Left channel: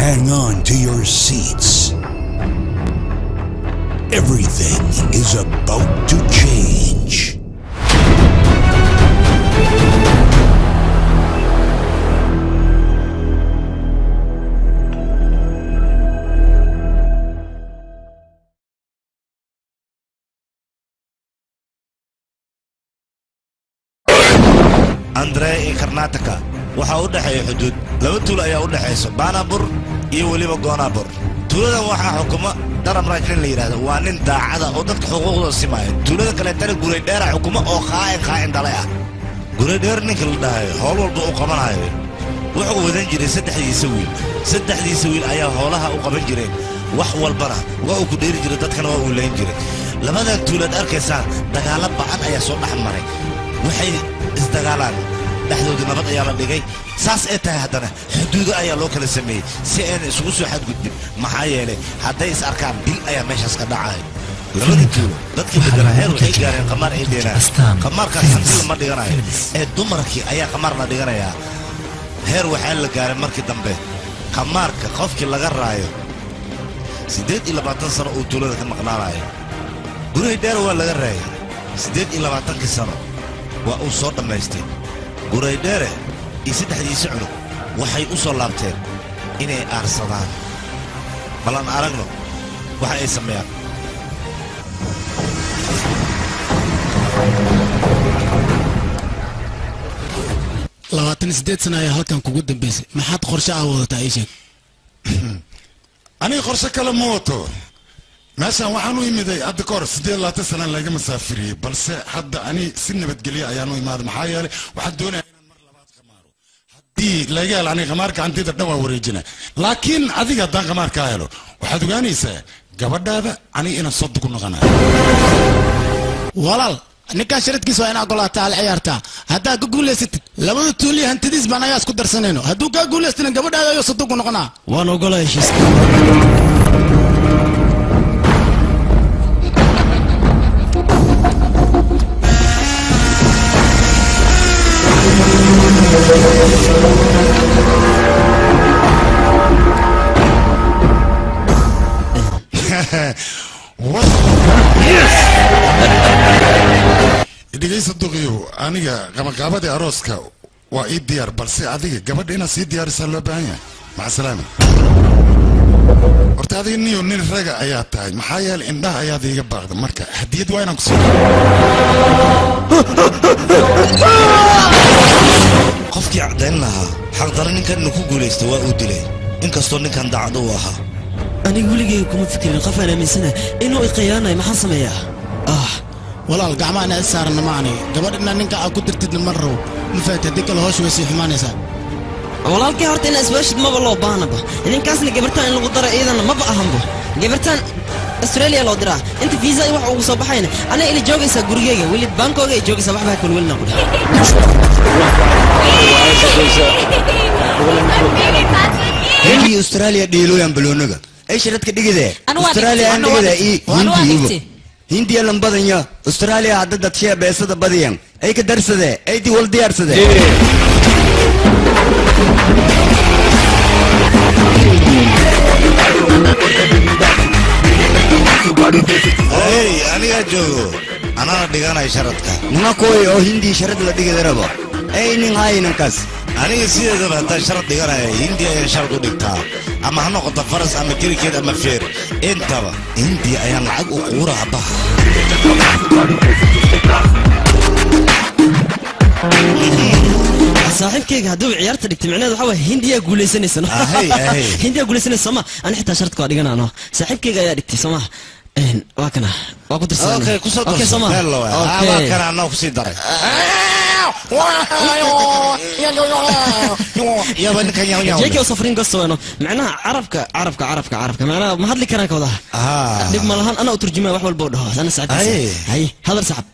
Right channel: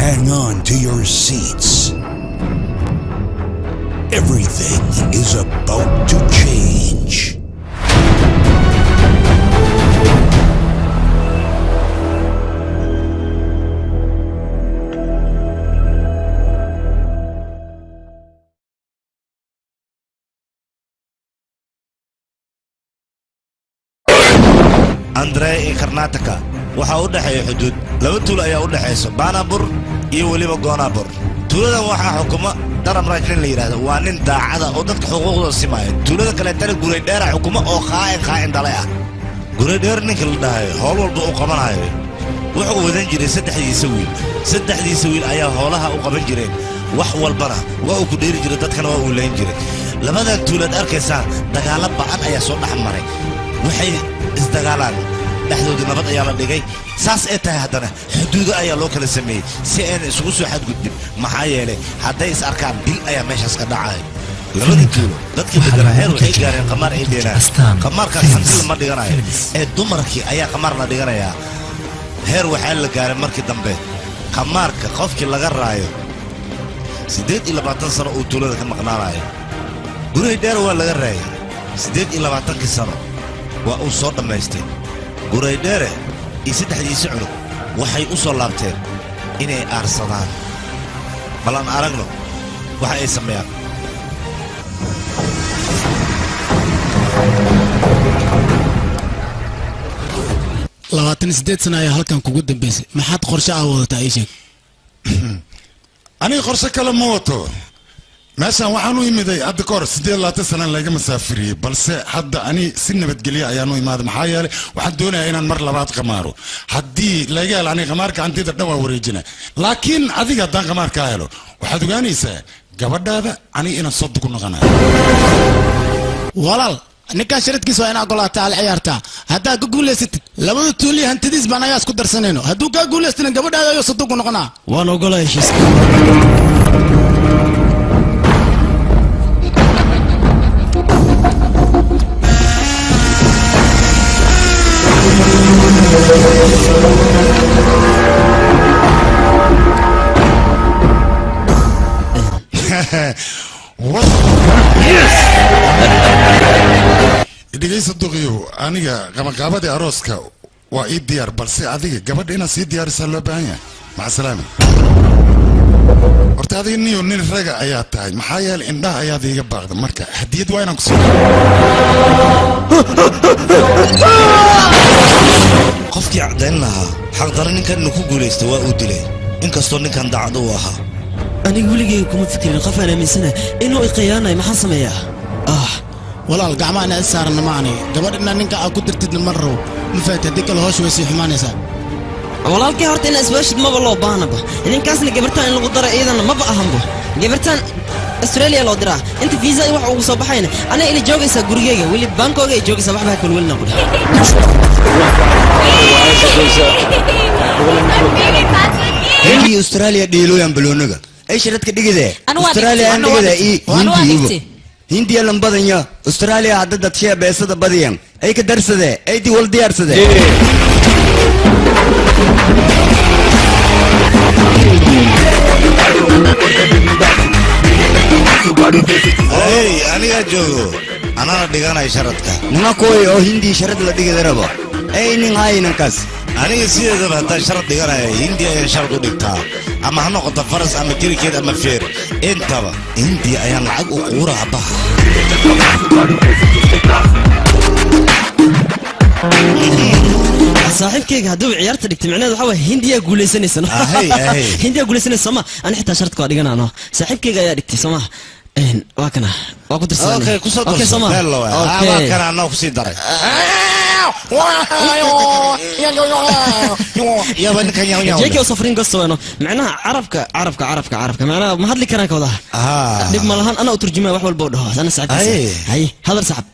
Hang on to your seats. Everything is about to change. Andre Karnataka waxa u dhaxay xuduud laba tuulo ayaa u dhaxayso Banabur iyo waliba Gonabur tuulada waxa xukuma daram raajin la yiraahdo waa nin daacada oo dadka xuquuqdooda simaayo tuulada kale tan guray dheer xukuma oo qaayn dalay ah guray dheer ninka la dhahay howl walba uu qabanayo wuxuu wadan jiray saddexdiisa wiil ayaa howlaha u qaban jireen wax walbana waa uu ku dheeri jiray dadkana waa uu leen jiray labada tuulad arkaysan dagaal ba'an ayaa soo dhaxmaray waxay isdagaalaan dhaxdooda nabad ayaa la dhigay saas ee tahay haddana xuduudo ayaa loo kala sameeyey si aan isugu soo xadgudbin maxaa yeelay hadday is arkaan dil ayaa meeshaas ka dhacay labada tuulo dadkii deganaa heer waxay gaareen qamaar ay dheenaan qamaarkaas hanti lama dhiganayo ee dumarkii ayaa qamaar la dhiganayaa heer waxaa la gaaray markii dambe qamaarka qofkii laga raayo 28 sano uu tuulada ka maqnaanayo guriga dheer waa laga raayay 28 sano waa uu soo dhamaystay guray dheere iyo saddexdiisa cunug waxay u soo laabteen inay aarsadaan balan aragno waxa ay sameeyaan 28 sano ayaa halkan kugu dambeysay maxaad qorshe ah wadataa ii sheeg aniga qorshe kale ma wato meeshaan waxaan u imiday hadda ka hor 28 sano laga masaafiriyey balse hadda ani si nabadgelyo ayaan u imaaday maxaa yeelay waxaan doonayaa inaan mar labaad qamaaro haddii laga helo aniga qamaarka hantida dhan waa wareejina laakiin adiga haddaan qamaarkaa helo waxaad ogaanaysaa gabadhaada aniga inaan soo dugu noqonayo walaal ninkaan sharadkiisa waa inaa golaataa al ciyaartaa haddaa ka guulaysatid labada tuuliya hantidiis baan ayaa isku darsanayno hadduu kaa guulaystina gabadhaada ayuu sadugu noqonaa waan ogolaa heshiiska dhegaysa duqiyo aniga qabanqaabadii arooska waa ii diyaar balse adiga gabadha inaad sii diyaarisaa loo baahan yahay maca salaama horta adiga niyo nin raga ayaa tahay maxaa yeelay indhaha ayaad iiga baaqda marka hadiyad waa inaan ku sii qofkii cadayn lahaa xaqdaro ninkan inuu ku guulaysta waa uu dilay inkastoo ninkan daacad uu ahaa aniga weligay kuma fikirin qof aan aaminsanahay inuu iqiyaanayo maxaan sameeyaa walaal gacmaana is saarna maani gabadhina ninka aad ku dirtidna ma rabo ma faahid haddii kale hoosh way sii xumaanaysaa walaalkii horta inaa iswaashid maba loo baahnaba idinkaasna gabartaan in lagu daro iyadana maba ahanbo gabartaan australia loo diraa inta fiisa wax ugu soo baxayna ana ila joogaysaa gurigeyga weli baankooga ay joogaysaa waxbaa kalwelina qudha hindi australia dhiilooyan baloonaga ay sharadka dhigidee australia aan dhigida hindi hindiya lambadanya australia hadda dadshee beesada badiyan ay ka darsadee ay di wal diyaarsadee hey aniga joogo anana dhiganay sharadka nima kooy oo hindi sharad la dhigida rabo ay nin haynankaas aniga sideedaba haddaan sharad dhiganaya hindiya ayaan sharad u dhigtaa ama ha noqoto faras ama kirikeed ama feer intaba hindiya ayaan lacag u quuraha baha saaxiibkayga hadduu ciyaarta dhigtay micnaheedu waxaa waay hindiyaa guulaysanaysa hindiyaa guulaysanaysa sooma ani xitaa sharadka waa dhiganaano saaxiibkayga ayaa dhigtay sooma waa kana waa ku dirsanay kusoo darso waa kana anoo kusii daray جيكي وصفرين قصة وينه معناها عرفك معناها ما هاد لي كلام كوضح دب مالهان أنا أترجمه وحول بودها أنا سعد هاي هذا سحب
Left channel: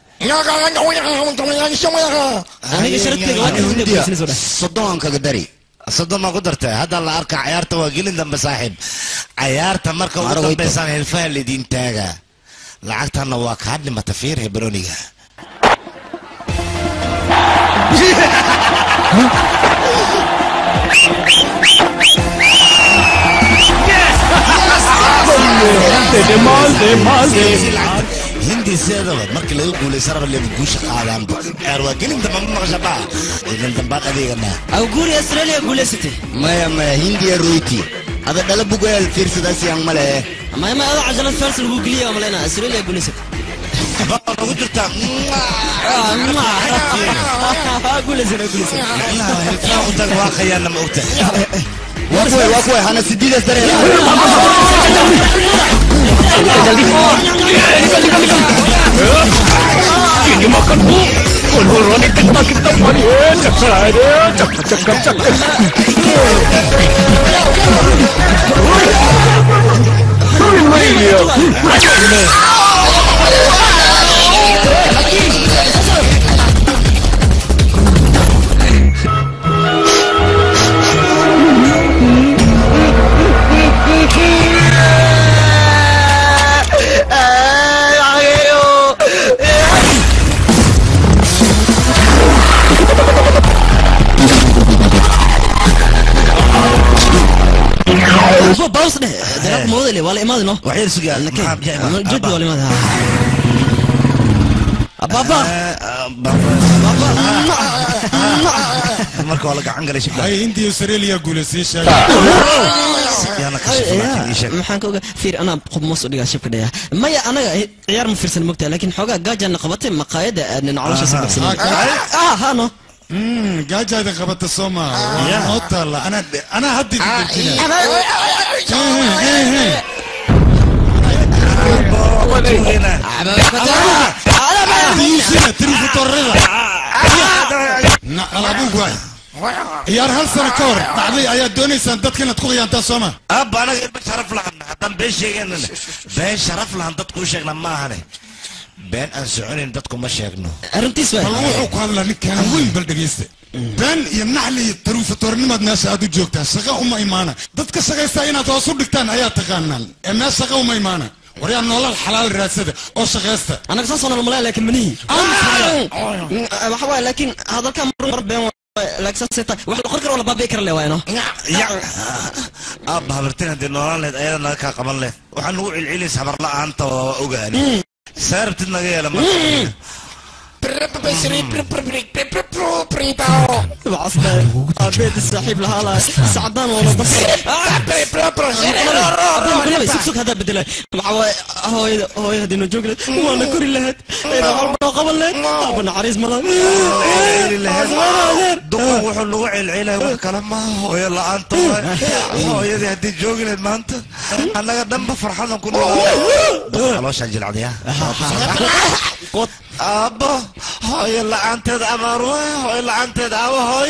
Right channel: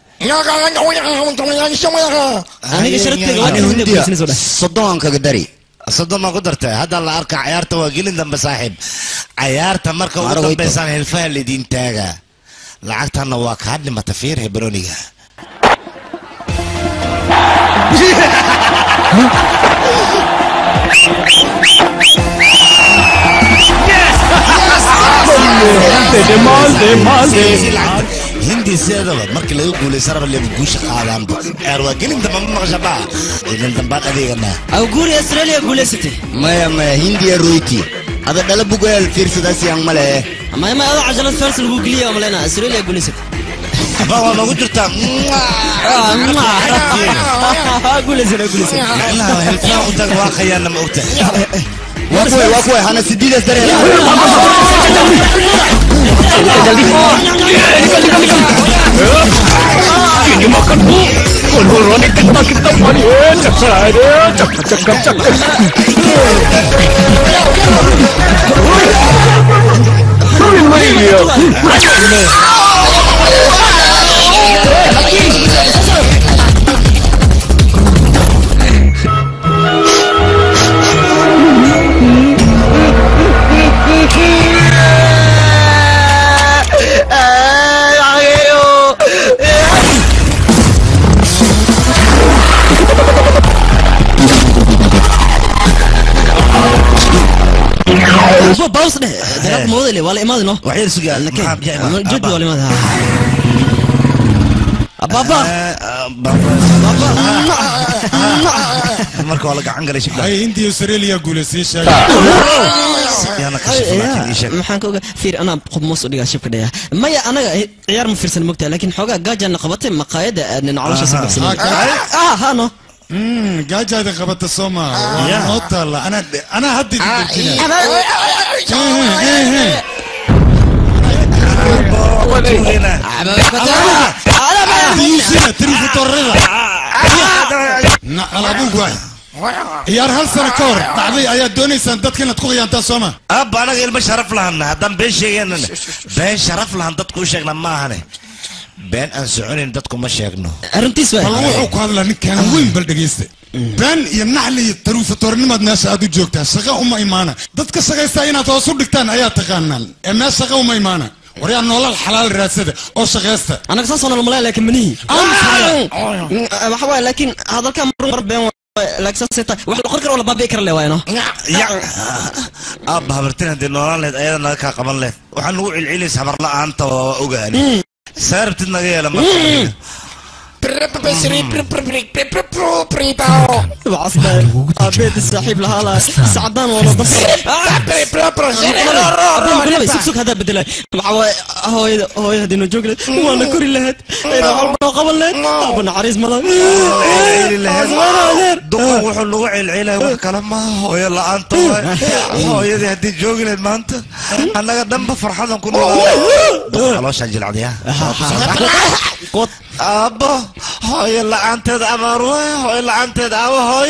أنا قشرت كذا صدقان كقدري صدق ما قدرت هذا اللي أركع عيارته وقيل دم بصاحب عيارته مركب وقدر بيسان الفهل اللي دين تاجا لعقتها نواك هاد لما تفير هبرونيها hindi sideedaba marka laga guuleysana ba leeyahay guusha qaadaanba waa gelin dambe ma maqashabaa gelin dambe adeegana aw guuri Australia guuleysatay maya hindi royti hada dhala bugal fiirsadaas yang male maya ada cajalad fars lagu geliyo malena Australia guuleysatay baa nagu jirta guuleysatay la helfaa u tag waa khayana ma ogta واكوي انا سديده سريع ini makan bu kontrol ini kita mari cak باوس ده ده موديل ولا ما ادري وحيد سؤال جد ولا ما بابا marka wala gacan galay shibla ay intii Australia guuleysay yana qashif maxaan ka ogaa fiir ana qof moos u dhigaa shibka dhaya maya anaga ciyaar ma fiirsan mogtaa laakiin xogaa gaajana qabatay maqaayada aan nolosha sabaxsan no gaajada qabata Soomaa waa nootala ana haddi ciyaar hal sano ka hor dhacday ayaa doonaysaan dadka inaad ku qiyaantaan Soomaa abba anaga ilma sharaf lahan haddaan been sheegaynana been sharaf lahan dadku u sheegna ma ahane been aan soconin dadku ma sheegno arrintiis waa wuxuu ku hadlaa ninkan weyn bal dhageysta been iyo naxli iyo taruufatornimaad meesha aad u joogtaa shaqo uma imaana dadka shaqaysta inaad hoos u dhigtaan ayaa taqaanaan ee meesha shaqo uma imaana waryaa nolol xalaal raadsada oo shaqaysta anaga soo nolol malaa laakiin manihi waxa waa laakiin hadalka mar been laakiin sita wax la qorkar wala baabi kar leeyno abba habartina de nololeed ayadana ka qaban leh waxaan ugu cilcilis habar la'aanta oo ogaani saartid naga yeela ma أبيت الصاحب لهلا سعدان ولا بس سكسك هذا بدله هو هذي نجوكل وانا كوري لهد إذا عربنا قبل لهد أبنا عريس ملا دقة وحلو العيلة وكلام ما هو يلا أنت هو يدي هدي جوكل ما أنت أنا قدام بفرحان كله خلاص أجل عليها أبا هو يلا أنت أمروه هو يلا أنت دعوة هو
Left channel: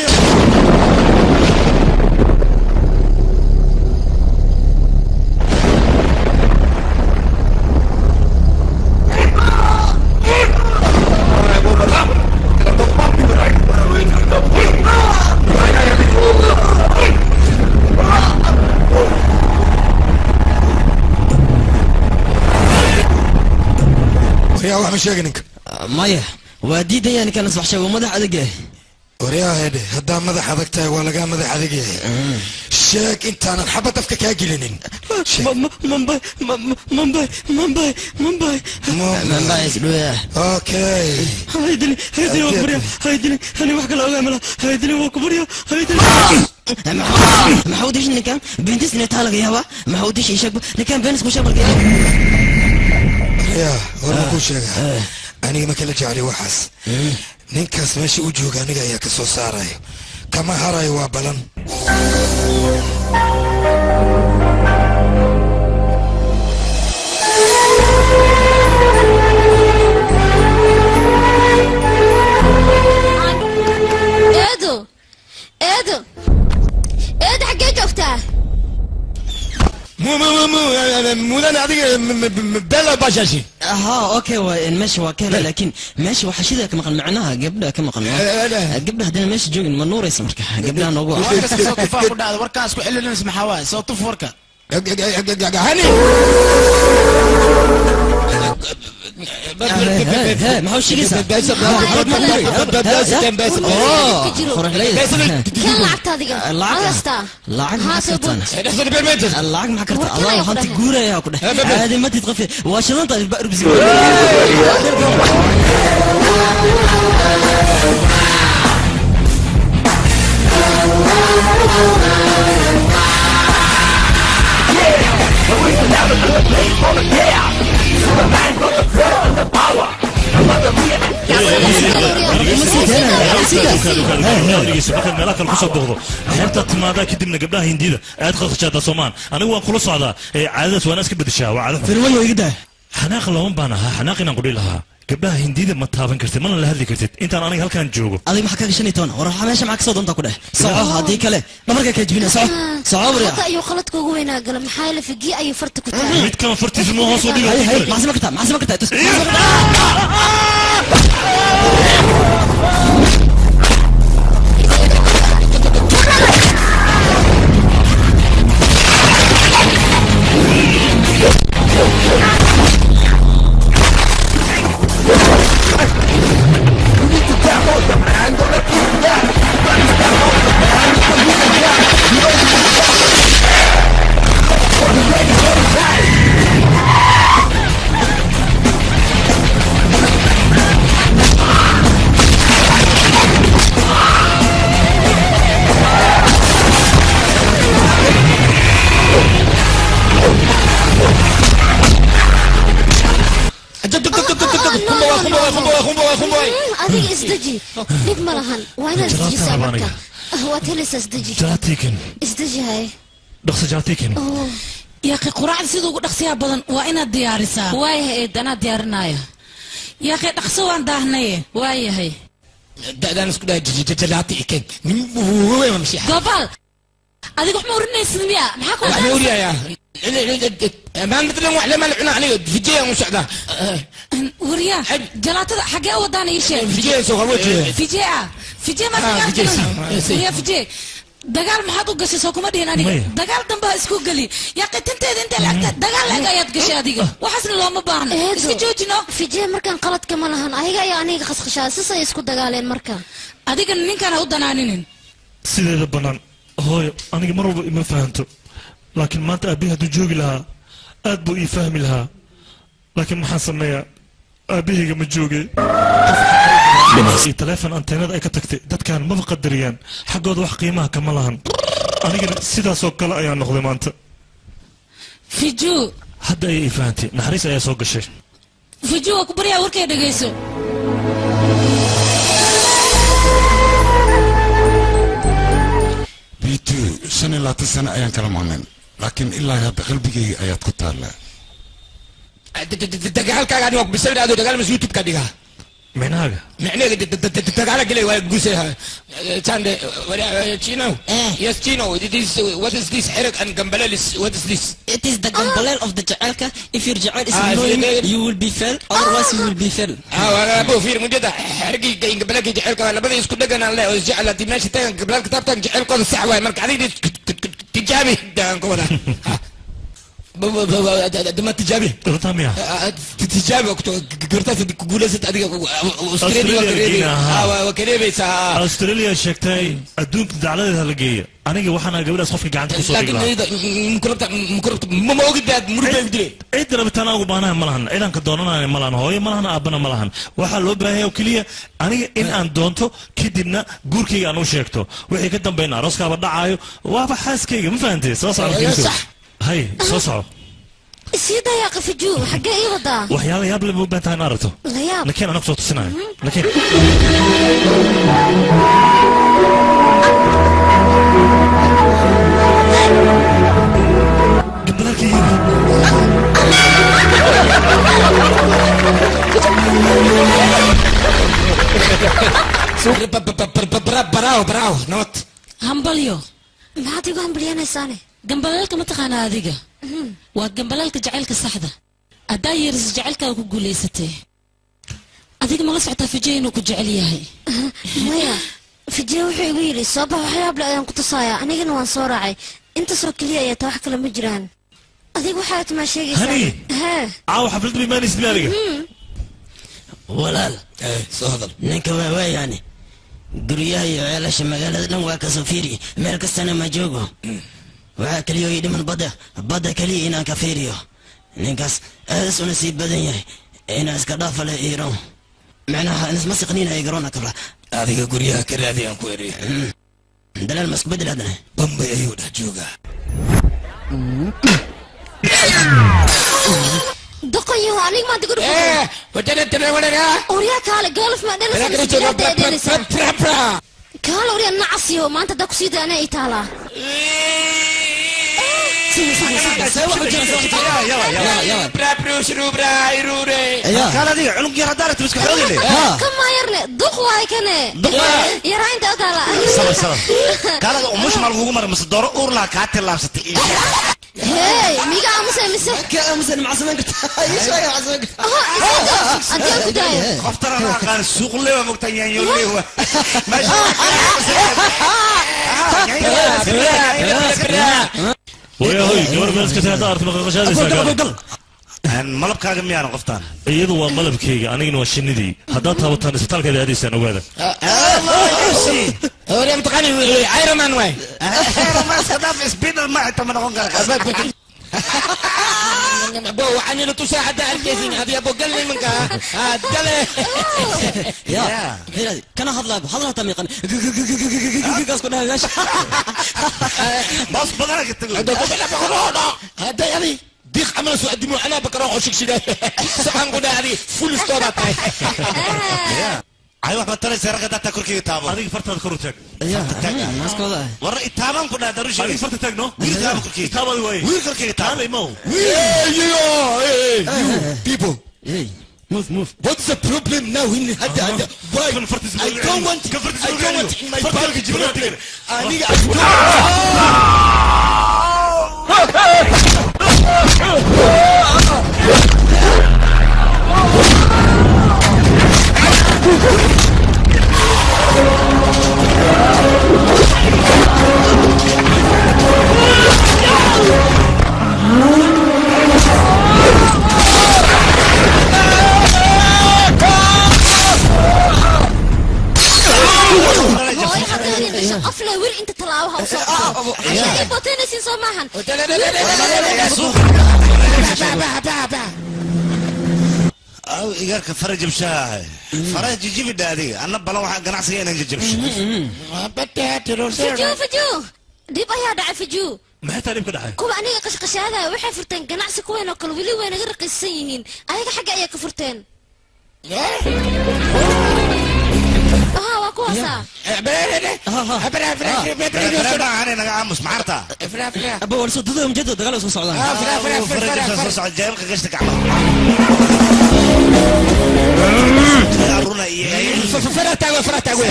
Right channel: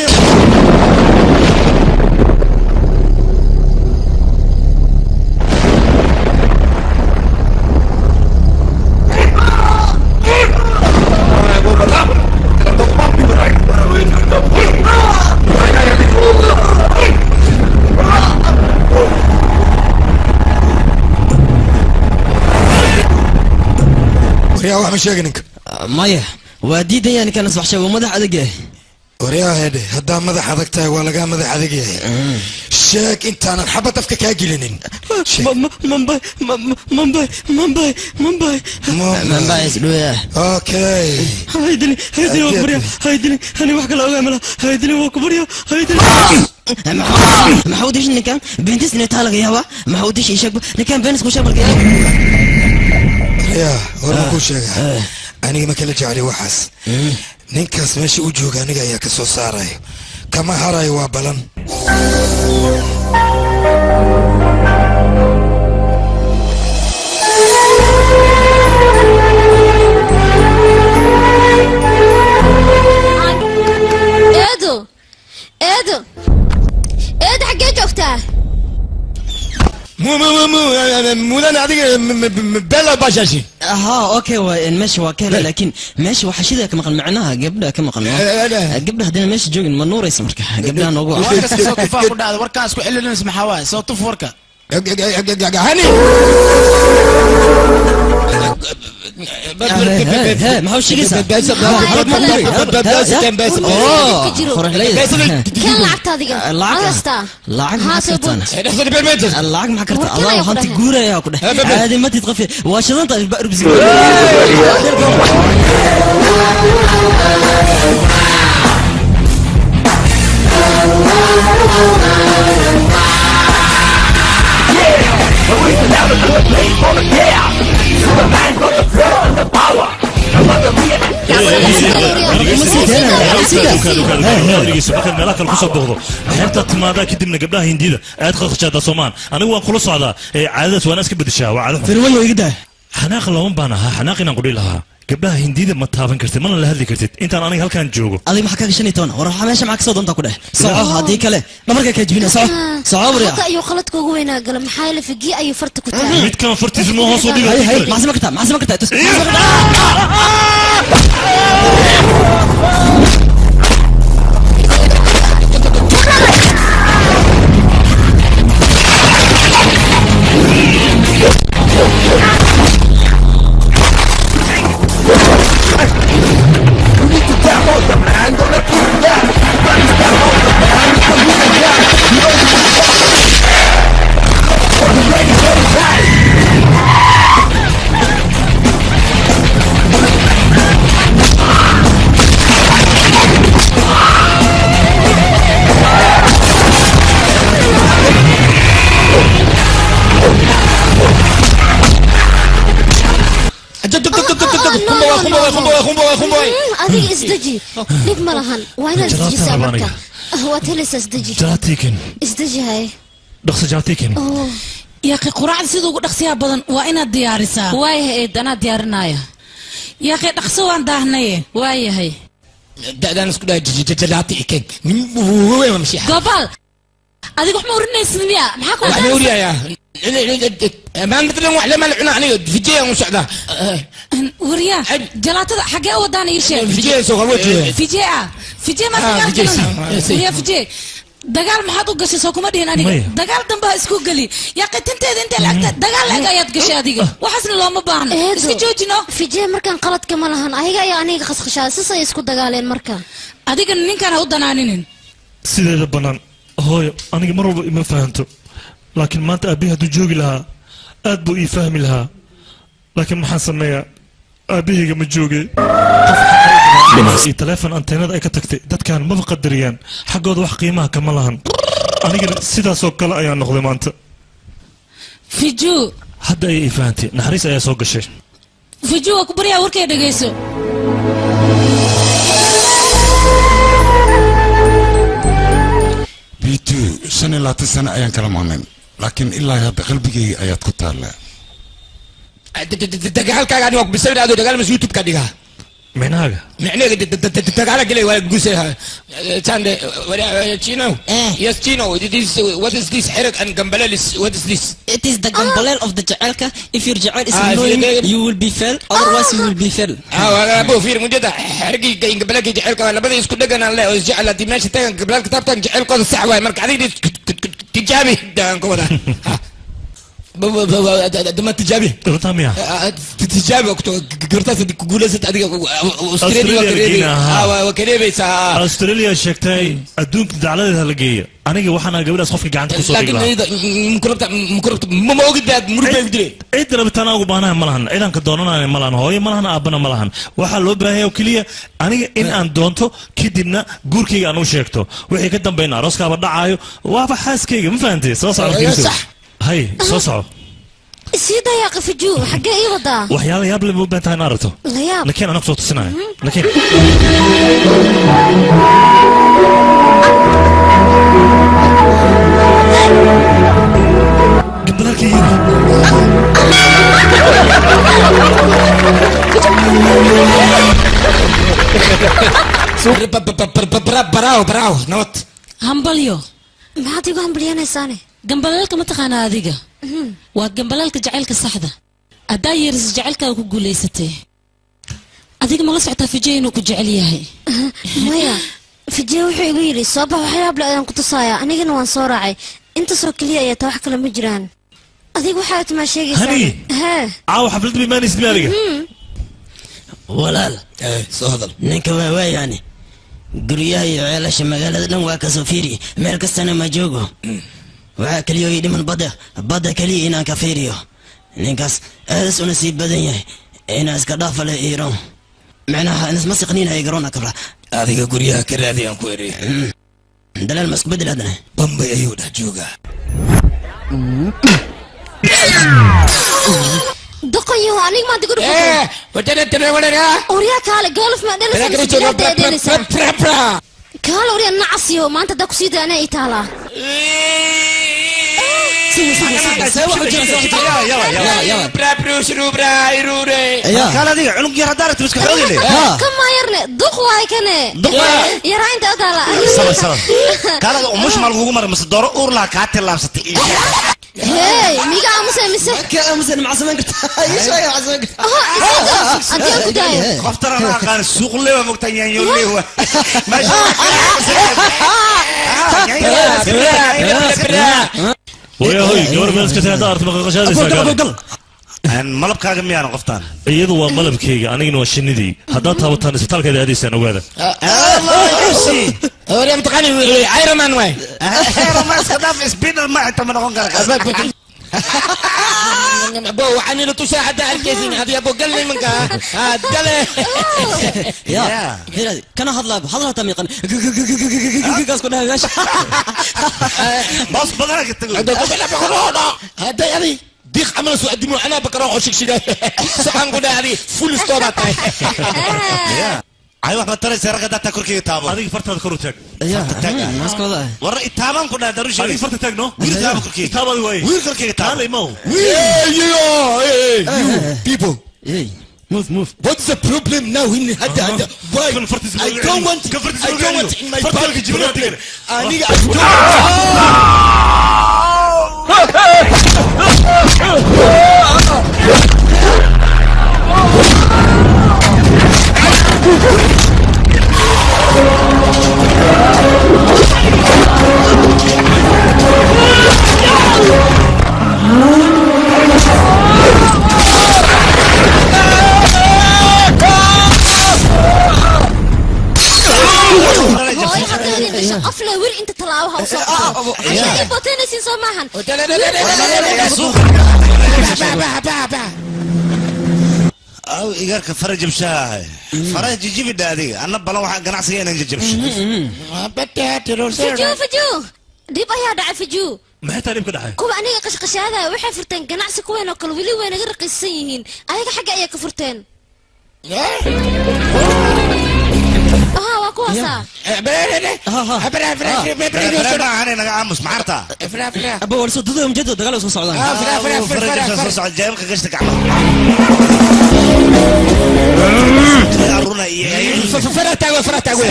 يا واحد مش يجنك مايا ودي ده يعني كان أصبح شيء ومدح أدقى وريا هدي هدا مدح أدقته ولا جا مدح أدقى شاك أنت أنا حبت أفكك أجلنين منباي سلوية أوكي هيدلي وكبريا هيدلي أنا وحكي لا أعملها هيدلي وكبريا هيدلي ما حوديش نكام بنتس نتالق يا ما حوديش يشك نكام بنتس مشابه يا ورا كل شيء أنا ما كلا جعلي وحس نينكاس ماشي وجهك أنا جاي كسو ساراي كما هراي وابلن إيدو حقيت أختها مو انا هذيك بلا باشاشي اوكي ماشي وكاله لكن ماشي وحشيده كما قال معناها قبلها كما قال قبلها هدينا ماشي جوجن من نور يسمر قبلها نوغو صوت فاق وداد وركا اسكو خلينا نسمع هواي صوت وركا هاني ما هو شيء كان لعبت هذه لعق ما كرت الله هانتي جورا يا كده هذه ما تتغفي واشنطن البقر بزي meelaha kale kusoo booqdo xeebta timaada kadibna gabdhaha hindida aad qaqshaada Soomaan anigu waan kula socdaa caadadaas waan iska bedeshaa waa caado firwayo igda xanaaq lawan baan ahaa xanaaq inaan qudhi lahaa gabdhaha hindida ma taaban kartid mana la hadli kartid intaan aniga halkaan joogo adiga maxaa ka gashanay toona war waxa meesha maxaa ka soo doonta ku dheh soco hadii kale dhabarka ka jibina soco bariya hada iyo qaladka ugu weynaa gal maxaa la figi ayu farta ku tahay mid kan fartiisu ma hoos u dhigay maxsama ka tahay adiga isdaji dhib ma lahan waa inaad isdajisaa marka waad helaysaa isdaji isdaji hay dhaqso jaatiikin yaaqi quraacda sida ugu dhaqsiyaa badan waa inaad diyaarisaa waayahay eedanaa diyaarinaya yaaqi dhaqso waan daahnaye waayahay da'daan isku dhaha jaatiikin gobal adiga waxma urinaysid miya maxaa ku waxma uriyayaa ما مثلا واحد لما العنا عليه في جيه مساعدة وريا جلاتة حاجة وداني إيش في جيه سوى وجهه في جيه ما تقال يا في جيه دجال ما حدو قصي سوكم أدين أنا دجال دمبا إسكو قلي يا قتنت أنت لقت دجال لقى يتقشى هذيك وحسن الله ما بان إسكو جوجنا في جيه مركان قلت كمان هن أيها يعني خس خشاس سا يسكو دجالين مركان هذيك نين كان ودانانين سيد البنان هاي أنا مرة ما فهمته لكن ما أبيها تجوج لها أدبو يفهم لها لكن ما حسميها أبيها مجوجي تلفون أنتينات أي كتكتي ده كان ما بقدريان حقود وح قيمة كمالهن أنا قلت سيدا سوق لا أيان نخدم أنت في جو هذا أي فهمتي نحريس أي سوق الشيء في جو أكبريا وركي دقيسو بيتو سنة لا تسنة أيان كلام عنين لكن إلا هذا قلبي آيات كتار لا دقال كان وقت بسبب هذا دقال مس يوتيوب كديها من هذا معناه دقال كله ولا جوسها كان ولا تشينو yes تشينو what is this حرق أن جنبلال what is this it is the جنبلال of the جعلك if your جعل is annoying you will be fell otherwise you will be fell أبو فير مجدا حرقي جنبلال جعلك ولا بدي يسكت دقنا لا وجعل دي ماشي تان جنبلال كتاب تان جعلك هذا الساعة مرك عادي تجابي دان كودا دم تجابي رتاميا تجابي وقت قرطاسة دي كقولة ست أديك أستراليا وكريبي سا أستراليا شكتاي أدوك دعالة هالجية أنا جي وحنا قبل أصحابك جعانت خصوصي لكن إذا مكربت ما وجد ده مربى بدري إذا بتنا وبانا ملهن إذا كدونا ملهن هاي ملهن أبنا ملهن وحلو بهاي وكلية أنا إن أندونتو كدينا جوركي أنا وشيكتو وحي كدم بين عروس كابر عايو وابحث كي ما فهمتي صح هاي صوصو سيدا يا قف جو حقا ايه وضع وحيالا ياب اللي بنتها نارته لا ياب لكن انا قصوت السنة لكن قبلك براو نوت همبليو ما تيجو همبليانا ساني جنبلالك ما تقانا هذيك وجنبلالك جعلك الصحدة أدايرز جعلك وكجوليستي هذيك ما لسعتها في جين وكجعليها مايا في جين وحيويلي صباح وحياب لا كنت صايع أنا جن وان صورعي أنت سوكلية يا توحك لما جيران adiga waxaad ma sheegaysaa Hani. Caaw xaflad biimaanis diyaariga. walaal soo hadal ninka waa yani guryaha iyo ceelasha magaalada dhan waa ka soo fiiri meel kastana ma joogo waxaa kaliya ii dhiman badda kaliya inaan ka fiiriyo ninkaas aadaas una sii badan yahay inaa iska dhaafa leh iiron macnaha inisma siqniina ay garoona kabra adiga guryaha ka raadi aan ku erey dalaal ma isku bedel haddana bambay ayuu dhex joogaa دقيقة أنا ما تقول وجدت تناولنا أوريا كاله قالف ما دلس كاله أوريا نعسيه ما أنت داك سيد أنا إيطالا كاله دي عنق يا ردارة مسك حولي لي كم ما يرني دقوا هاي كنه يا راين تقالا سبب كاله مش مالغو مر مس دور اور لا كاتل لابستي هاي ميجا أمسه أمسه مع زمان قلت إيش يا مع زمان قلت أنت يا بداية خفتر أنا كان السوق اللي هو مقتنعين يقول لي هو ماشي ويا هوي قبل ما نسكت هذا أرتب غشاد يساقل ملب كاغم يانا قفتان iyadu waa malabkayga anigana waa shinidii haddaad taabataan isbitaalkeeda aadaysaan ogaada هوري متقني ايرون مان واي ايرون مان صدام سبينر ما انت من غنقر بو عني لو تساعد على الجيزين هذه ابو قال لي منك قال يا هذا كان هضلا تميقا قاس كنا ماشي بس بدرك تقول هذا يعني ديخ عمل سو قدموا انا بكره وشك شده سبحان الله هذه فول ستور تاعي ايوه احمد ترى سرقه داتا كركي تابو هذيك فرتها كروتك ناس كذا ورا تابان كنا دروش هذيك فرتها تاجنو تابو كركي تابو وين وين كركي تابو هذا مو you people move what's the problem now in هذا why I don't want in my body قفله وير انت طلعوها وصوتها عشان يبطينا سين سماحن او ايجارك فرج مشاهي فرج جيب الدادي انا بلا واحد قناعسي انا جبش فجو ديب ايا دعي فجو ما تعرف كده حاجه كوبا انيga qashqashaada waxay furteen ganacsi kuween oo kale wili way naga raqiisan yihiin ayaga xagga ayaa ka furteen waa kuwaasa انا انا عامس معرتا ابو ورسو دودهم جدو دغلا soo socdaan فرج soo socod jeelka gashta gacmo فرتاغو فرتاغو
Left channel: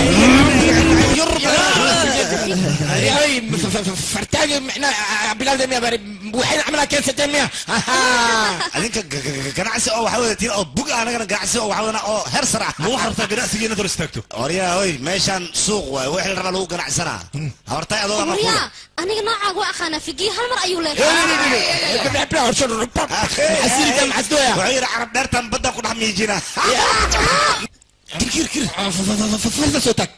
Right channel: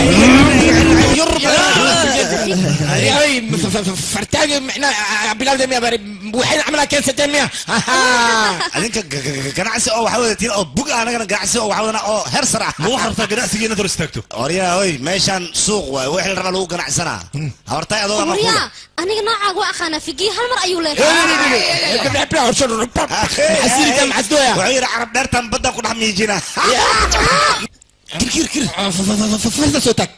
احنا بلاد ميا وحين عملها كان 600 adinka ganacsi oo waxa wadatiin oo bug anaga ganacsi oo waxa wadana oo heer sarac ma waxarta ganacsigeena dor istaagto oriya hoy meeshan suuq waay wixii la rabo lagu ganacsana hortay adoo ma oriya aniga noocaag waa aqaana figi hal mar ayuu leeyahay حسيري كم حسدويا وعير عرب دارتان بدا كو دحميجينا كير فرت صوتك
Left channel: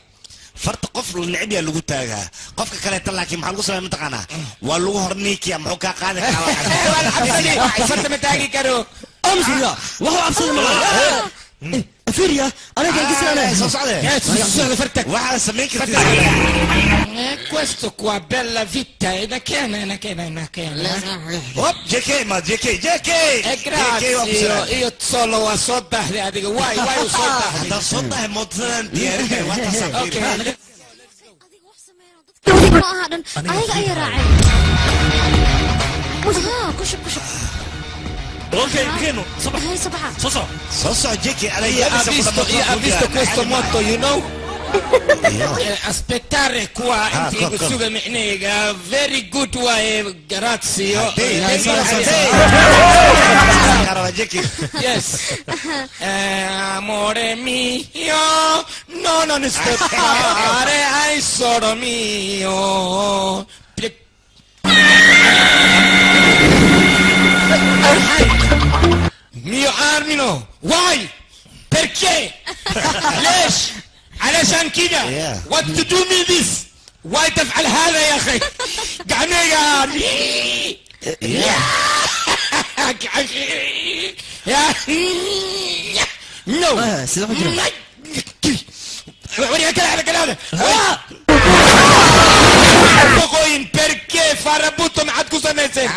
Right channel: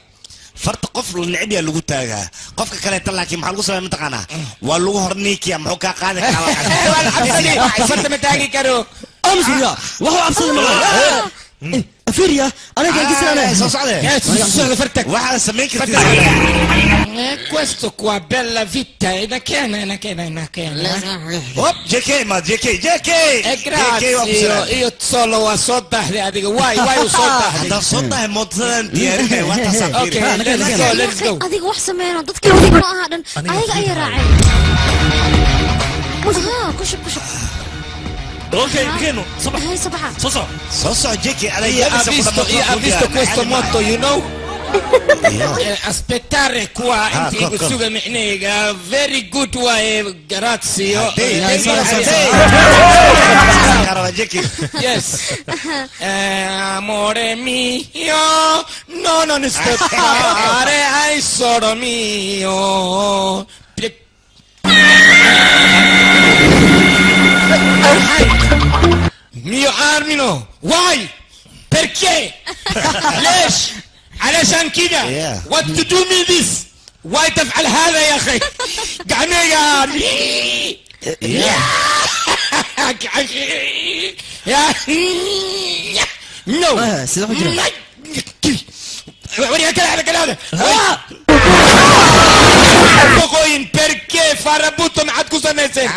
فرت قفل النعبيه لوgu taaga qofka kale laakiin maxaa lagu sameeyay mataqaana waa lagu horniikiya muxuu ka qaadi karaa فرت متاغي كارو امسيا وهو ابصد فيريا انا كان قصه soo socday فرتك waxa sameeyay questo qua bella vita e da che hop JK ma JK grazie io solo a soda adiga why soda da soda modan diyaarka wata safir okay let's go adiga wax sameeyna dadka adiga ma aha dhan ayaga ay raacay kushub اوكي كينو صباح هاي صباحا صباح JK على ha visto questo motto you know aspettare qua in suga micnega very good way grazie yes amore mio no non aspettare ai solo mio No. Why? Perché? ليش؟ علشان كده. What to do me this? Why تفعل هذا يا أخي؟ قعنية. No. وريها كده على كده. Pocoin perché fare butto ma ad cosa mese?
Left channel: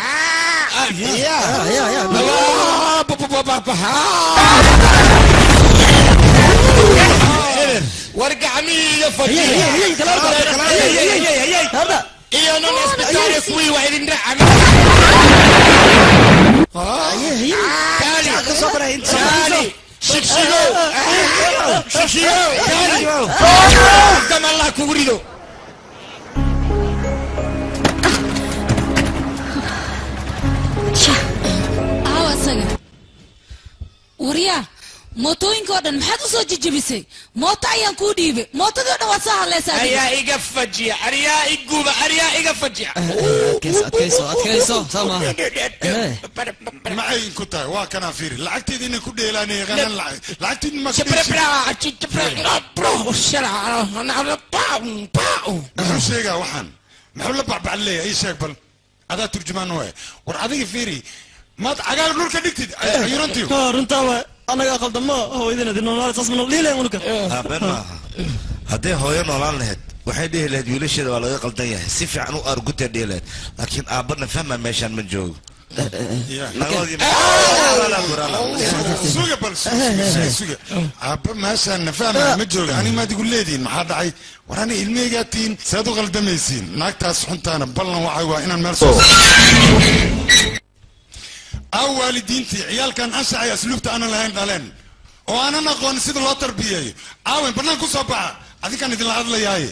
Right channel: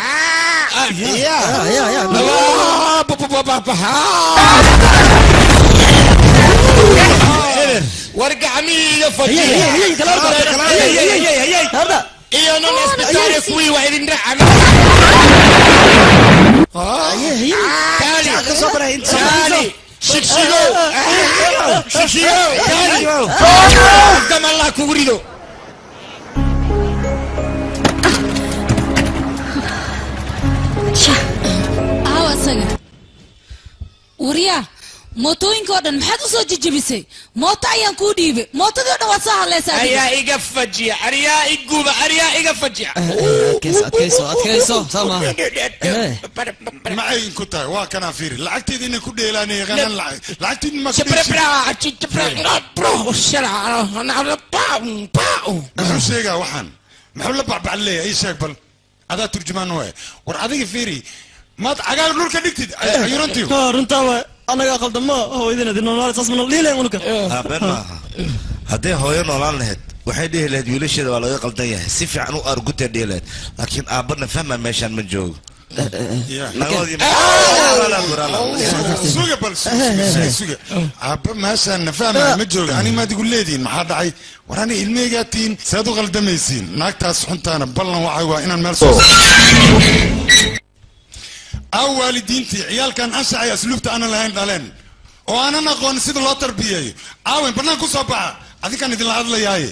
وارجع مين فجأة io non aspettare qui وعيد نرعى تعالي شكشيغو تعالي قدام الله كوريدو وريا mootooyinka oo dhan maxaad u soo jijibisay mooto ayaan kuu dhiibay mootadii oo dhan waad soo hadlaysaa ayaa iga fajiya ariyaa iguba ariyaa iga fajiya adkayso soo maaha maxay ku tahay waa kana fiiri lacagteedii inay ku dheelaanay yaqaanaan lacagteedii ma muxuu sheegaa waxaan muxuu la bacbac leeyahay ii sheeg bal adaa turjumaan waay war adiga fiiri maad cagaar dhulka dhigtid ayurantiyo runtaa waay anaga qaldamo hooyadina dinoolaal sasmano liileen ulka been maaha haddii hooyo noolaan lahayd waxay dhihi lahayd wiilasheeda waa laga qaldan yahay si fiican u argutay dhihi lahayd laakiin aabbana fahma meeshaan ma joogo suga bal suga aabba meeshaan nafahma ma joogo ani maad igu leediin maxaa dhacay war ani ilmeygaa tiin saad u qaldamaysiin naagtaas xuntaana ballan waxay waa inaan meel soo aw waalidiintii ciyaalkan anshaxay asluubta aanan lahayn dhaleen oo aanan aqoon sida loo tarbiyeeyo aawen bannaan ku soo baxa adinkaan idinla hadlayaaye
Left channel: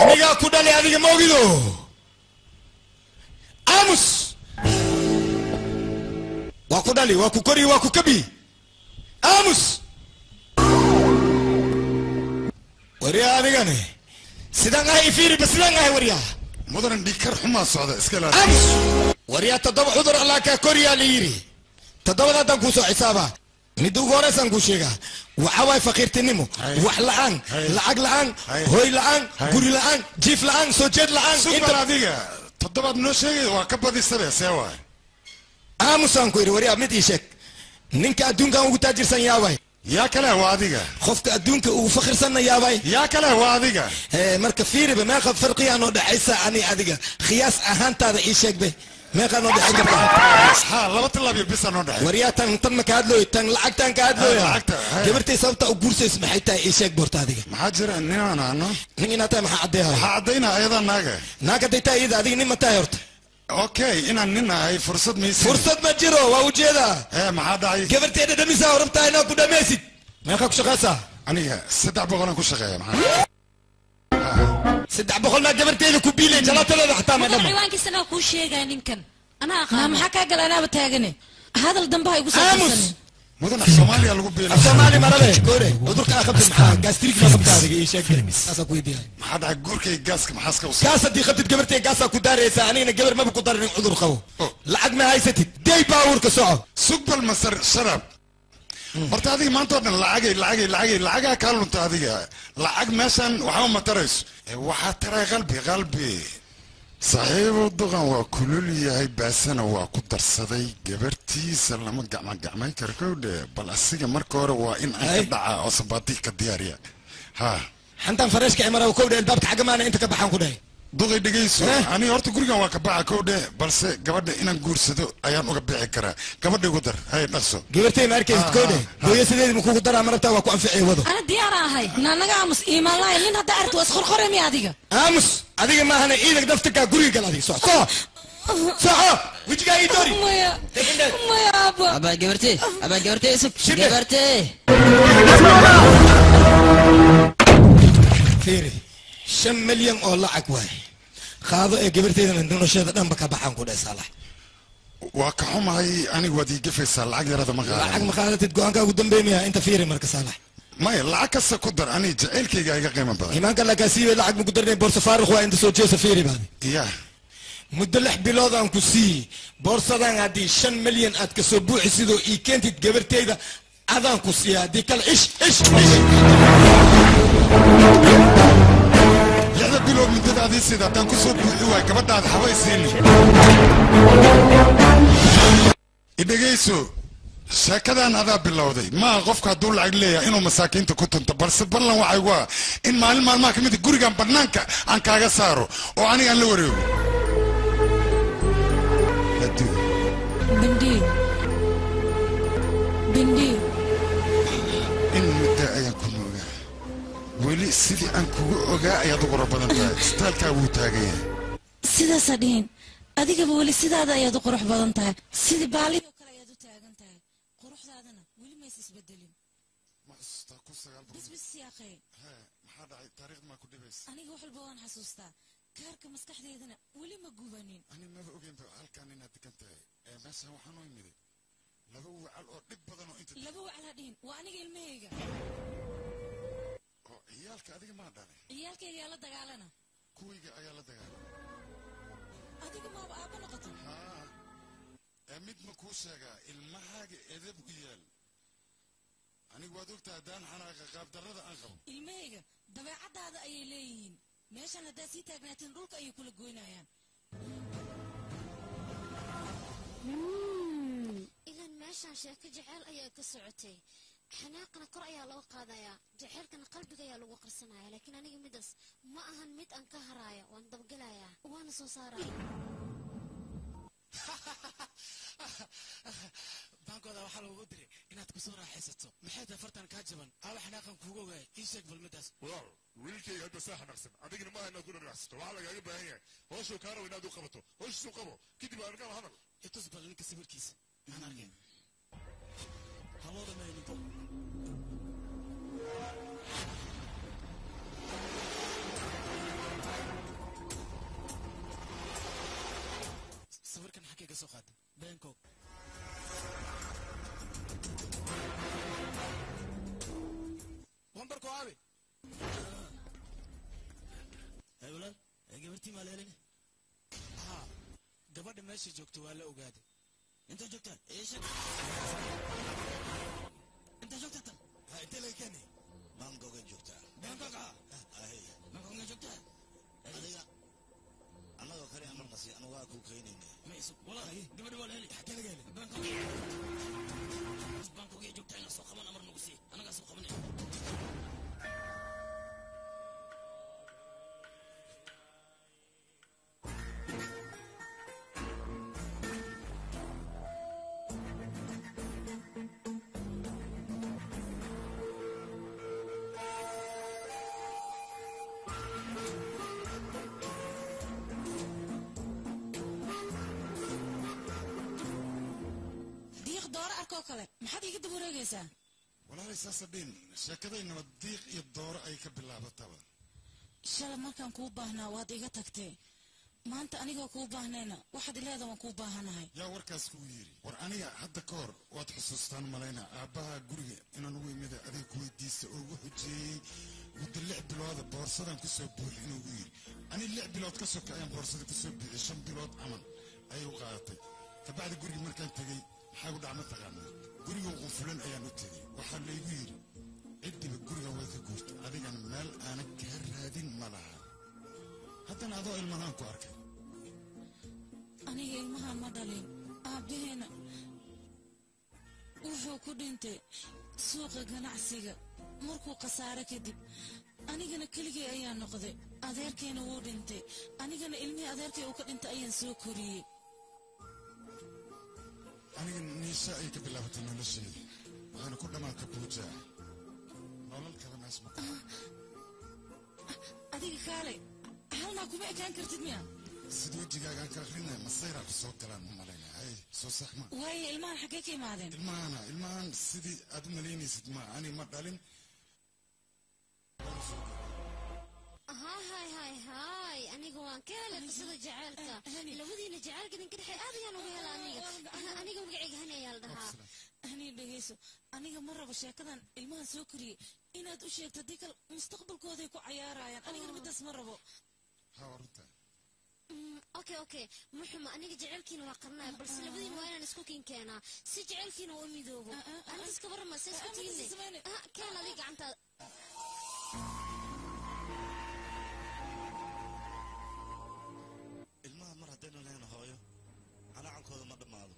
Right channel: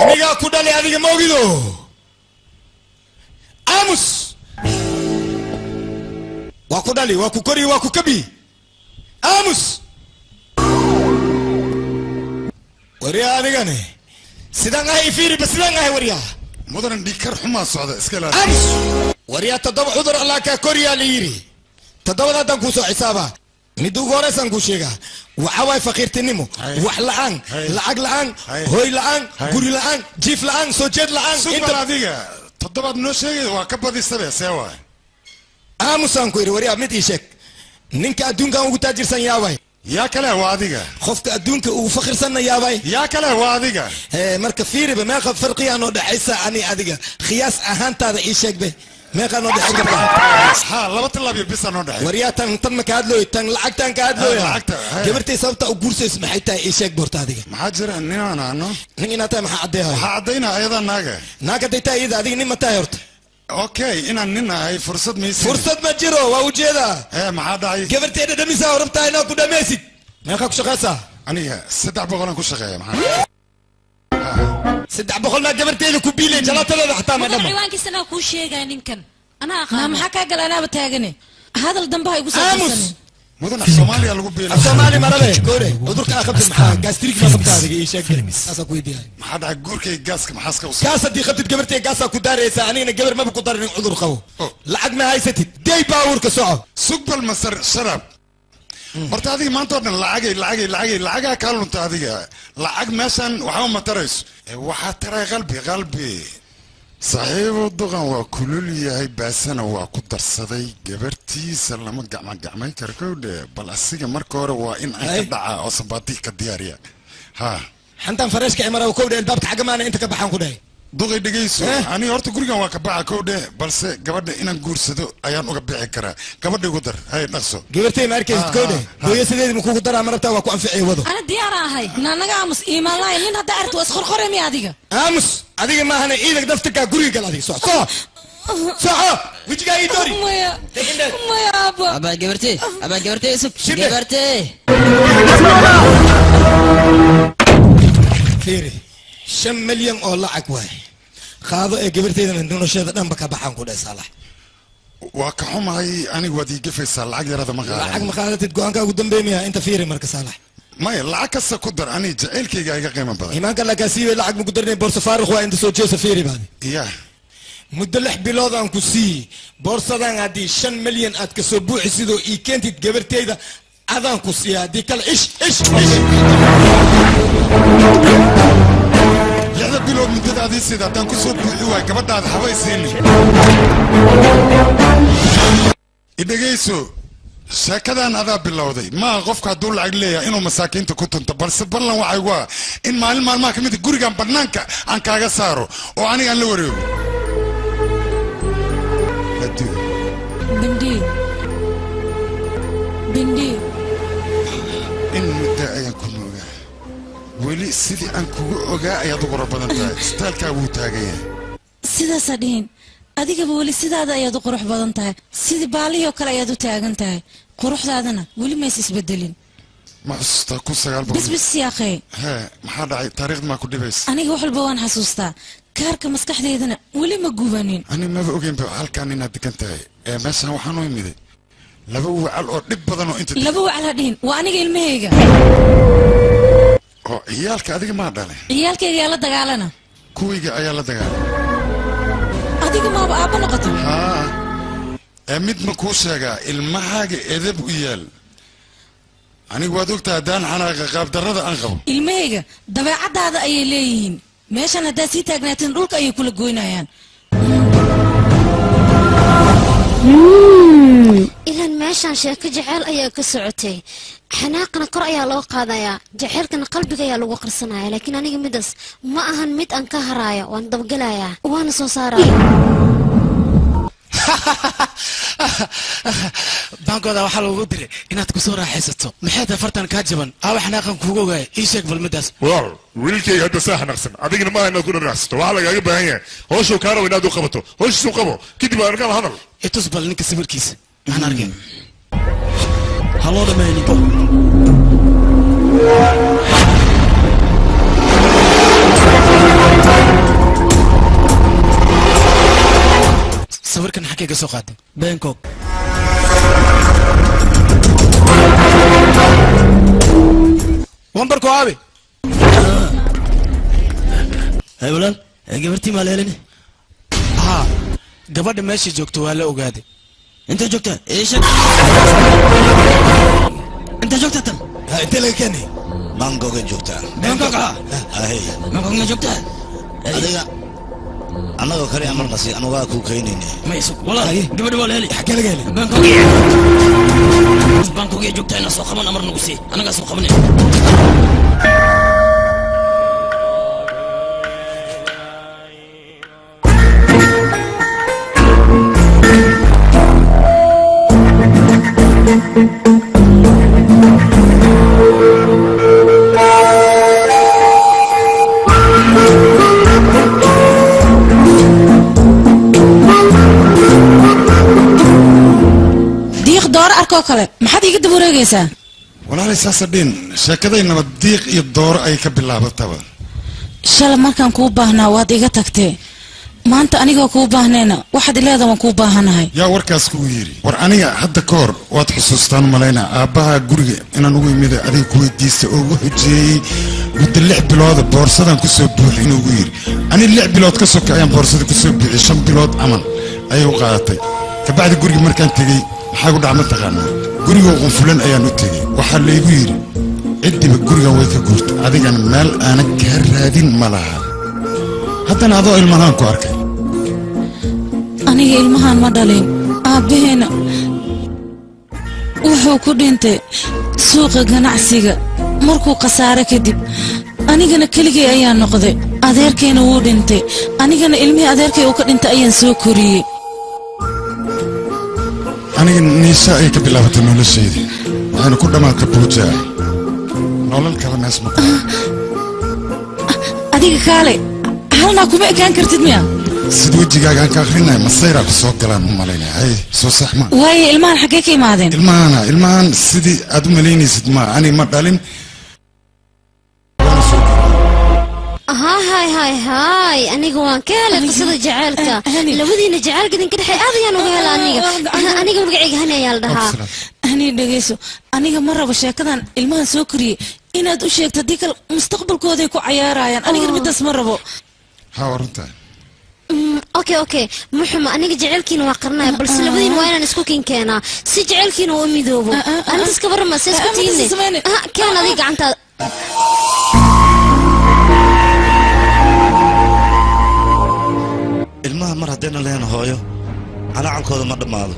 anigaa ku dhalay adiga ma ogido aamus waa ku dhali waa ku kori waa ku kabi aamus waryaa adigane sidaan ahay fiiri ba sidaan ahay waryaa mudanan dhikar xumaa socda iska laa aamus waryaa toddoba cudur allah kaa koriyaa la yidhi toddobada haddaan kuu soo xisaabaa mid ugu horeysaan kuu sheegaa waxa waay faqiirtinimo wax la'aan lacag la'aan hooy la'aan guri la'aan jiif la'aan soo jeed la'aan inta adiga toddobaad noo sheegay waa ka badisabe see waay aamusaan ku yidhi waryaa mid ii sheeg ninka adduunkan ugu taajirsan yaabay yaa kale waa adiga qofka adduunka ugu fakhirsanna yaabay yaa kale waa adiga marka fiiriba meeqa farqiyaa noo dhexaysa ani adiga khiyaas ahaantaada ii sheegbe meeqaa noo dhexayn kartaa ha laba tilaabyo bisa noo dhexay waryaa tan ma ka hadlooy tan lacagtan ka hadlooya gabartay sababta u guursays maxay tahay ii sheeg boorta adiga maxaa jira ninaan ano nin inaad tahay maxaa caddeehay waxaa caddaynaa ayadaa naag hadday tahay iyada adiga nin ma tahay horta okay inaan nin ahay fursad maysi fursad ma jiro waa ujeedaa maxaa dhacay gabarteeda dhamisaa rabtaa inaad ku dhamaysid meeqa ku shaqaysaa aniga 300 ku shaqeeya maxaa 300 maa gabarteeda ku biilay jalatadeeda xataa ma dhama ciwaankiisana kuu sheegay ninkan ana aqaan maxaa kaa gala anaaba taagane hadal dambe ha igu soo مدن الصومالي اللي قبيله الصومالي مرة كوري ودرك أخذت معاه جاستريك ما خبتها دقيقة شكل أسا كويدي ما حد عجور كي جاسك محاسك وصل جاسة دي خبتت قبرتي جاسة كداري سانين قبر ما بقدر عذر خو لعقنا هاي ستي داي باور كسوع سوق بالمسر شرب مرت هذه ما انتظر العقي كارلو انت هذه العق مثلا وحاول ما تريس وحترى قلبي صحيح الضغن وكل اللي هي باسنا وقدر صدي جبرتي سلام جمع كركود بالأسيج مركور وإن أدعى أصباتي كديارية ها حنتم فرش كاميرا وكود الباب حاجة ما أنت كبحان كوداي ضغي دقيس أنا أرتو قريقا وكبحان كود بس قبل إن نقول أيام وكبحان كرا قبل قدر هاي نفسه جبرتي مركز كود ويا سيدي مكو قدر أمرته وكو أنفعي وضو أنا ديارة هاي نانا أمس إيمان لا يلين هدا أرتو أسخر خرمي هذيك أمس هذيك ما هنا إيدك دفتك قريقا هذيك صح وش جاي دوري ما يا أبا جبرتي سك جبرتي فيري 5 مليون أو لعك واي خاضع جبرتي من دون شيء ده نبكى بحام كده صالح وكحوم هاي أنا ودي قفص العق يا رضا مغارة العق مخالة تتقول عنك قدام بيميا أنت فيري مركز صالح ما لعك السكودر أنا جعلك يا قيمة بدر إيمان قال لك أسيب لعك مقدرني بورصة فارغ وعند سوتشي سفيري بعد يا مدلح بلاد أنكو سي بورصة دان هذه 5 مليون أتكسبوع سيدو إيكنت تجبرتي إذا هذا أنكو سي هذه كل إيش يا بلاد من تدا هذه سيدا تنكو سبوع كبرت هذا حواي سيني إذا جيسو شاكدان هذا بالله ما غفك دول عقلية إنه مساكين تكون تبرس بالله وعيوا إن ما كمية جورجان برنانك عن كاجا سارو وأنا أنا لوريو بندي إن مدعي يكون ولي سيدي أنكو أجا يا دكتور بدن ستال كابو تاجي سيدا سدين adiga wali sidaada ayaad u qurux badan tahay sidii baaliyo kale ayaad u taagan tahay quruxdaadana wali ma isbedelin ma xasuusta ku sagaal boqol bis ya akhay ha maxaa dhacay taariikhda ma ku dhibays aniga wax walba waan xasuustaa kaarka maskaxdeedana wali ma gubanin ani ma ogeyn ba halkaan inaad degan tahay meeshan waxaan u imiday laba wacal oo dhib badan oo inta laba wacal hadhiin waa aniga ilmahayga oo ciyaalka adiga ma dhalay ciyaalkayga ayaa la dagaalana kuwiga ayaa la dagaalay adiga ma aaba noqoto mid ma kuu sheegaa ilmahaaga edeb u yaal anigu waad ogtaa haddaan xanaaqa qaabdarrada aan qabo ilmahayga dabeecadaada ayay leeyihiin meeshan haddaad sii taagnaatiin dhulka ayay kula goynayaan ilan meeshan sheeko jaceyl ayaa ka socotay xanaaqana kor ayaa loo qaadayaa jaceylkana qalbiga ayaa lagu qarsanaya laakiin aniga midaas ma ahan mid aan ka haraayo waan dabagelayaa waana soo saaraya baankooda waxaa lagu diray inaad ku soo raaxaysato maxay tahay fartan kaa jaban aawa xanaaqan kuuga ogaaya ii sheeg balmadaas walaal wiilkayga hadda saa xanaaqsan adigana maaha inaad ku raaxaysato waxaa lagaaga baahan yahay hooshuu kaa rabo inaad u qabato hooshiisuu qabo kadib aan arkaan hadal itus bal ninka sawirkiisa aan arkeen haloo dhameeyo ninka sawirkan xagee ka soo qaaday bangkok wambarko aabe hay walaal gabartii maa leelini haa gabadha meesha joogto waa la ogaaday inta joogta inta joogta tan inta laga keenay bangkoga joogtaa bangkok ma joogtaa adiga anagoo kale amar nasi anagaa kuu keenayne mayso walaal gabadha waa leeli xagee laga helay bangkok ay joogtaa inaa soo qaban amar nagu sii anagaa soo qabanay kale maxaad iga dab wareegaysaa walaalay saasadhin sheekaday nabad diiq iyo dooro ay ka bilaabataba shalay markaan kuu baahnaa waad iga tagtee maanta anigoo kuu baahnayna waxaad ileeda waan kuu baahanahay yaa warkaas kugu yidhi war aniga hadda ka hor waad xusuustaan malaynaa aabbaha guriga inaan ugu imida adiga ku weydiista oo ugu xujeeyey muddo 6 bilooda boorsadan ku soo buuxi inuu ugu yidhi ani 6 bilood ka soka ayaan boorsada ku soo buuxiyey 5 bilood camal ayay u qaadatay kabacdi guriga markaan tegey maxaa ku dhacma taqaanaa gurigoo qunfulan ayaan u tegey waxaa laygu yidhi ciddiba gurigan way ka guurta adigana meel aanan kaa raadin ma laha haddana adoo ilmahaan ku arkay aniga ilmahaan ma dhalin aabbaheena wuxuu ku dhintay suuqa ganacsiga markuu khasaare kadib anigana keligay ayaan noqday adeerkayna wuu dhintay anigana ilmihii adeerkay uu ka dhintay ayaan soo koriyey aniga niisa ay ka bilaabatay noloshayda waxayna ku dhammaatay buujaa nolol kale mees ma adiga kaale halnaa kuma ekaan kartid miya sid wejigaaga aan ka akrinaya masayraa ku soo galaan u malaynaya hay soo sax ma waaye ilmahan xaggee ka imaadeen ilmahan sidii aad u malaynaysid ma ani ma dhalin هاي أنا قوان كهلا قصة جعلك لودينا جعلك دين كده حي أضيان وقال أنا قبل قاعد هنا يالدها هني دقيسو أنا مرة بشاكدان المها سكري إن أدو شيك تديك المستقبل كودي كو عيارايان أنا قد بدأ مرة بو ها ورنتا اوكي محمد انا جعلكين واقرنا بس لبدين وين نسكوكين كينا سي جعلكين وميدوبو انت اسكبر ما سيسكتيني كان اديق عنتا ilmaha mar haddayna lahayn hooyo calaacankooda ma dhammaado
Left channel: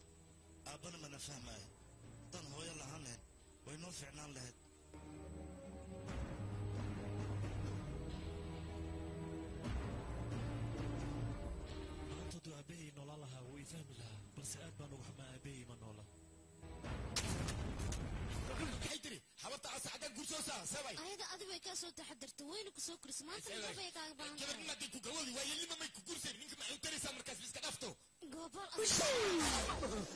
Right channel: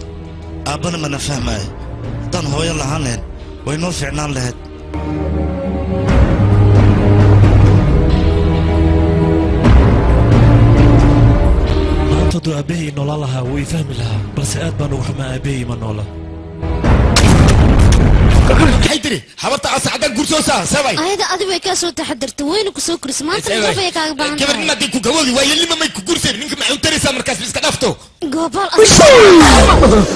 aabbana mana fahmaayo haddaan hooyo lahaan lahayn way noo fiicnaan lahayd maanta hadduu aabbahay noolaan lahaa way fahmi lahaa balse aad baan ugu xumaa aabbahay ma noola حيدري حبطت أسعد الجرسوسة سوي هذا أدي بيكاسو تحضرت وين كسو كريس ما أنت كيف يكاك بان كيف ما ديكو جوالي ويلي ما يكو كرسي منك معه تريسا مركز بس كدفتو قبل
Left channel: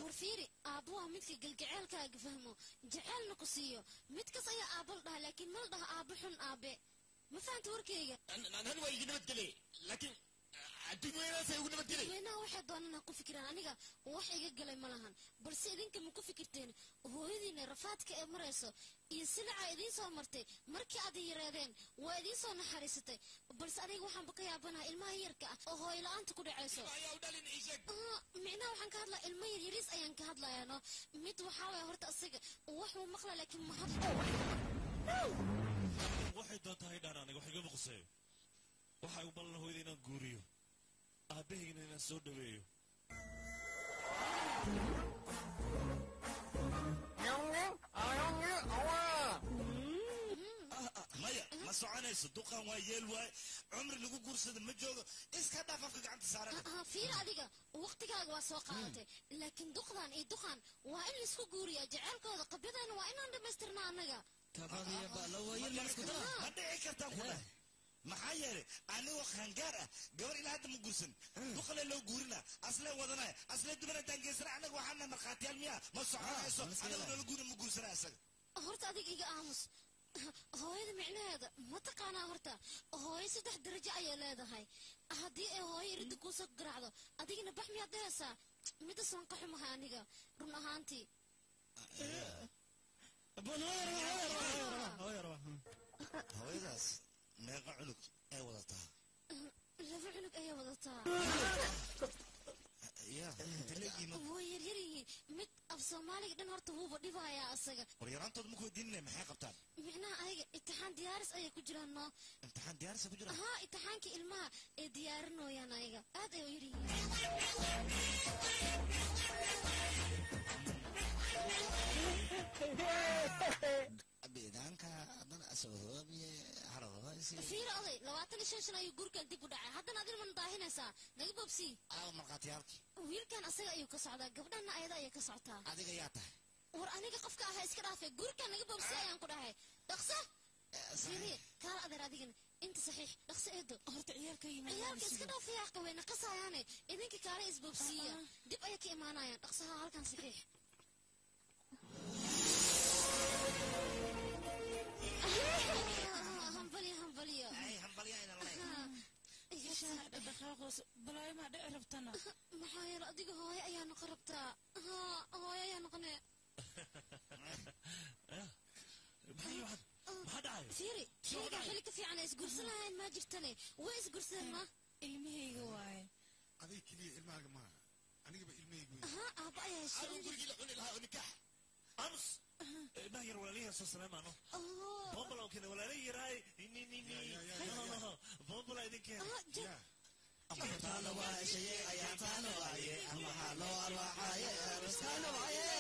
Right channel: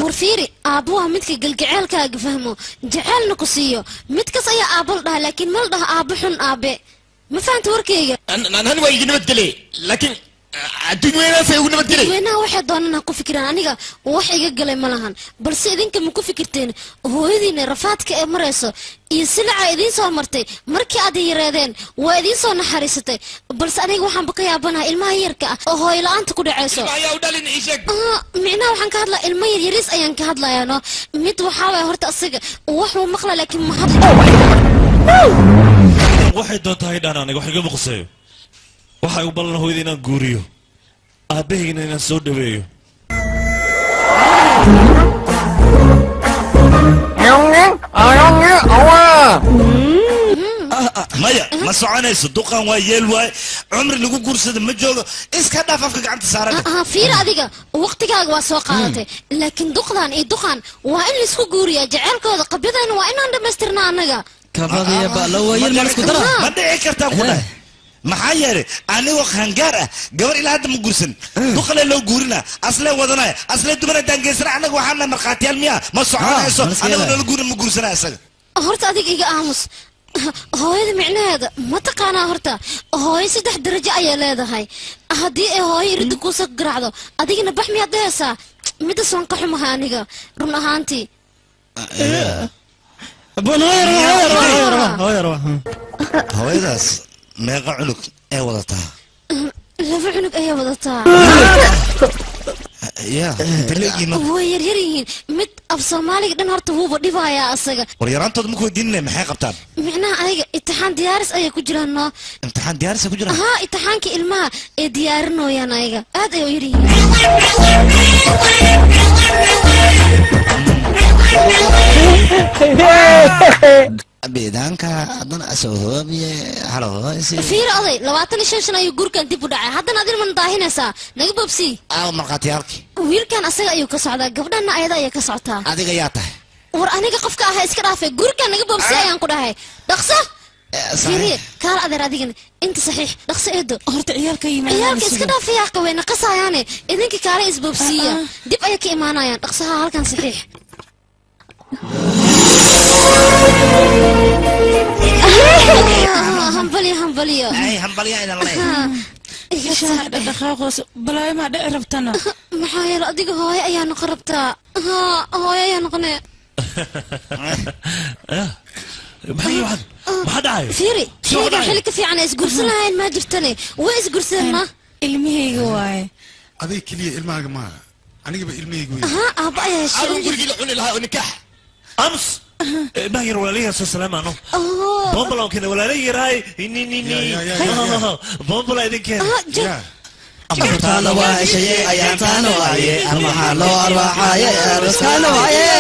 ورفيري أبوها متك قلقعال كاك فهمو جعل نقصيو متك صيا أبل ده لكن مال ده أبحن أبي ما فهمت وركية أنا ويجي نبدلي لكن الدنيا سيقول نبدلي وينها واحد دوننا كو فكران أنيقا وحي قلقلي ملهان بلس إذن كم كو فكرتين هو إذن رفاتك إمريسو يسلع إذن سو مرتي مركي أدي يرادين وإذن سو نحارستي بلس أنيق وحان بقى يابنها إلما يركا وهو إلا أنت كو دعيسو معناه وحان كهدلا إلما يريس أيان كهدلا يانو ميت وحاوي هورت أصيق وحو مقلا لكن محضر waxay doontaa haydhaan aniga wax igama quseeyo waxay u ballan hooyada inaan guuriyo aabbahayna inaan soo dhaweeyo maya ma soconayso duqan waa yeel waay cumri lagu guursada ma joogo iska dhaaf afka gacanta saaran fiir adiga waqtigaaga waa soo qaadatay laakiin duqdan iyo duqan waa in laisku guuriyaa jaceylkooda qabyadayna waa inaan dhammaystirnaa annaga كفاضي بقى ويل ما نسكت ما دعي كرتا كله maxaa yeelay anigoo qaangaar ah gabar ilaa hadda ma guursan duqale loo guurina aslee wadanaya aslee dumar daangeysana anaga waxaan la marqaatiyaal miya ma soconayso anaga la guurin ma guursana isaga horta adiga iga aamus hooyada micnaheeda ma taqaanaa horta hooyo 3 darajo ayay leedahay haddii ay hooyo iridda kuusoo garaacdo adigana bax miyaad dhehaysaa midas waan ka xumahay aniga run ahaantii hooyadaas meeqa cunug ee wadataa laba cunug ayay wadataa ya daleegiina way yaryar yihiin mid af soomaaliga dhan horta wuuba dhibayaa asaga war yaraantooda ma weydiinay maxay qabtaan micnaha adiga imtixaan diyaaris ayay ku jiraan noo imtixaan diyaaris ku jiraan haa imtixaankii ilmaha ee diyaarinooyaan ayaga aad ayay u yar yihiin biidaanka haddana asoohoobiye halohoysi fiir oday 25 sano ayuu guurkan dib u dhacay haddana adin man daahinaysaa naga bobsi markhaatiyaalkii wiilkan asaga ayuu ka socdaa gabdhana ayada ayay ka socotaa adiga yaa tahay war aniga qofka ahaa iska dhaafay guurkan naga bobsi ayaan ku dhahay dhaqso fiiriye kaal adeer adigana inta saxiix dhaqso eedo horta ciyaalka yimaadaan ciyaalka iska dhaafayaa qaweyna qasayaane idinka kaale isbobsiya dib ayay ka imaanayaan dhaqsaha halkan saxiix همبليو اي همبليو اذا الله شاهد دقاقوس بلاي ما دعي ربتنا محايل اديق هوي ايا نقربتا ها هوي ايا نقني محي واحد ما حد عايز فيري شيء حلك في عنا اسقرسنا هاي ما جرتني واسقرسنا المهي واي هذه كليه الماء ما انا جب المهي ها ابا يا شيخ انا قلت لك لها ونكاح امس ما هي ولا السلام عنه بومبلا كده ولا لي راي ني بومبلا إذا كان أبطال وعشية أياتان وعيه المحل وأرواحية رسكان وعيه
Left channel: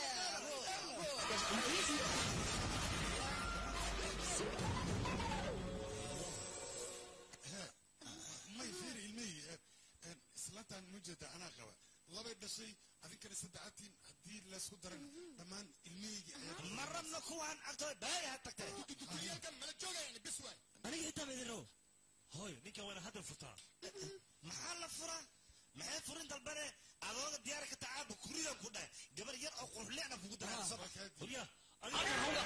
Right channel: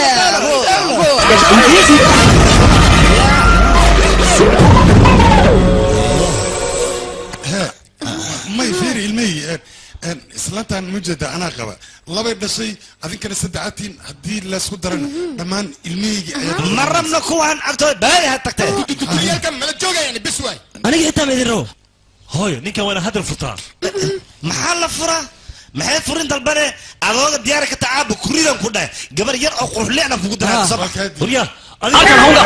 ما يفير المي إسلامتان مجدة أنا قبا الله بيبدا شيء أذن كان سدعاتين هدي لا سودرن دمان المي مرة من كوان أكتر باي هتكتر كلية كم ملا جوجا يعني بسواي أنا جيت أمي ذرو هاي نيكا وانا هذا الفطار محل فرا maxay furin dalbane adooga diyaar ka tacaab kuridan ku dhaay gabar yar oo qurux leena kugu daraa sabab hurya halkan hawga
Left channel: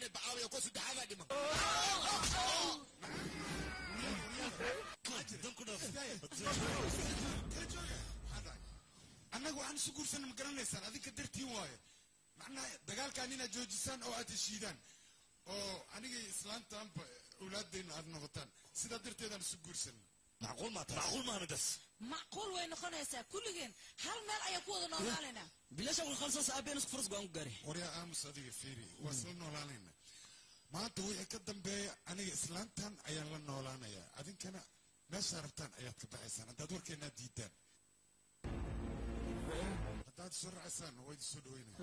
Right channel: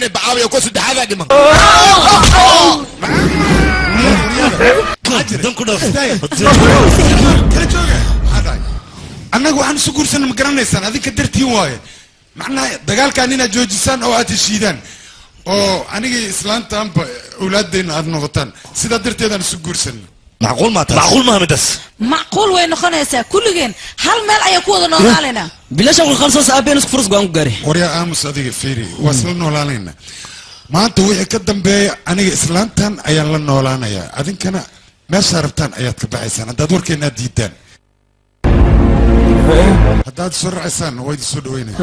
nin bacaawiya ku saddexaadaa dhiman annaga waxaan isu guursanna ma garanaysaan adinka dartiin waaye macnaha dagaalkaan inaad joojisaan oo aad heshiidaan oo anigii islaantaanba awlaadayna aad noqotaan sidaa darteedaan isu guursanna macquul maaha midas macquul way noqonaysaa kulligeen hal meel ayaa ku wada noolaanaynaa bilasha qalqalsoos aabeen isku furus go'aan ku gaari waryaa aamus adiga fiiri waa isla noolaanaynaa maanta wixii ka dambeeya aniga islaantan ayaan la noolaanayaa adinkana meeshaa rabtaan ayaad ka baxaysaan haddaad warkeenaad diidaan haddaad soo racaysaan waa idin soo dhaweynaya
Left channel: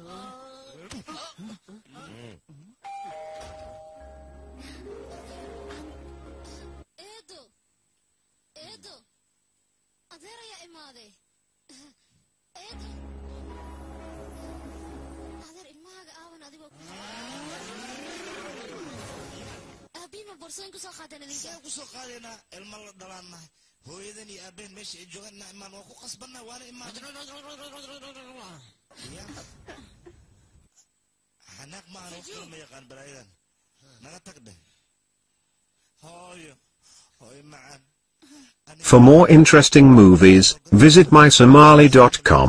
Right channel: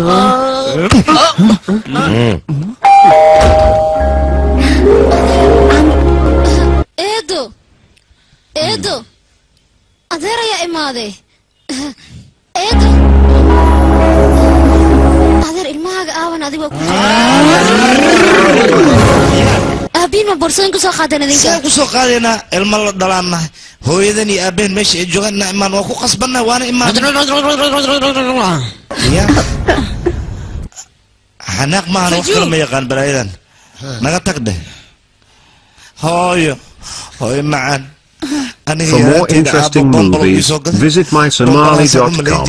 eedo adeer ayaa imaaday eedo adeer ilmahaaga aawan adigoo ku aabiin ma boorsooyin kusoo qaadeen idinka saan kusoo qaadaynaa ilmo la dhalaannahay hooyadan iyo aabeen meesha ay joogaan imaan waa ku qasbannahay waana imaan xanaaq maahan wax kale ma yaqaan balaayadan naga tag dheh hooyo macaan For more interesting movies, visit mysomali.com.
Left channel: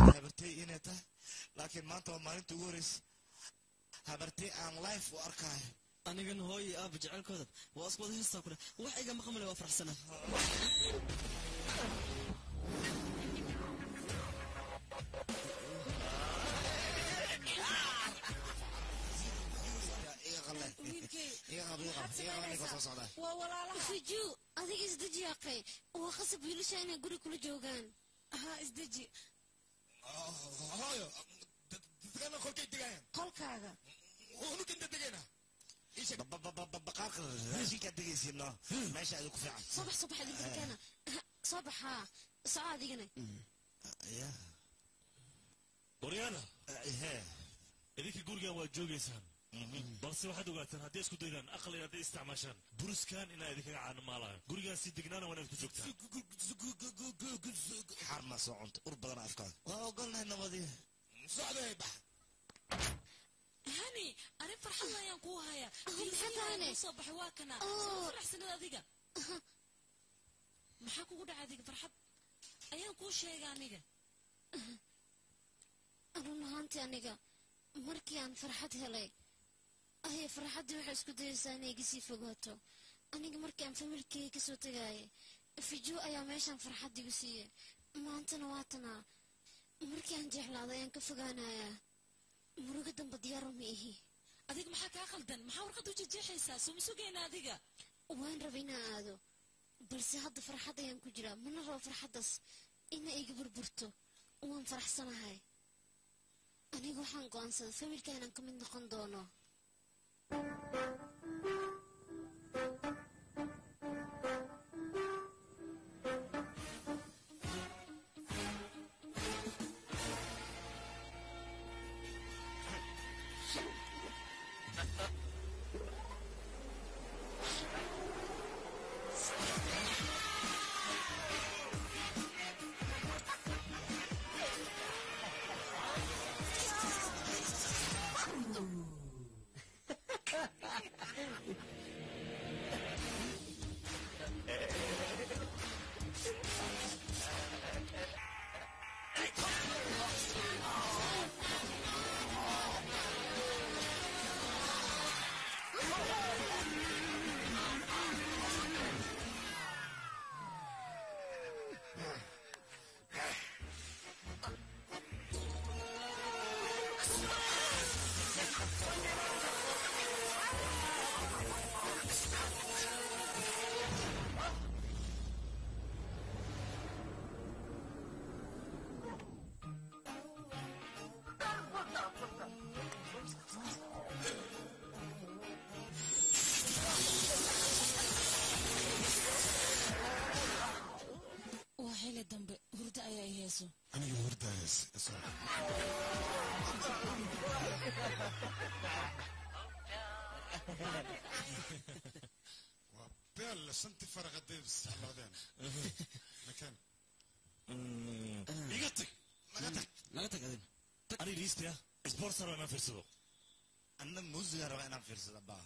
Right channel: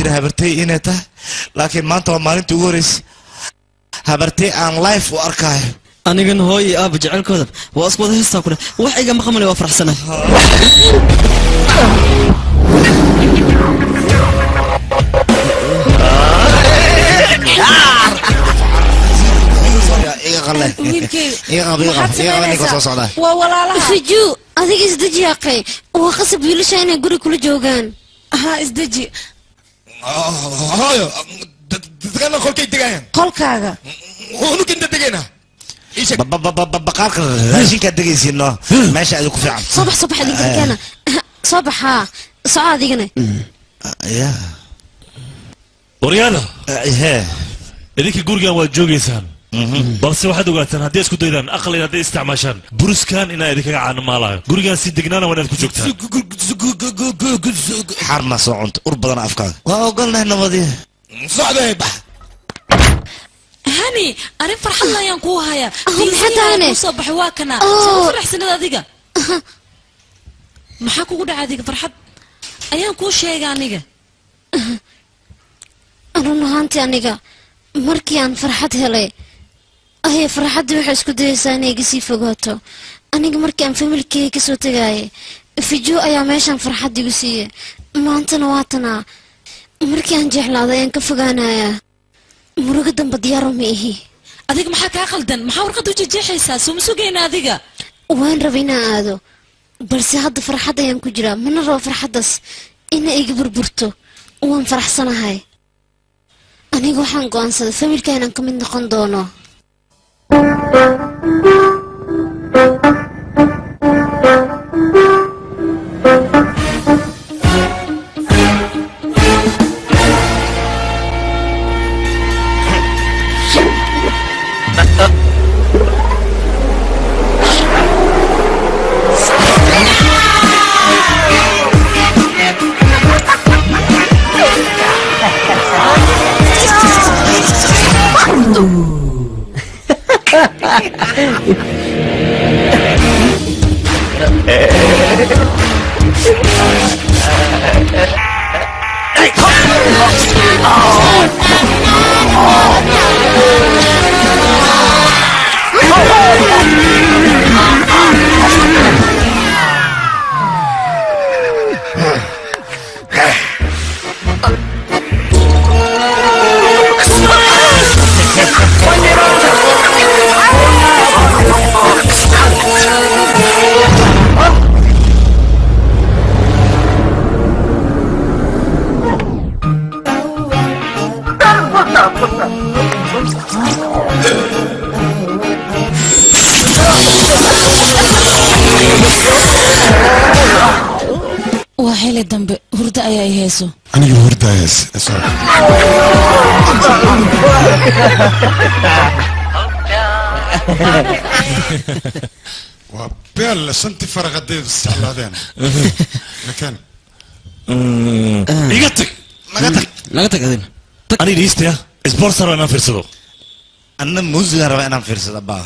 laakiin maanta waa maalintii ugu horreysay habartay aan life u arkaayo anigan hooyo aaba jecelkooda waa isku wada heestaa ku dheh wax iga maqamale waa faraxsana waa walaalaha fiju adiga isdeji yaqay waa qasab wiilasha inay guri kula joogaan ha isdeji hooyo dadkana qolkay degayaan qolkaaga unuka inta degayna baqaarka raashinkaad degaysiino meesha adi ku fiican soo bax idinka keena soo bax haa soco adigana waryaada idinka gurigan waad joogaysaan balse waxaad ogaataan haddii isku daydaan aqli hadday isticmaashaan buruskan inaa idinkaga caanamaalayo gurigan si degnaana waa inaad ku joogtaan xarna soo cunta ur badan afkaaga waa ogolnahay nabadiya socday bax hani arin farxad ayaan kuu hayaa maxaataane soo baxay waa kana soo faraxsanad adiga maxaa kugu dhacay adiga farxad ayaan kuu sheegay aniga run ahaantii aniga markii aan farxad helay ahay farxaddii waxay isku dayaysaa inay iga sii fogaato aniga markii aan familkeyga kasoo tagaayay fijo ayaa meeshaan farxad igu siiyey maantana waatanaa markii aan jeclaaday ayaan ka fogaanayaa murugo damba diyaaro ma ihi adiga maxaa kaa qaldan maxaa warqad u jejeexaysaa soo ma sugayna adiga waan raba inaan aado balse hadda farxad ayaan ku jiraa mana rabo farxaddaas ina iga burburto waan faraxsanahay aniga waxaan go'aansaday familka inaan ka mid noqon doono وحيلة دنب هردا أيا يهيسو أنا هردا يس وبيل سنتي فرق ديد السعلادين لكن نقطك أنا ليست يا سبونسر أنا فرصدو أنا موزي ربع أنا فيرس أبا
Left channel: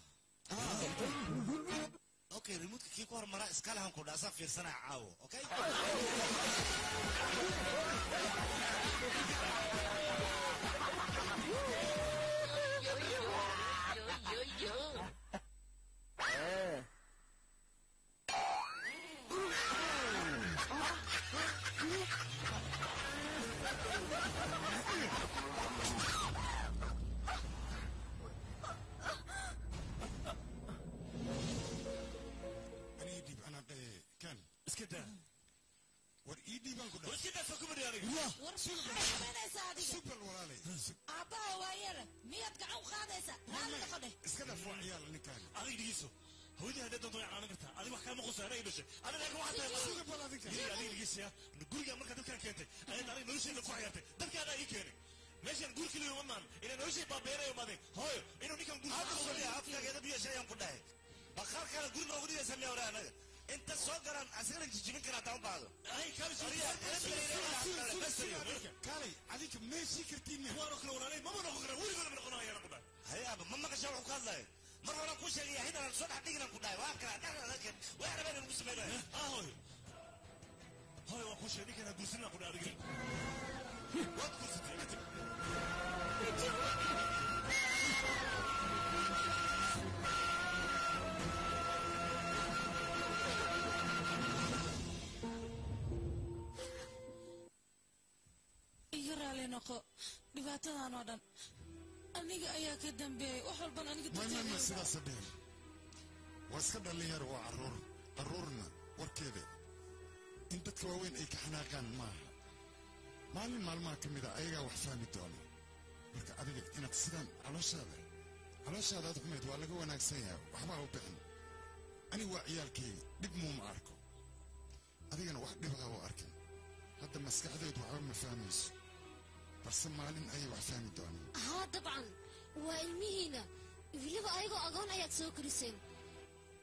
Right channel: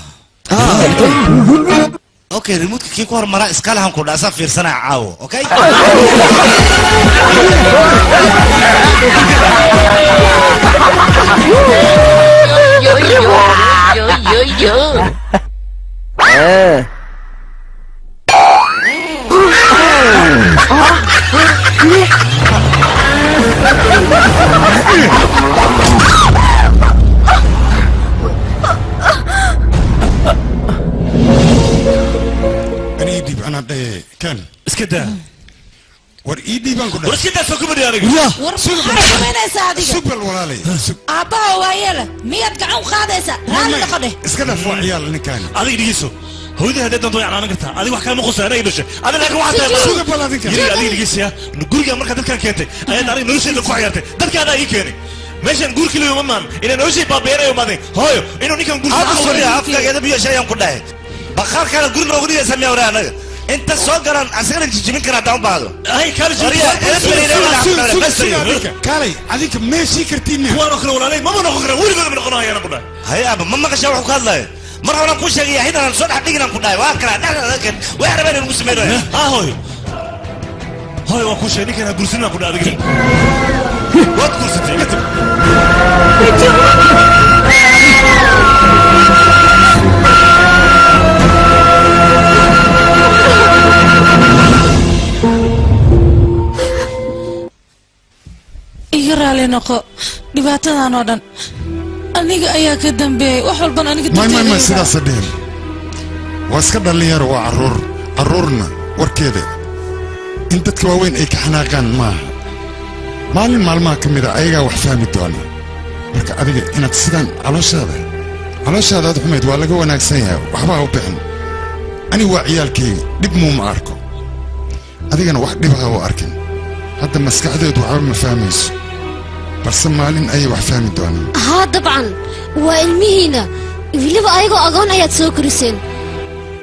أوكي ريموت كي كور مرة إسكالها كود أسا فيرسنا عاو أوكي أنا كان اسكت war ii dhiibaan ku war sidaas oo kuma diyaariyo war xaramaynaysa adiga subal walaalay aabbaha waa yeela miyaad gacan u qaadaysa raali noqode iska dhaf waa ciyaal ninkaan adiga dhigeyso hooyada hadda doonto yacnaan kartaa adiga wax kale ma qosay anaga dhashay adiga laakiin waxaad tahay suga bal adinka adiga dhigeysiya guriga marka dadkan keentay ayaad aniga nolosheeda ku ciyaartay dadkaada ii keenay meeshan guurkii la yuma maan inay noloshii baabeerayo maadeen hooyo inuu ninkan guurka afkaageeda biyo shayaan ku dhahay bakhaar kale guri noogu dhigaysa miyaa waraa anaga انت سوغران اسغنا جيجمين كنا داون بعضو هاي كالي كالي هذيك ماشي كرتيني هو انا اخرى ولا لي ما نخرى ولي ما نخرى انا كنا هاي ابا ما قشا وخو كادلاي مره ولا كو شيغي هنا سو دحدغنا كداي وا كلا دحدغن way rabeen inuu sameeyo ha hoy waa ku sheegay kana gursina ku dhaadagay wad gursatay raali noqo dhibaatadan oo dhan aniga ayaa ka dambeeyay wax walban aniga ma sidaas dheen waa iska dhalinyaro waa caruurna warkeeda in dadka waaweyn ay ka xanaaqaan maaha maalin maalmaha ka mid a ayagaa wax fahmi doona marka adiga inaad sidaan calooshaada aad xumayd waa laga wanaagsan yahay waxba ha u bixin ani waa ciyaalkayga dhib muuma arko adigana wax dhibaha u arkin hadda maskaxdeedu waxba ma fahmayso بس مالين أي واحد فاهم الدنيا. ها طبعا وإلمينا وليبا أيقو أغون أيات سوكرسين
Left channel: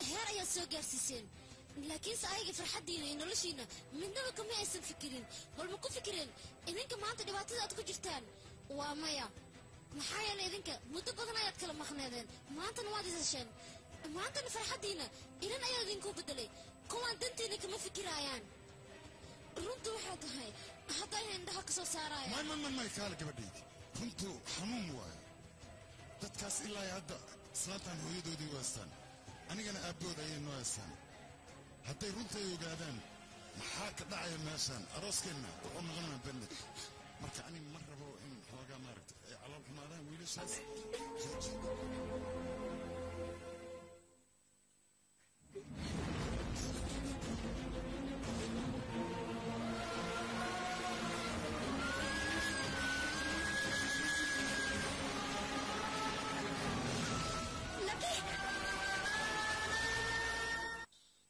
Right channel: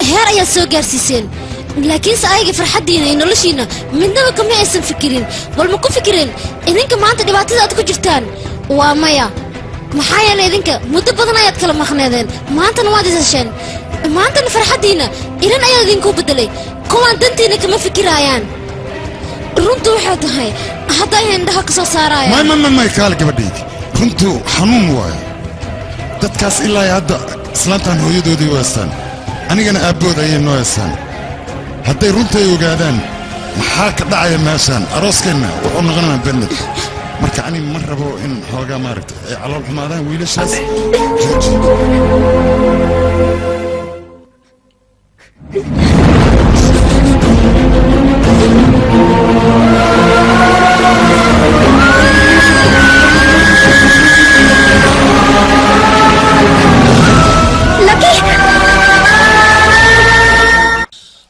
هير أيات سوكرسين لكن سأيقي فرحدينا إنو لشينا من دم كم يأسن فكرين والمكو فكرين إذنك ما أنت دبعتي ذاتكو جرتان ومايا محايا إذنك مدبضنا أيات كلام مخنادين ما أنت نوادي زشان ما أنت فرحدينا إذن أيات إذنكو بدلي كوان دنتينا كما فكرايان runtu waxay tahay hadda ay indhaha ka soo saarayaan ma kaal gabadhaydi runtu xanuun waayo dadkaas ilaa hadda islaantan hooyadoodii weestaan anigana aabbood ayay noo heestaan hadday runtay ogaadaan maxaa ka dhacaya meeshaan arooskeenna wuxuu noqonayaa bennad marka ani ma rabo in xoogaa maaragta ay calool xumaadaan wiilashaas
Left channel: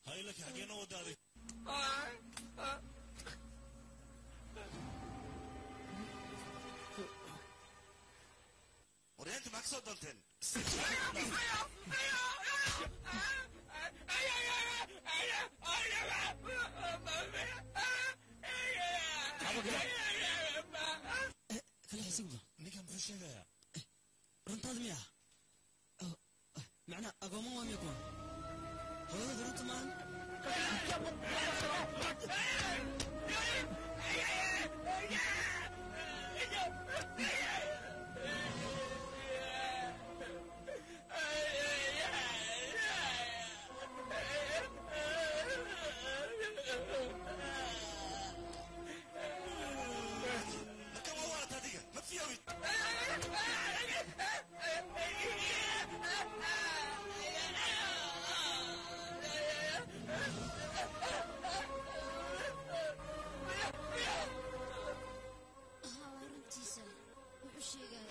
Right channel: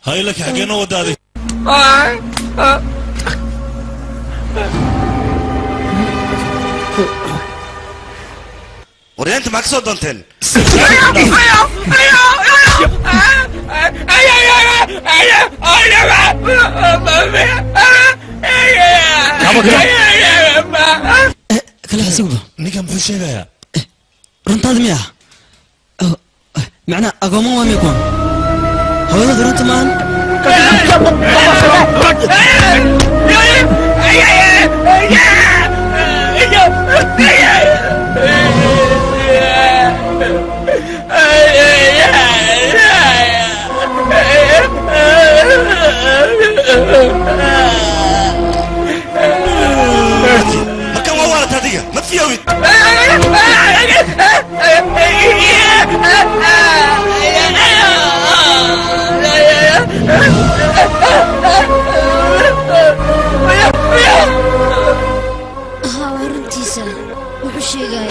هاي لك حقنا ودادي وري انت معك صوت دونتين كلا حسيبه نيكا محو شيغايا رنتاد مياه معنى اقوموا وام يكون هذا درنت مان مكان ووالت هذه ما في يوم ها ورنتيسا وحشي جاي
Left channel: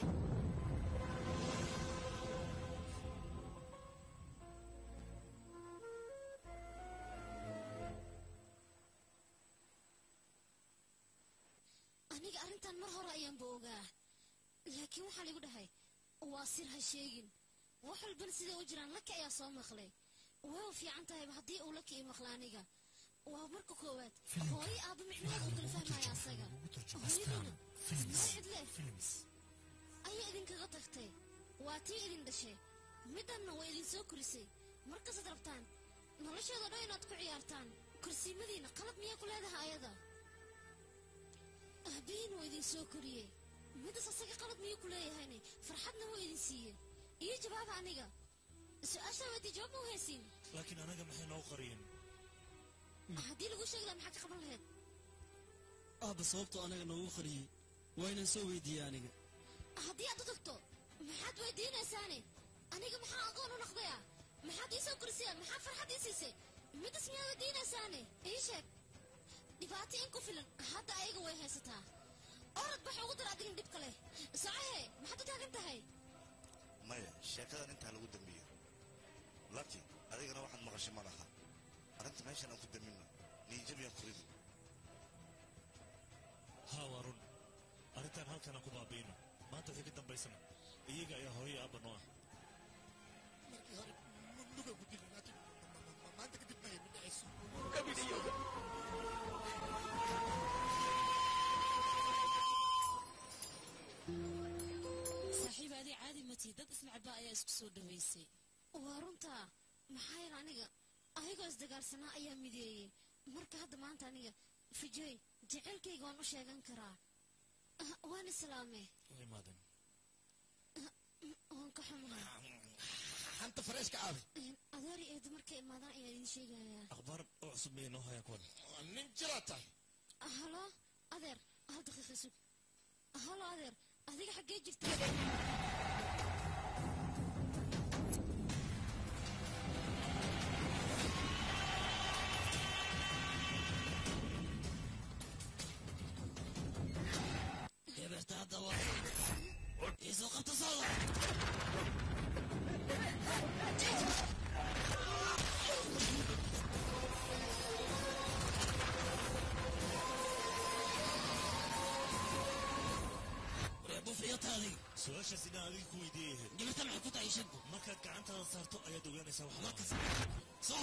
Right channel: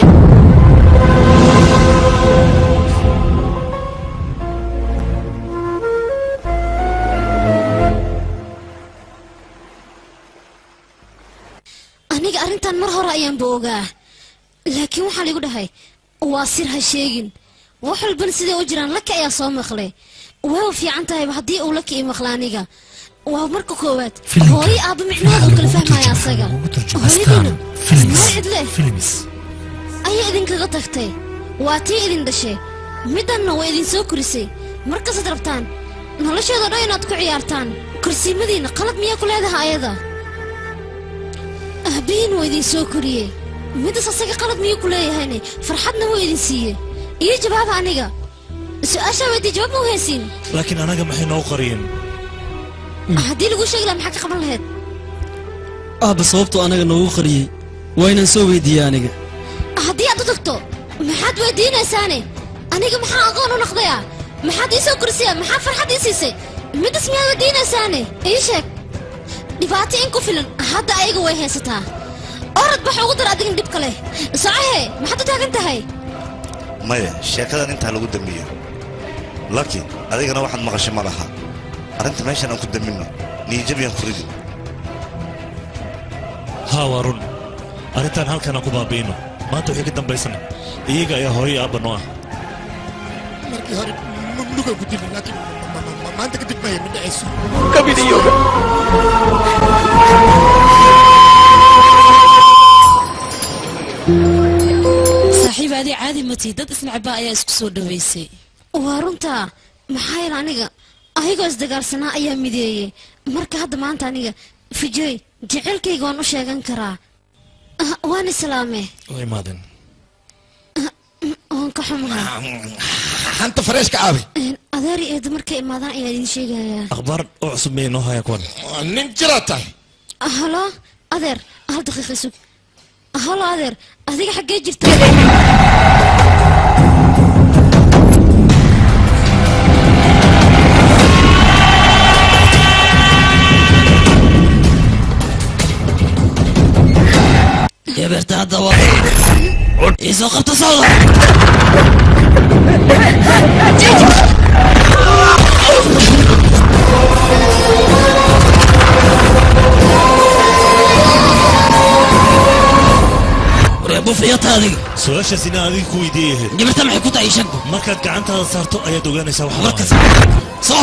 aniga arrintan mar hore ayaan boogaa laakiin waxaa ligu dhahay waa sir ha sheegin wax walban siday u jiraan laka ayaa soo maqlay way fiican tahayba haddii uu laka ii maqla aniga waa marka koowaad hooyo aabba micnaheeda u kala fahmaya asaga hooyadiina ismaa cidle ayaa idinkaga tagtay waa tii idin dhashay middanna waa idin soo korisay markasaad rabtaan nolosheeda dhan inaad ku ciyaartaan korsiimadiinna qalad miyaa ku leedahay ayada ahbihiin waa idin soo koriyey middas asaga qalad miyuu ku leeyahayne farxadna waa idin siiyey iyo jawaaba aniga su-aashaa weydii jawaab ma u haysiin laakiin anaga maxay noo qariyeen haddii lagu sheegi laha maxaa ka qaban lahayd aabba sababtu anaga noogu qariyey waa inaan soo weydiiyey aniga haddii aad u tagto maxaad weydiinaysaane aniga maxaa aqoon u noqdaya maxaad ii soo korisaya maxaa farxad ii siisay middas miyaad weydiinaysaane ii sheeg dhibaato in ku filan hadda ayaga way haysataa orad bax ugu dar adigin dhibka leh socohe maxaad u taagan tahay maya sheekadan intaa lagu dambeeyo laakiin adigana waxaad maqashay ma laha arrinta meeshan aan ku damminno niyajabiyaan ku ridi haa waa run arrintan halkan aan ku baabi'ino maanta wixii ka dambaysana iyaga ayaa hooyo iyo aabba noo ah markii hore mamnuugaan ku dilin laakiin maanta kadib maya ma dhacayso kabidiyooga saaxiib adii caadi matii dad isnacbaa ayaa isku soo dhawaysay waa runtaa maxaa yeele aniga ayagoo isdagaalsanaa ayaa mideeyey marka hadda maanta aniga fijoy jecelkayga waan u sheegan karaa waan islaame waa imaadeen waan ka xumahay hanta fareeshka aabi adeer iyo eedo markay imaadaan ayaa idin sheegayaa akhbaar oo cusub miyay noo haya kuwan nin jiraa tahay halo adeer hal daqiiqa sug halo adeer adiga xaggee jirta gabarta hadda waa isoo qabta sawda bufiyata adiga su-aashaas inaan adiga ku weydiiyahay gabarta maxay ku tahay shaggu markaad gacantaada saarto ayaad ogaanaysaa wax markas soo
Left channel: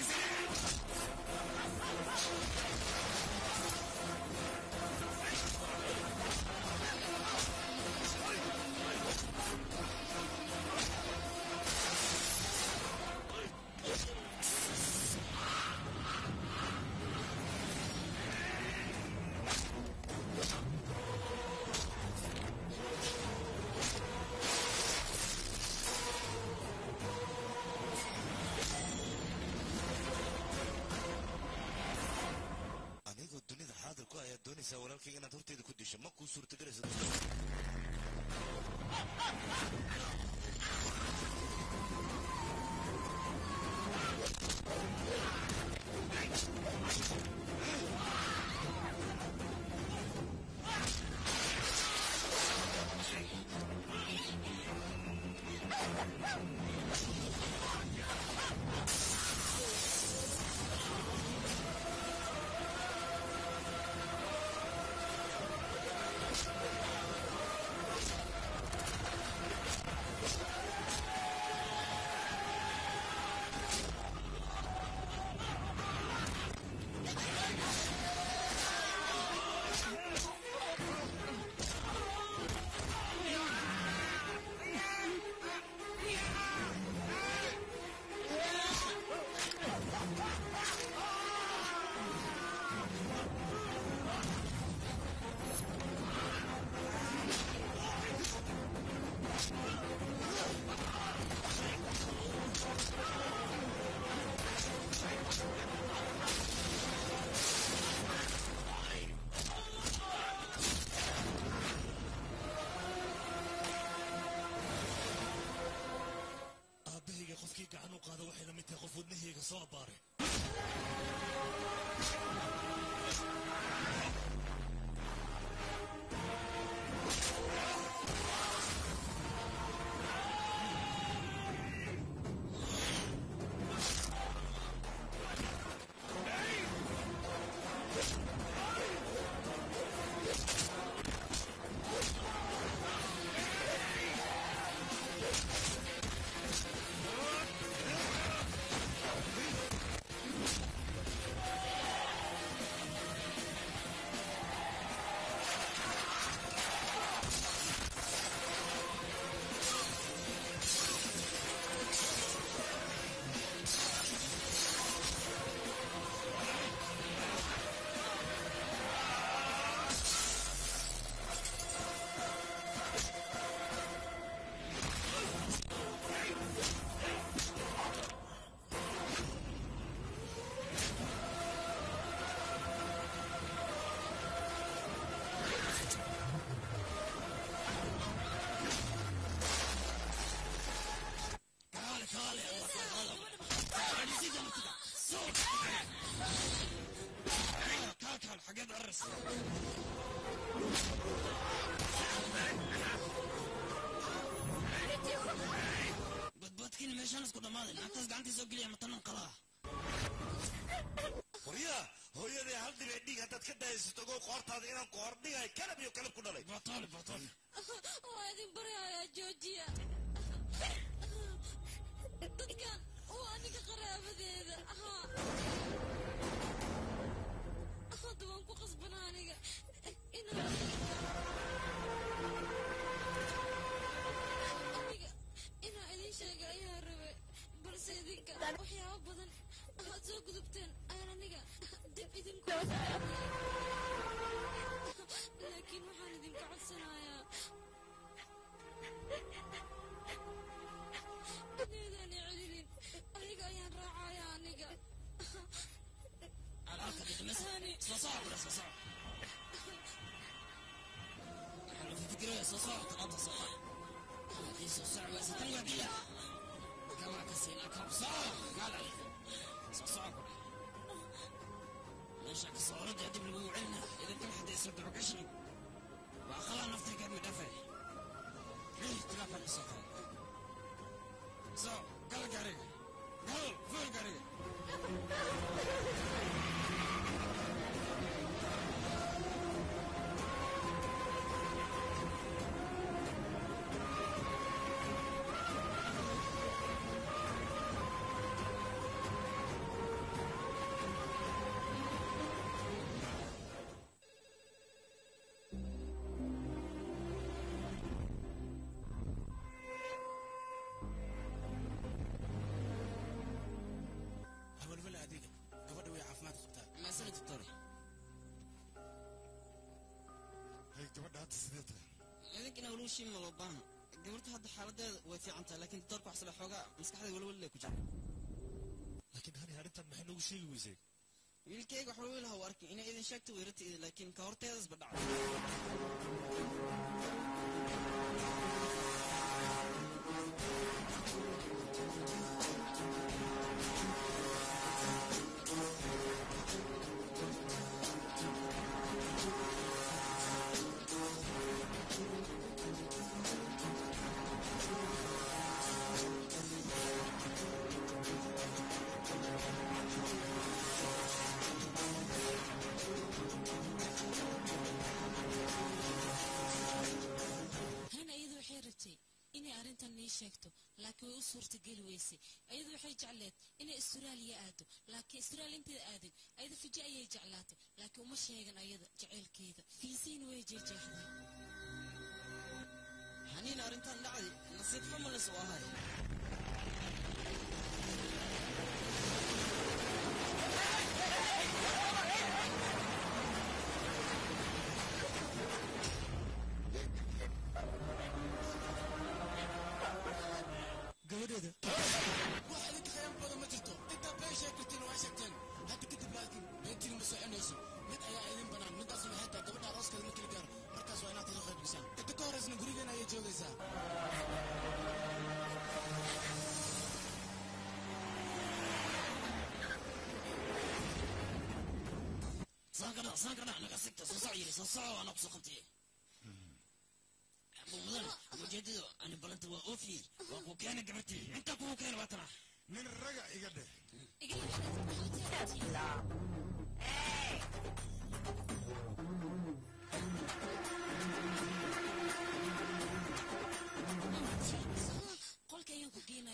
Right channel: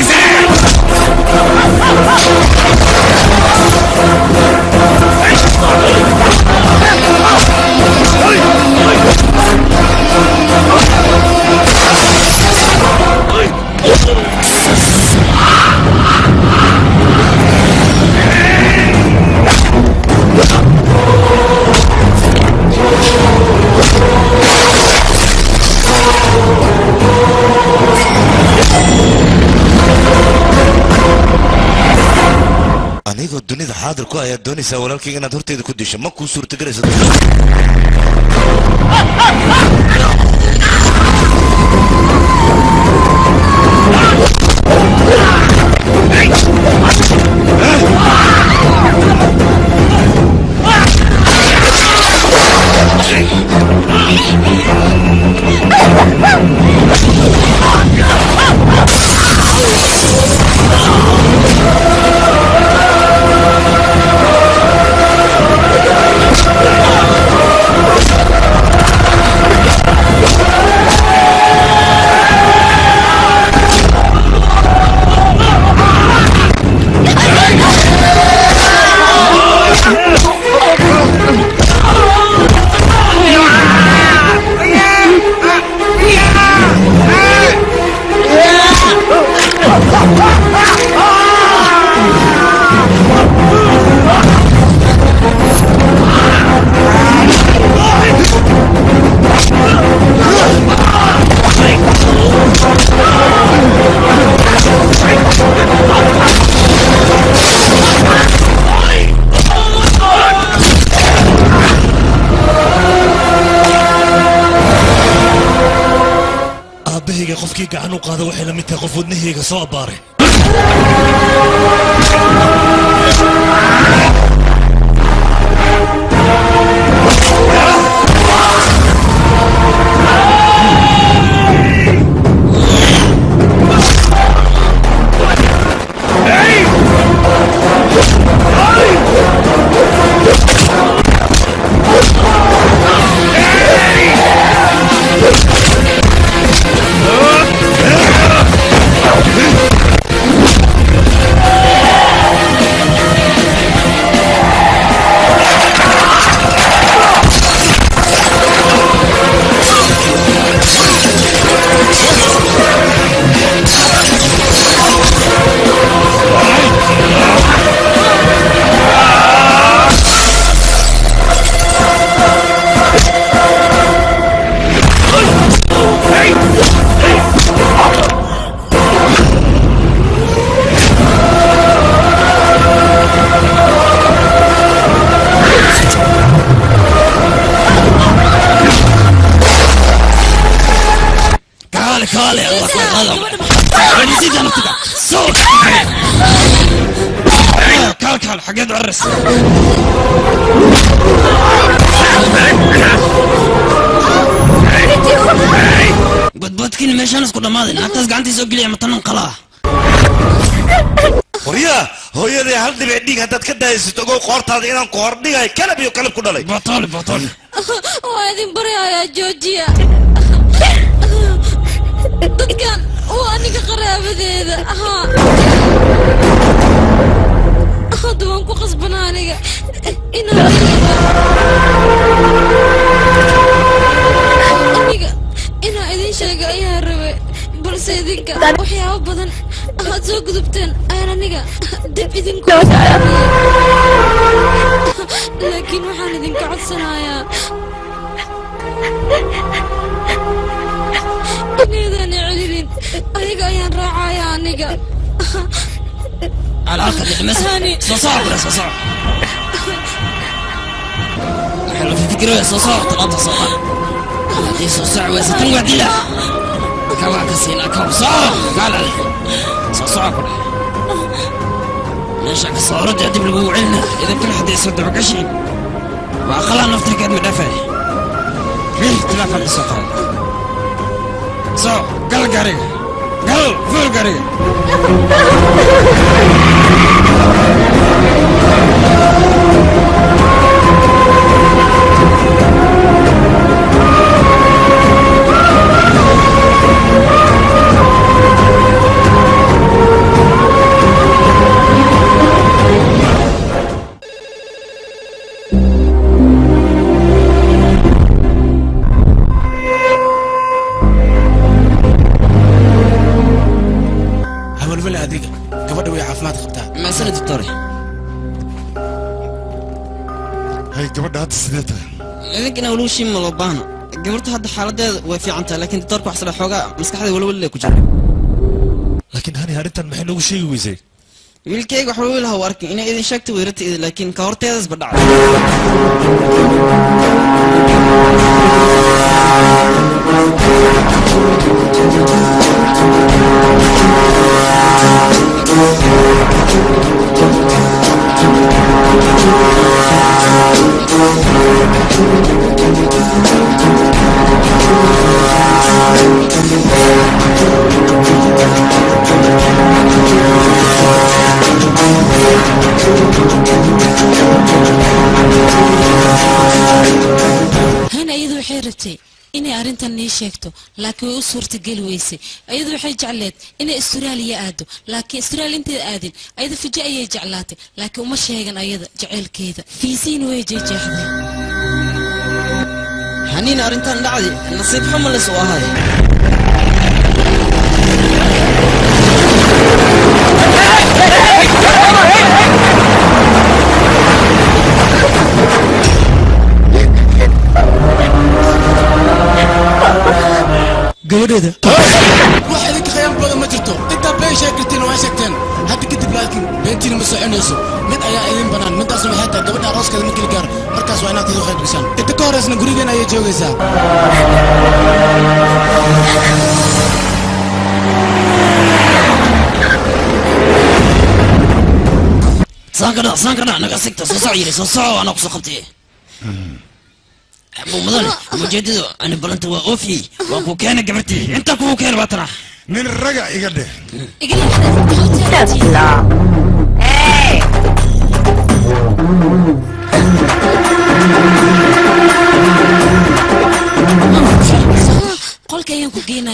anigoo dunida xaadir ku ayaad doonaysaa walaalkayga inaad horteeda ku disho ma kuu suurtagelaysa aabahayga qofkii gacan u qaada waxay la mid tahay qof wadnahayga soo abbaaray ولا الله هذا نسيت انا صوت كال حقيت عرس بدبطكين ماشي انا اسكت ماضي انت قاعد تسوق لي متن قلاه وريا هو يدي هل دي بعديك هتاد كده يستوقع قارت هذا إنهم قاردي هاي كلب يو كلب كده لي بطل وهذه بريا يا جوجيا dadkan waa aniga qaraabadeeda hadda waan ku qasbanaa aniga inaa idin sheega ayaa rabe balse idinka waxyaabo badan aad soo gudubteen ayaan aniga dib idinku laakiin waxaan idinka codsanayaa إني نعلن أيق أيان راعي عنيقا على الأرض المسهاني صصاع ولا صصاع حلو في فكرة صصاع طلعت صصاع دي صصاع وستن وعديلة كوا كسينا كوا صاع قال علي صصاع كله ليش الصورة تعدي بالقوعنا إذا كل حد يسود عقشي وأخلا نفتكر مدافع ليه تلافى الصقر So, gal garing. Gal full garing. ما سنة الطريق هاي قبل هذا السنة لكن أولو شيء ملوبانا قبلت هذا حالة وفي عنتها لكن الطريق وحصل حوجة مسك هذا ولا كجرب لكن هاني هارنت المحل وش شيء ويزي ويلكي وحلو لها ورك إن إذا شكت ويرت لكن كورتيز بدع هنا أيضا حيرتي إني أرنتن نيشيكتو لكن وصورة قلويسي أيضا حي جعلت إني استراليا آدو لكن استراليا انت آدين أيضا في جاية جعلاتي لكن وما شيغن أيضا جعل كذا في سين ويجي جاحدي هنين أرنتن دعدي نصيب حمل السوا هذه gabadheeda wax idinka khayaan badan ma jirto intaa been sheegirtiin waa sheegteen hadda kadib laakiin beentiina ma soconayso mid ayaa idin banaan midaasna waxay tahay gabadha arooskeeda markii la gaaro markaas waa inaad idin qayb gashaan inta ka horeysna gurigeena ayay joogaysaa سانكنا أنا قصدت صصعيري صصع أنا قصة خبتي أبو مدن مجدد أنا بلنت وأوفي وأبو كان قبرتي أنت أبو كان بطرح من الرجع يقدر قل كيان كوكينا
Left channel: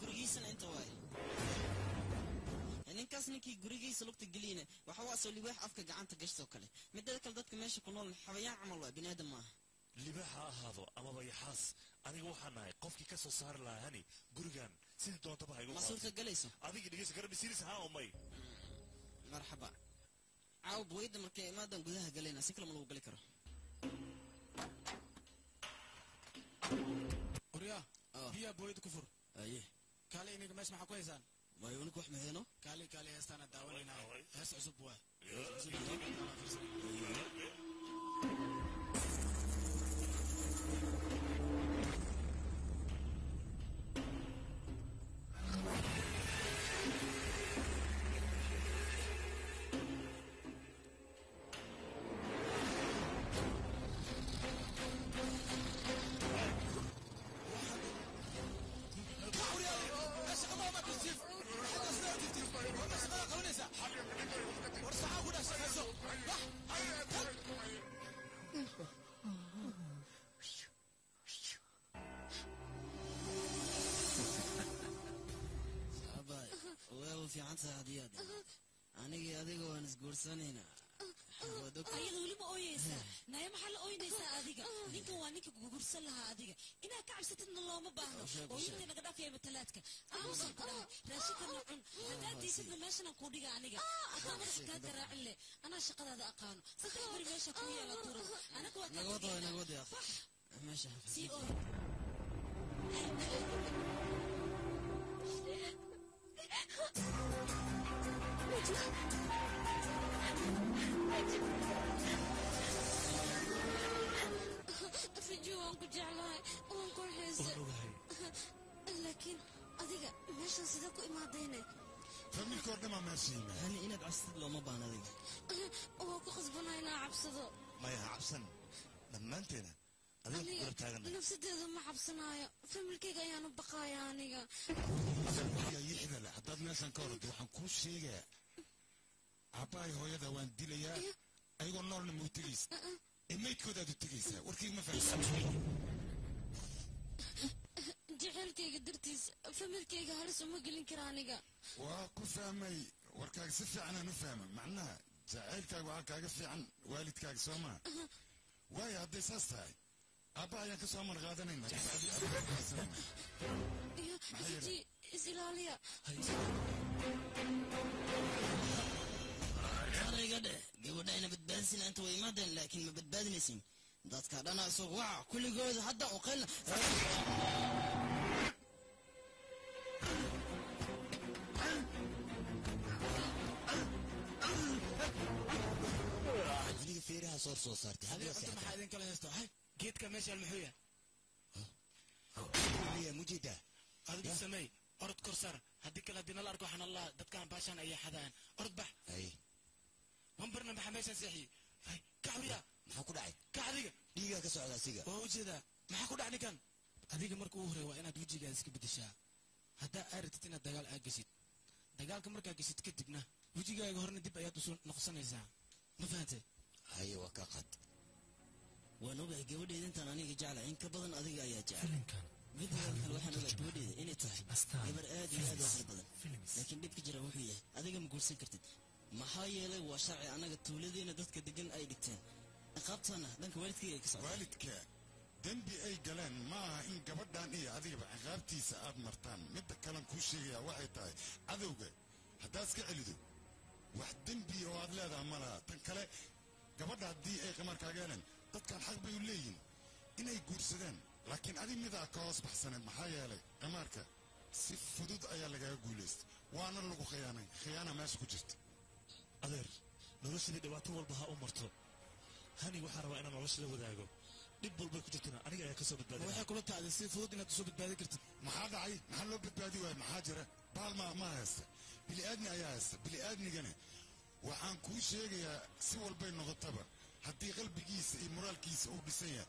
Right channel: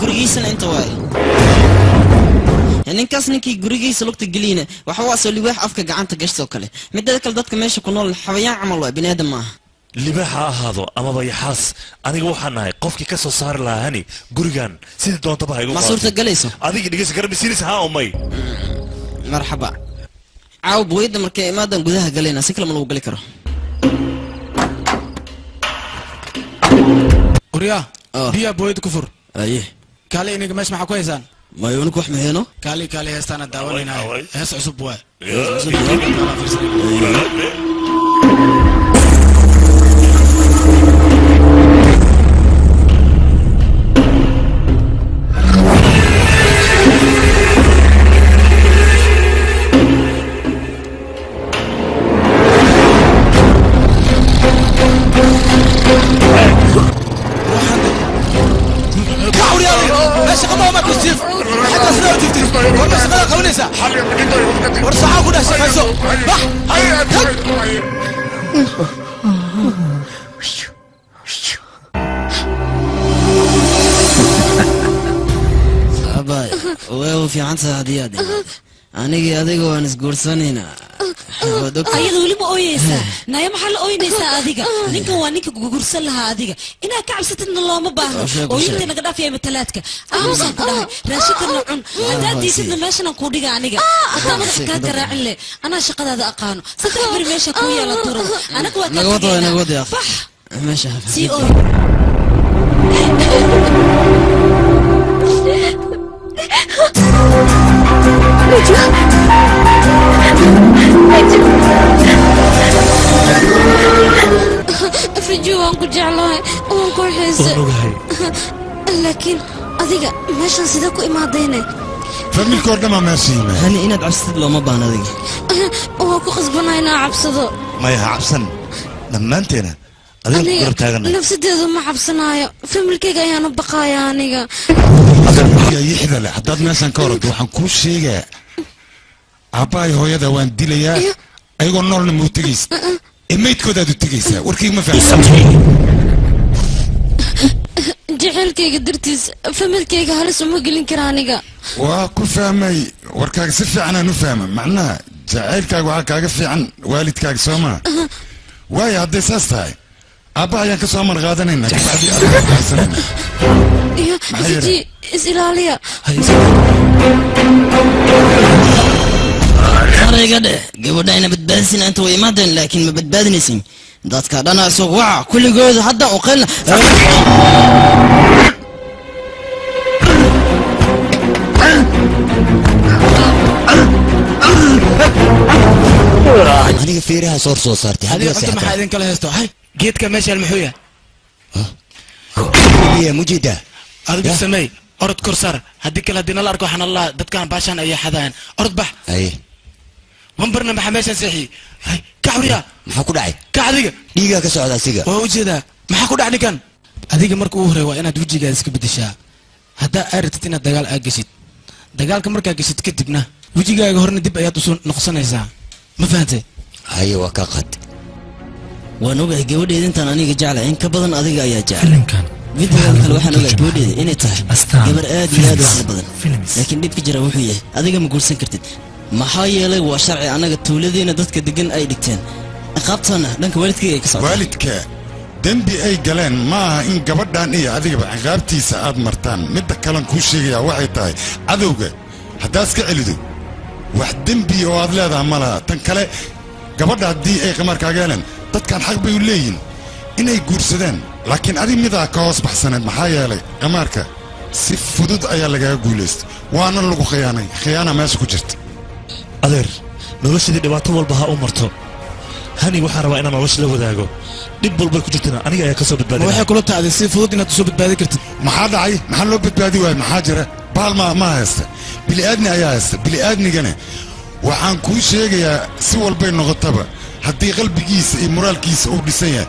gurigiisana inta waay ninkaas ninkii gurigiisa lugta geliyna waxa waa soo libaax afka gacanta gashtoo kale midda kale dadka meesha ku nool xawayaan camal waa bini aadam maaha libaax ha ahaado amaba yaxaas aniga waxaan nahay qofkii ka soo saari lahaa hani gurigan sidii doontaba ha igu ma suurtagelayso adiga dhegeysa garabisiinaysa haa umay marxaba caaw buwayda markay imaadan gudaha galayna si kale ma lagu gali karo وريا بيا بويد كفر ايه كالي انك مش معك كويسان ما يونك وح مهينو كالي هستانا داولينا هس عصب واي أباي ويو في عنصة هدية دي أنا أديك وأنا سكورسانينا ayada weli ma ooyeysaa naya maxaa la ooynaysaa adiga ninkan waa ninka gugursan lahaa adiga inaa ka cabsatidna looma baahno ooyinta naga dhaafaya matalaadka aamusaan ku dhahay raashinkana cun haddaad diisidna meeshanaan kuu dhiga aniga hataa madax kaa garaacin leh anaa shaqadaada aqaano saddex beri meesha kuu yeela turada anaga waa bax meesha sii ooy أفرجوا وانكو جعلوها وانكو حيسة لكن أذيك ماشان سيداكو إماديني فمي الكوردما ماشينا هني إنا بعبسد لو ما بانا ذيك وانكو خصبنا إنا عبسدو ما يها عبسن لما أنتنا أذيك قرب تاغنا نفسي ديدو ما عبسنايا فمي الكيغا يانو بقايا أنيغا يا يحدى لي حداد ماشان كورد وحن كل شيء عباي هو يدا وان ديليا أيقو نول نمو تجيس الميت كودا دو تجيسا وركيك ما فهم جعلكيغا درتيس فمي الكيغا هلس وما قلين كرانيغا وكو فهمي وركاك سفي عنا نفهم معناها جعلكاك وعاكاك في عن والدكاك سوما واي هدي ساستاي أبا يانك سوما غادنينا كبعدي أبا حسنينا يا سيدي إسرائيليا طريقة قبلنا بتبادسين أنت وإمادن لكن ما بتبادنسين دات كادانا سوق وع كل جوز حتى وقلنا أنا فيرها صور صارتي هذه أنت ما حد كله هستو هاي جيت كماشي المحوية هي مجيدة أرد سمي أرد كرسر هديك الدين الله أركو حن الله دت كان باشان أي حدا أرد بح أي ومبرنا محمشان سيحي هاي كعوريا محكو داعي كعديك ديجا كسعودة سيجا ووجده محكو داعي كان هذيك مركو هري وأنا دوجي جالس كبدشة هذا أردتنا دجال أجسد دجال كمركا أجسد كتبنا وجي جاي هرنا دب أيات وصل نقصنا إذا ما فهمت أيوة كقد ونوجه جودي أنت أنا جعل إنك بدن أذيك يا جعل فيديو الواحد نوجه جودي إني تاه جبر آدي واحد بدن لكن دي بجرا وحية أذيك مقول سكرتد ما حايله وشرعي أنا قلت ولدينا دتك دقن أي دكتين أخابتنا لأنك والدك يكسر والدك دنبي أي جلان ما إن قبضان إيه أذيك عقابتي ساعات مرتان مدة كلام كل شيء يا واحد تاي أذوقه حداسك علدو واحد دنبي وهذا هذا عملها تنكله قبضها دي أي قمر كاجلان dadkan xaq bay u leeyihiin inay guursadaan laakiin adiga midaa ka hoos baxsaneed maxaa yeelay qamaarka si fudud ayaa lagaga guulaystay waana lagu khiyaana meesha ku jirta adeer noloshadii dhibaato walba ha u marto hani waxaan rabaa inaan nolosha la wadaago dhib walbay ku jirtana aniga ayaa ka soo badbaadinaya waxay kula tacday si fudud inaad soo badbaadi kartid maxaa dhacay maxaa loo badbaadi waayay maxaa jira baal ma haysta bili-aadni ayaa haysta bili-aadnigana waxaan kuu sheegayaa si walbay noqotaba haddii qalbigiisa iyo moraalkiisa uu dhisan yahay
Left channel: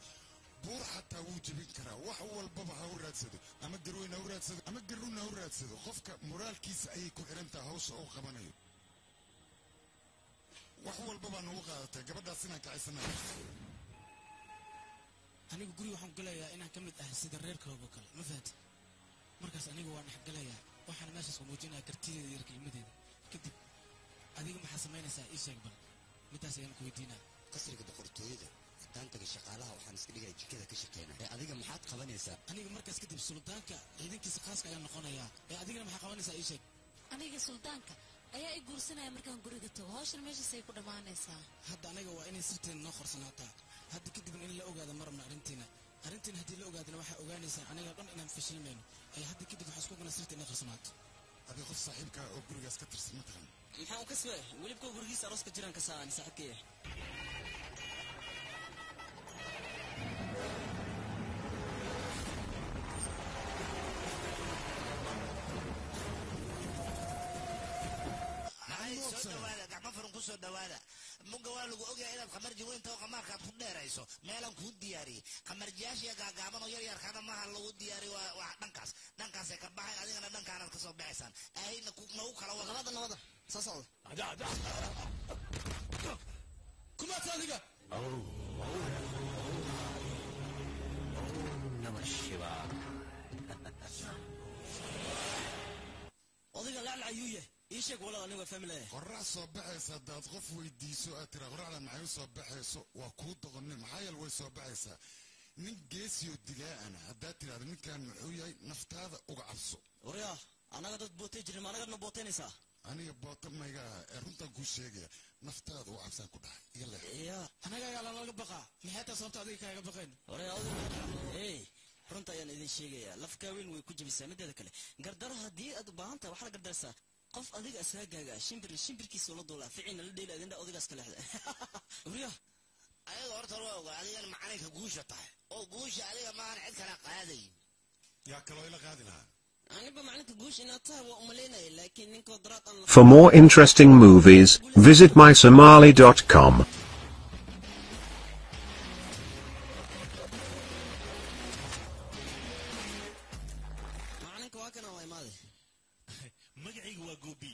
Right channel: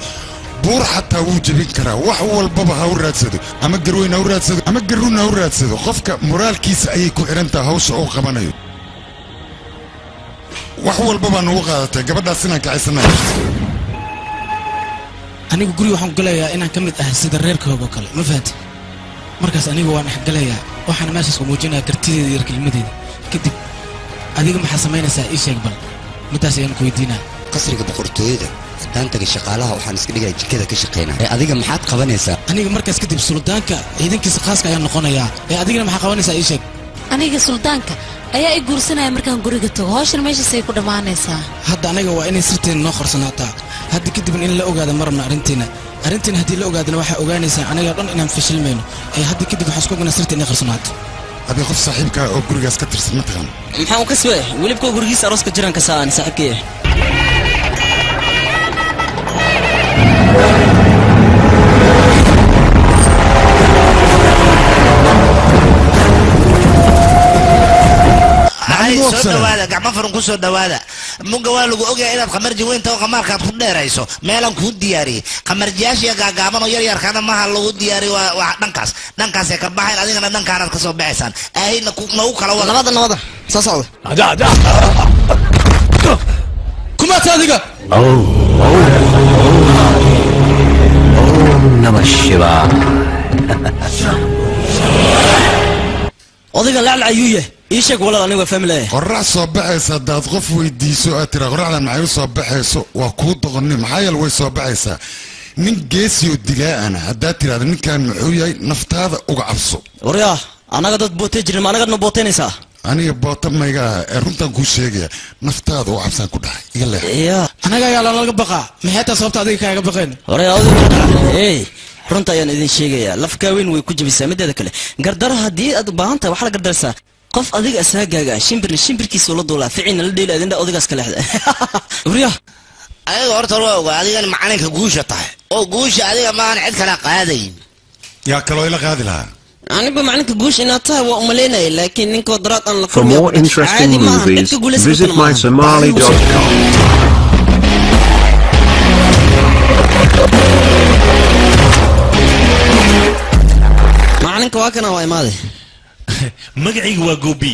buur xataa wuu jebin karaa wax walbaba ha u raadsado ama garweyn ha u raadsado ama garrun ha u raadsado qofka moraalkiisa ayay ku xihan tahay hawsha uu qabanayo wax walbabaa nagu qaadatay gabadhaas inaan kacaysanayo anigu guri waxaan galayaa inaan ka mid ahay sida reerkooga oo kale ma fahanti markaas anigu waan dhexgalayaa waxaana meeshaas ku muujinayaa kartideeda iyo kelmadeeda kadib adiga maxaa samaynaysaa ii sheeg bal midaas ayaan ku weydiinaa qasriga boqortooyada daantaga shaqaalaha waxaan iska dhigaa jikada ka shaqaynaa adiga maxaad qabanaysaa aniga markaas kadib suldaanka ciidankiisa khaaska ayaan noqonayaa adigana maxaa qabanaysaa ii sheeg aniga suldaanka ayaa i guursanaya markaan guriga tago hawshan meeshaasay ku dhammaanaysaa hadda anaga waa inay sirteena noo qorsanaataa hadda kadibna in la ogaada ma rabna arrinteena arrintan haddii la ogaadana waxaa ogaanaysaa aniga dhan inaan fashilmayno ee hadda kadib waxaa isku oganaa sirta inay qarsanaato adii qof saaxiibka oo gurigaas ka tirsan ma taqaan maxaa uu ka soo welibka gurigiisa arooska jiraan ka saaan saaxiibkii soo dhawaada gacmo furan ku soo dhawaada muga waa lagu ogyahay inaad qamarji weynta oo qamaarkaad ku dheerayso meelan kuu diyaariyey qamarjiyaashiya gaagaaban oo yaryarkaana maha lagu diyaariyo waa dhankaasay ka baxayn adigana dhankaanaad ka soo baxaysaan aahayna nagu kala wada nabada soo socda kumaata adiga Namashivaa odayga laclac ayuu yahay ii sheeg walaal aniga waa family qorax soo baxaysa hadaad qof weydiiso aad tira qoraxdan maxay u soo baxayso waa kuu doqonni maxaa yeele way soo baxaysaa nin geesi oo digaa'ana haddaad tiraahda ninkan muxuu yahay naftaada uga cabso waryaa annaga dad bootay jirin ma annagadna bootaynaysaa aniga boota mayga ee runtan kuu sheegaya naftaada uga cabsaan ku dhahay iga leex anaga ayaa lalaga baqaa maxay taa sababta adiga kaaga baqeen runta ayaan idin sheegayaa lafkaa weyn way ku jabisaa mideeda kale gardaro haddii aad u baahan tahay waxaa la gardarsaa qof adiga asaagaaga shimbirkiisa la duulaa ficina la dheela adinda odaygaas ka leexda wariya adiga horta waa ogaa adigana macalinka guusha tahay oo guusha adiga maahan cid kala qaadayn yaa kaloo ila qaadi lahaa aniba macalinka guusha inaad tahay waa umalaynaya laakiin ninka wadaraad aan la For more interesting movies, visit mysomali.com. macalinka waa kana waa imaaday magacayga waa goobi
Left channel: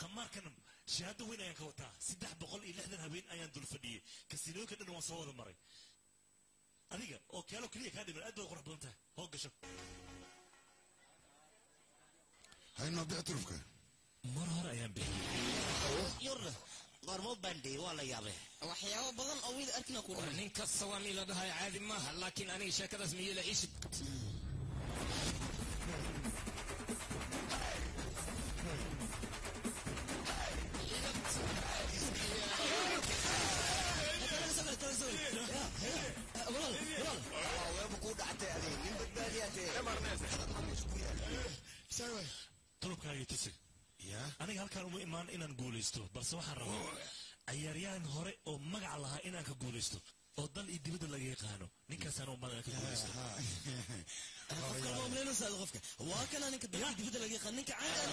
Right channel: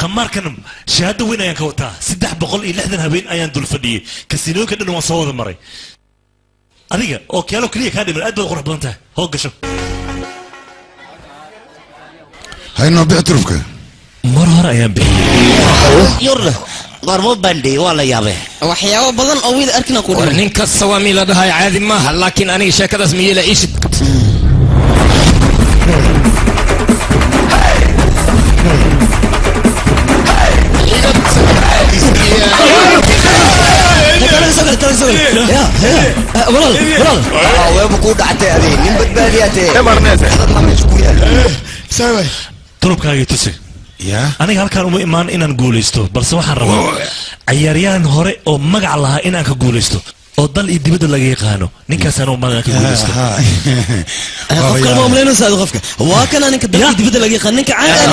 qamaarkan shahaado weyn ayaan ka wataa 360 habeen ayaan dul fadhiyey kasiinooyinka dhan waan soo wada maray adiga oo keelo kaliya kaa dhiman aad baad qurux badan tahay hoo gasho haynoo bicturufka mar hore ayaan bixiyey yurda qormo bandhi waa la yaabee waxyaabo badan oo wiil arkina ku dhiman ninka sawaami la dhahay caadi maaha laakiin aniga sheekadaas miyela ishid tulubkaagii tusi aniga halkaan uma imaan inaan guulaysto balse waxaan rabaa cayaaryahan hore oo magac lahaa inaan ka guulaysto oo dal iyo dibadda laga yaqaano ninkaasaan u magan ka guulaysto qofka ma umleynaysa qofka waa kana ninka dal iyo dibadda laga yaqaan ninka caan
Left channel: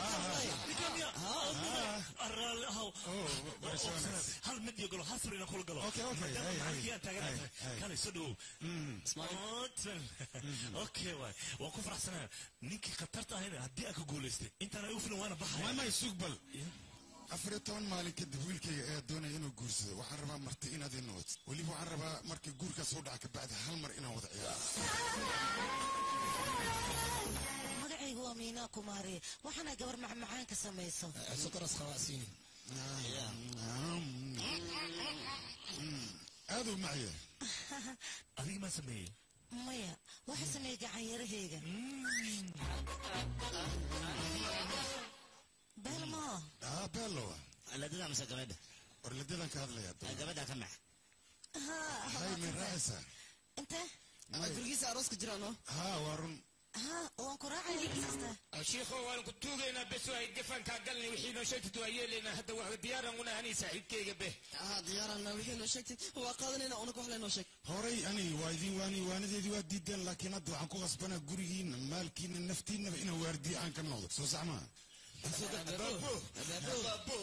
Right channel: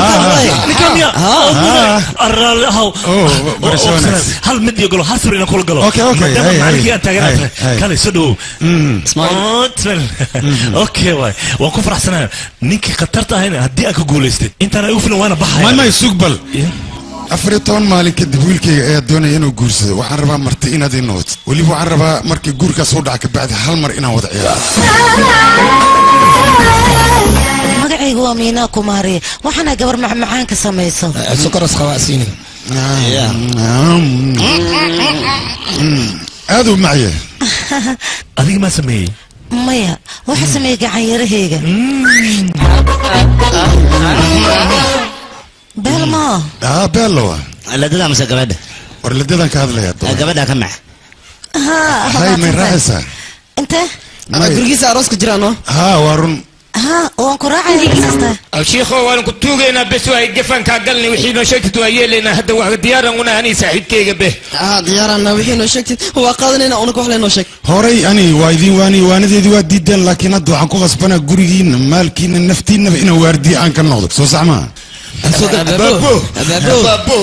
hal mid iyo galo hal sir inaan kula galo maadaama macalikii aan taaganahay kale soo dhawow okay waay waan ku faraxsanahay ninkii khatarta ahayna haddii aan ka guulaystay intaan ay u filan waana baxaya may sugbal 14 maalin kadib wiilkayga ayaa doonaya inuu guursado waxaan rabaa marti inaad ii noqoto weliba waxaan rabaa markii guurkaas u dhaca kabacdi hal mar inaan wada ciyaaro magacaygu waa miinaa kumaariye waxaana gabar macmacaan ka samayso sukaras khawaasiini aad u macye adiga maa sameeyey maya waxa sameeyey gacanyarahayga beelmo beello ladada mase gabadha war ladadan ka hadlaya gabadha ka mac hay may raacaysaa inte gurigiisa arooska jiraano waa run waan ku raacaya alshiikho waan ku tuugaynaa bes waa gafankaa galnay wixii noo sheegtid waa yeelaynaa hadda waa diyaaran una ani saaxiibkayga be diyaarana wixii noo sheegtid waa qaadanayna una wax leeno sheeg horay ani waa idin waanadeedii waa diideen laakiin hadda waxaan ku qasbanaa gurigiina maalkiina naftiinaba inaan waardiye aan ka noqdo soo sax maa بابو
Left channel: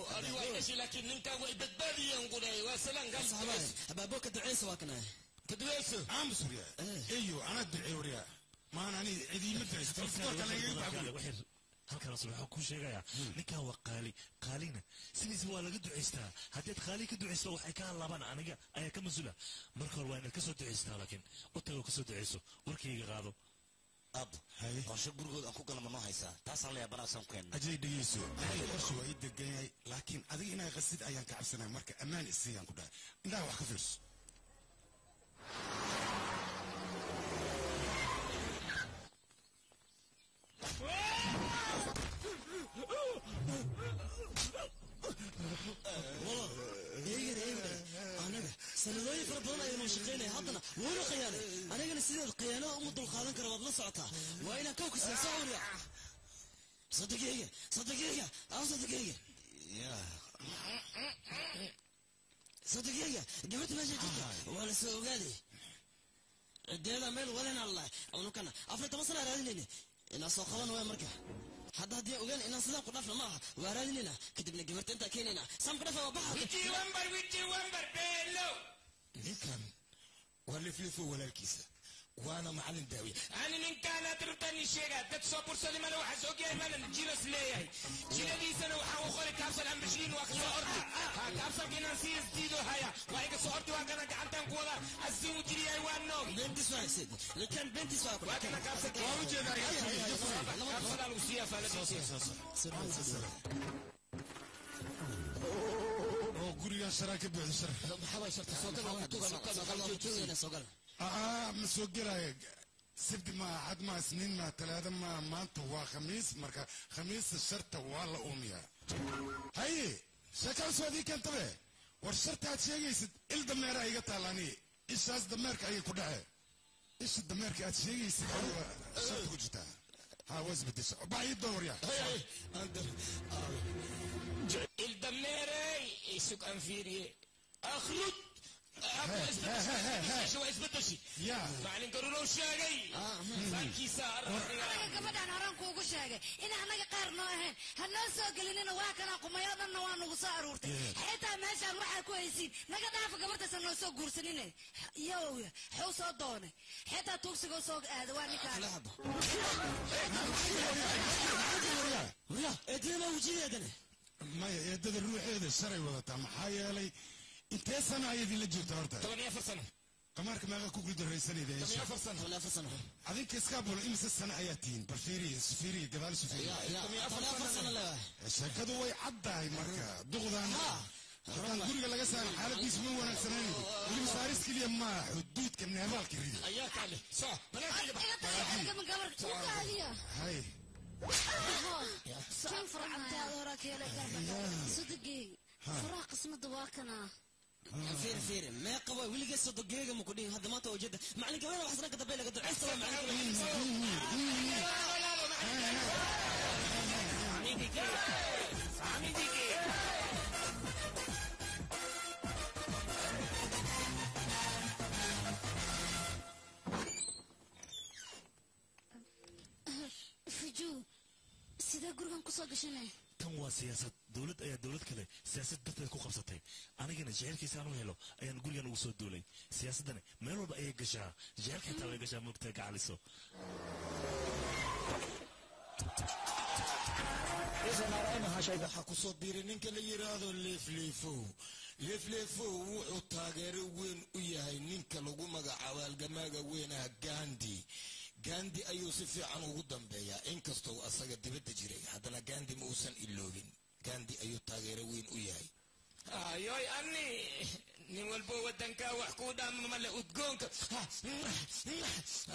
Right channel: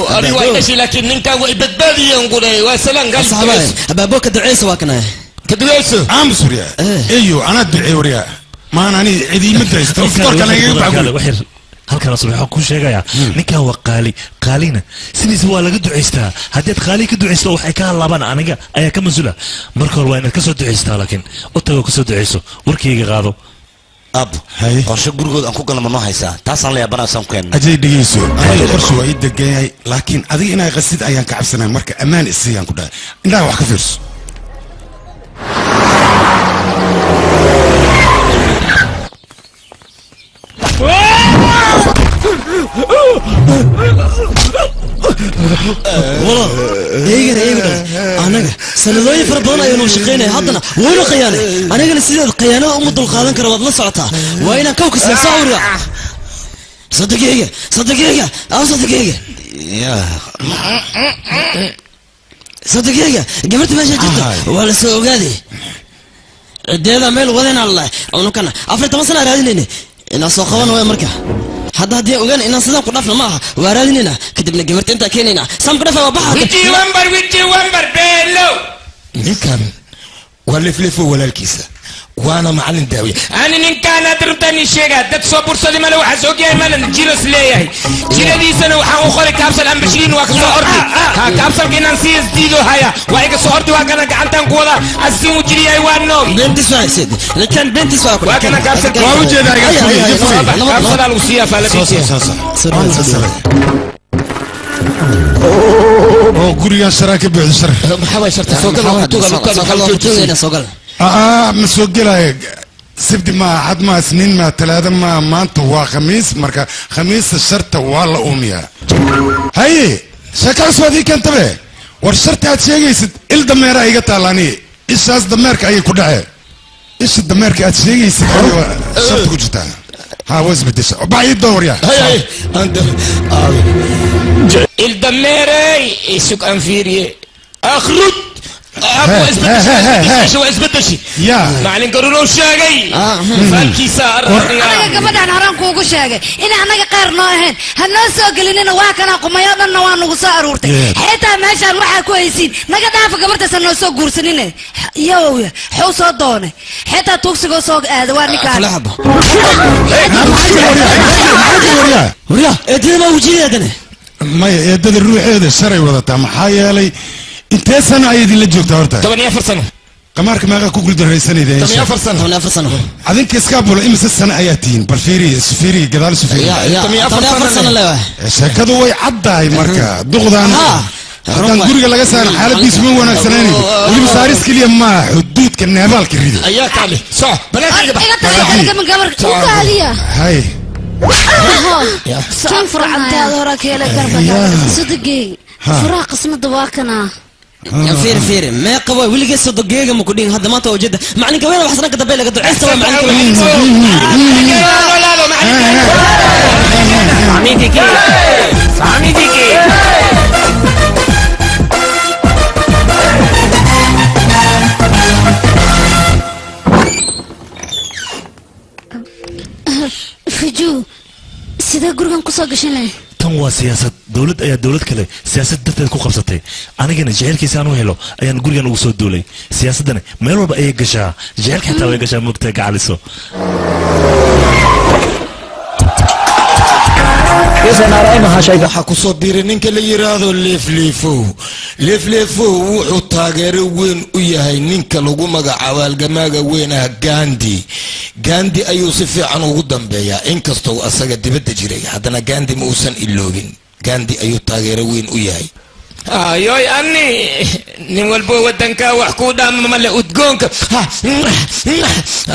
أنا وايد لكن نكا ويبدبادي ينقول وسلام قال بابو كدعيس واكنا كدعيس عام سوريا ايوه انا ادعي وريا ما انا عيدي مدرس تفكر كان يقبع halkan asal waxaan ku sheegayaa ninkan waa qaalina sidiisa waa laga ducaystaa haddaad qaali ka ducaysto waxay ka halabaan aniga ayaa ka mas-uula marka hore waa inaad ka soo ducaystaa laakiin u tagoo ka soo ducayso warkayga qaado ab qorshe gurigood aan ku galno noo haysaa taasaan la yaabanaasaan ku keenna ajay dhegeyso aniga qorshe waa ii degan yahay laakiin adiga inaa qasid ayaan ka cabsanaya marka ammaan isiyaan ku dhahay indhaha wax ka fiirso والله ايغر anaga sanadooyin fara badan ayaanu shaqaynaya haddana wayna khiyaanay anigana sideed khiyaanada uma dulqaadan kara waad la socotaa waa inaan kawka sii sawira صدقيقة أو صدقيقة صدقيقة قبلت ما جيت ولا سوق هذه الديدا ميل وذين الله أو كنا أفرت مثلا راديني إن أسوقنا ويا مركا حد هدي وجن إن صدق قرفنا معها وراديننا كتبنا قبلت أنت كيننا سام قرفة وبحر ويجي ومبر بيلو نكمل ولا فلفو ولا الكيسة وانا معلم داوي انا ان كان ادرتني شيء دك صبر صدي مالو حسوق يا مان جيرس ليهي جيرا دي سنه وحا اخري كابسل ام 20 وكسو اردي كابسل كينانسيس ديدو هيا وايك سو اردي وانا غانتان كولا اسيمو جيري اي وانو بنتي سواي سيد لكن بنتي سواي وانا كابسل واو جيدا كابسل الوصيه فالبيتي oo guriga sharaaka bixisar maxaa sharta soo gal ما سوقلها سبت ما حد ما سنين ما ثلاثة ما أنت وخميس مركا خميس الشرطة والله أمية هاي شكل سوادي كنت به والشرطة هتشيء يسد الدمير أي قتالاني إيش هذا الدمير كأي كده إيش الدمير كأشيء يسد الشرطة كجتا ها وز بديش بعيد دور يا هاي أنت الدمير إيشك أنفيري أخرج شو اسبت شيء يا معلن قرروا شاقي فالكي صار انا قبل حرام كوكو شاقي ان انا غير نوهن هنسو قلنا واكنا قميادنا وانو سو ارورتي حتى ماشان waxa ku haysin naga dhaaf gabarta sanoo soo guursanine yow xoo soo doonay حتى tuugsigo soo aad waa ninka وريا ادنا وجيدنا ما يدد الروح هذا شري وضعتها محايلي انت سنة ايدي اللي جوكتا هورتا 8 سنة قمارك ما كوكل دريساني ده 8 سنة عدين كيسكابولا امس السنة اياتين بالفيري سفيري قدال سفيري 8 سنة لا شاكدو way caddahay marka duqdan haddaan guriga laga saarin xaaladiisu ma wanaagsanayni weliba saaris keliya ma xuduudka neebaalka rido ayaa kaale soc banaanka hay كيف فرعتها وراك يا لك صدقي فراق اسمه دواكنا فير ما قوي ولي قصه دقيقه ما كودين هذا ما توجد معني كوين وحسنك دبيله قد عيسى معني كوين سامي ديكي فجو سيدا غورغان كو سو غشنay tan waa siyaasad dawlad ayaa dawlad kale siyaasad darteed ku qabsatay anigana jeelkiisa aan u helo ayaan gurigan ugu soo duulay siyaasadana meel walba ay gashaa jeelka xitaa way gashaa mugta gacaliso waxaa ku soo biiray ninka la yiraahdo leefleefo wuxuu taageero weyn u yahay ninka lagu magacaabo halgamaaga weyn ah gandi ayuu si fiican ugu dambeeyaa inkastoo asaga dibadda jiray haddana gandi ma uusan iloogin gandi ayuu taageero weyn u yahay ayoy ani nin walbo wadanka wax ku dhaama male udgoonka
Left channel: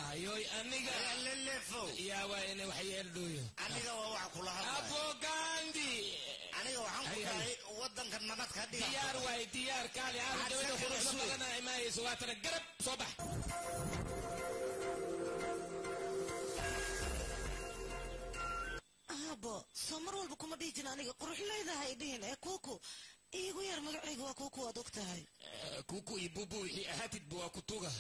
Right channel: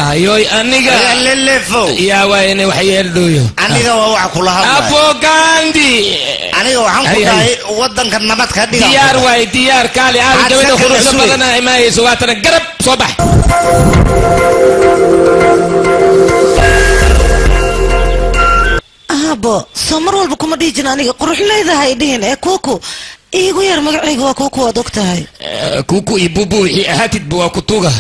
ayoy aniga lelefo yaa waayne wax yeeldooyo aniga waa wax kula hadlay apo gandi aniga waxaan ku dhahay wadanka nabad ka dhiga diyaar waay diyaar kaali aad gabadha quruxda badan ay maayso waatana garab soo bax abo samar walba kuma dhijin aniga qurux leedahay dhihin ee kuku iigu yar magacayga waa kuku waad ogtahay kuku ibubu wixii ahaatid waa kutuga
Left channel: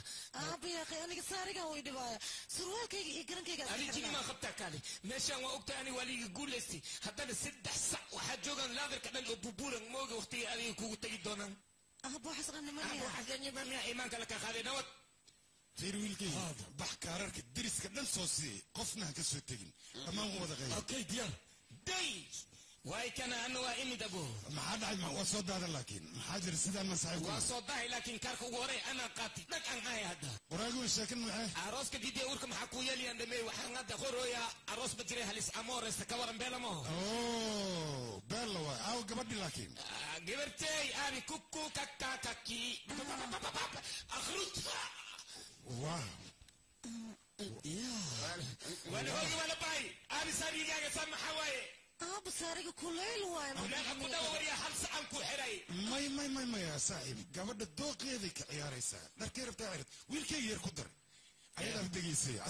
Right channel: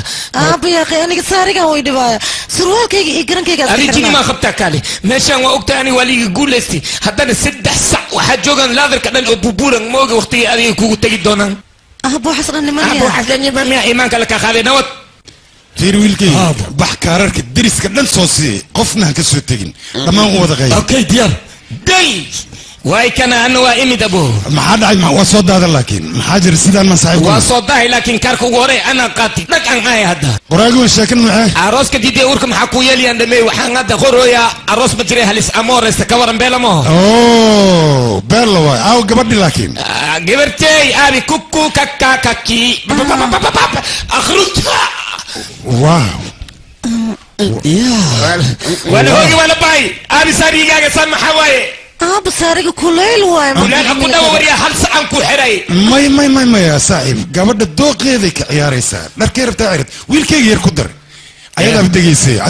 aaba yaaqi aniga saarigan way dhibaaya surwaalkayga iyo garankayga arijini maa qabtaa kaale meeshaan waa ogtahay aniga waa liiga guulaystay haddana 3 sac waxaa joogaan laadarka dhan oo bubuuran mooga waqtigii adiga kugu tegi doonaan abo xasan nimaniya abo xasan nimaniya iimaanka la ka qaaday nabad fiir wiilkay bax kaararka deriska dhan soo sii qofna ha ka soo tegin dhammaan u wada qayb okay diyaar day واي كان انا وامد ابو ما حد عايز ما صوت هذا لكن ما حاجر سيدان ما صاحب وصوت ده لكن كاركو غوري انا قاتي لك ان هاي هذا وراغو شاكن معاه عروس كدي وركم حكو يلي عندما وحان هذا غوريا عروس بجري هلس امور استكورن بلا ما اوه بلا واي او قبضي لكن قبرتي ابي كوكو كاكا كاكي اخرج واو يا ولا هوجي ولا باي ابي ساري جاي سمح حواي بسارق كليل واي كليل أكو دوري هل سأن كحري ما يا صاحب قبل الدوق هذيك عياريسا نركير بتاعرت ويل كي يركضر أيضا بدقيسي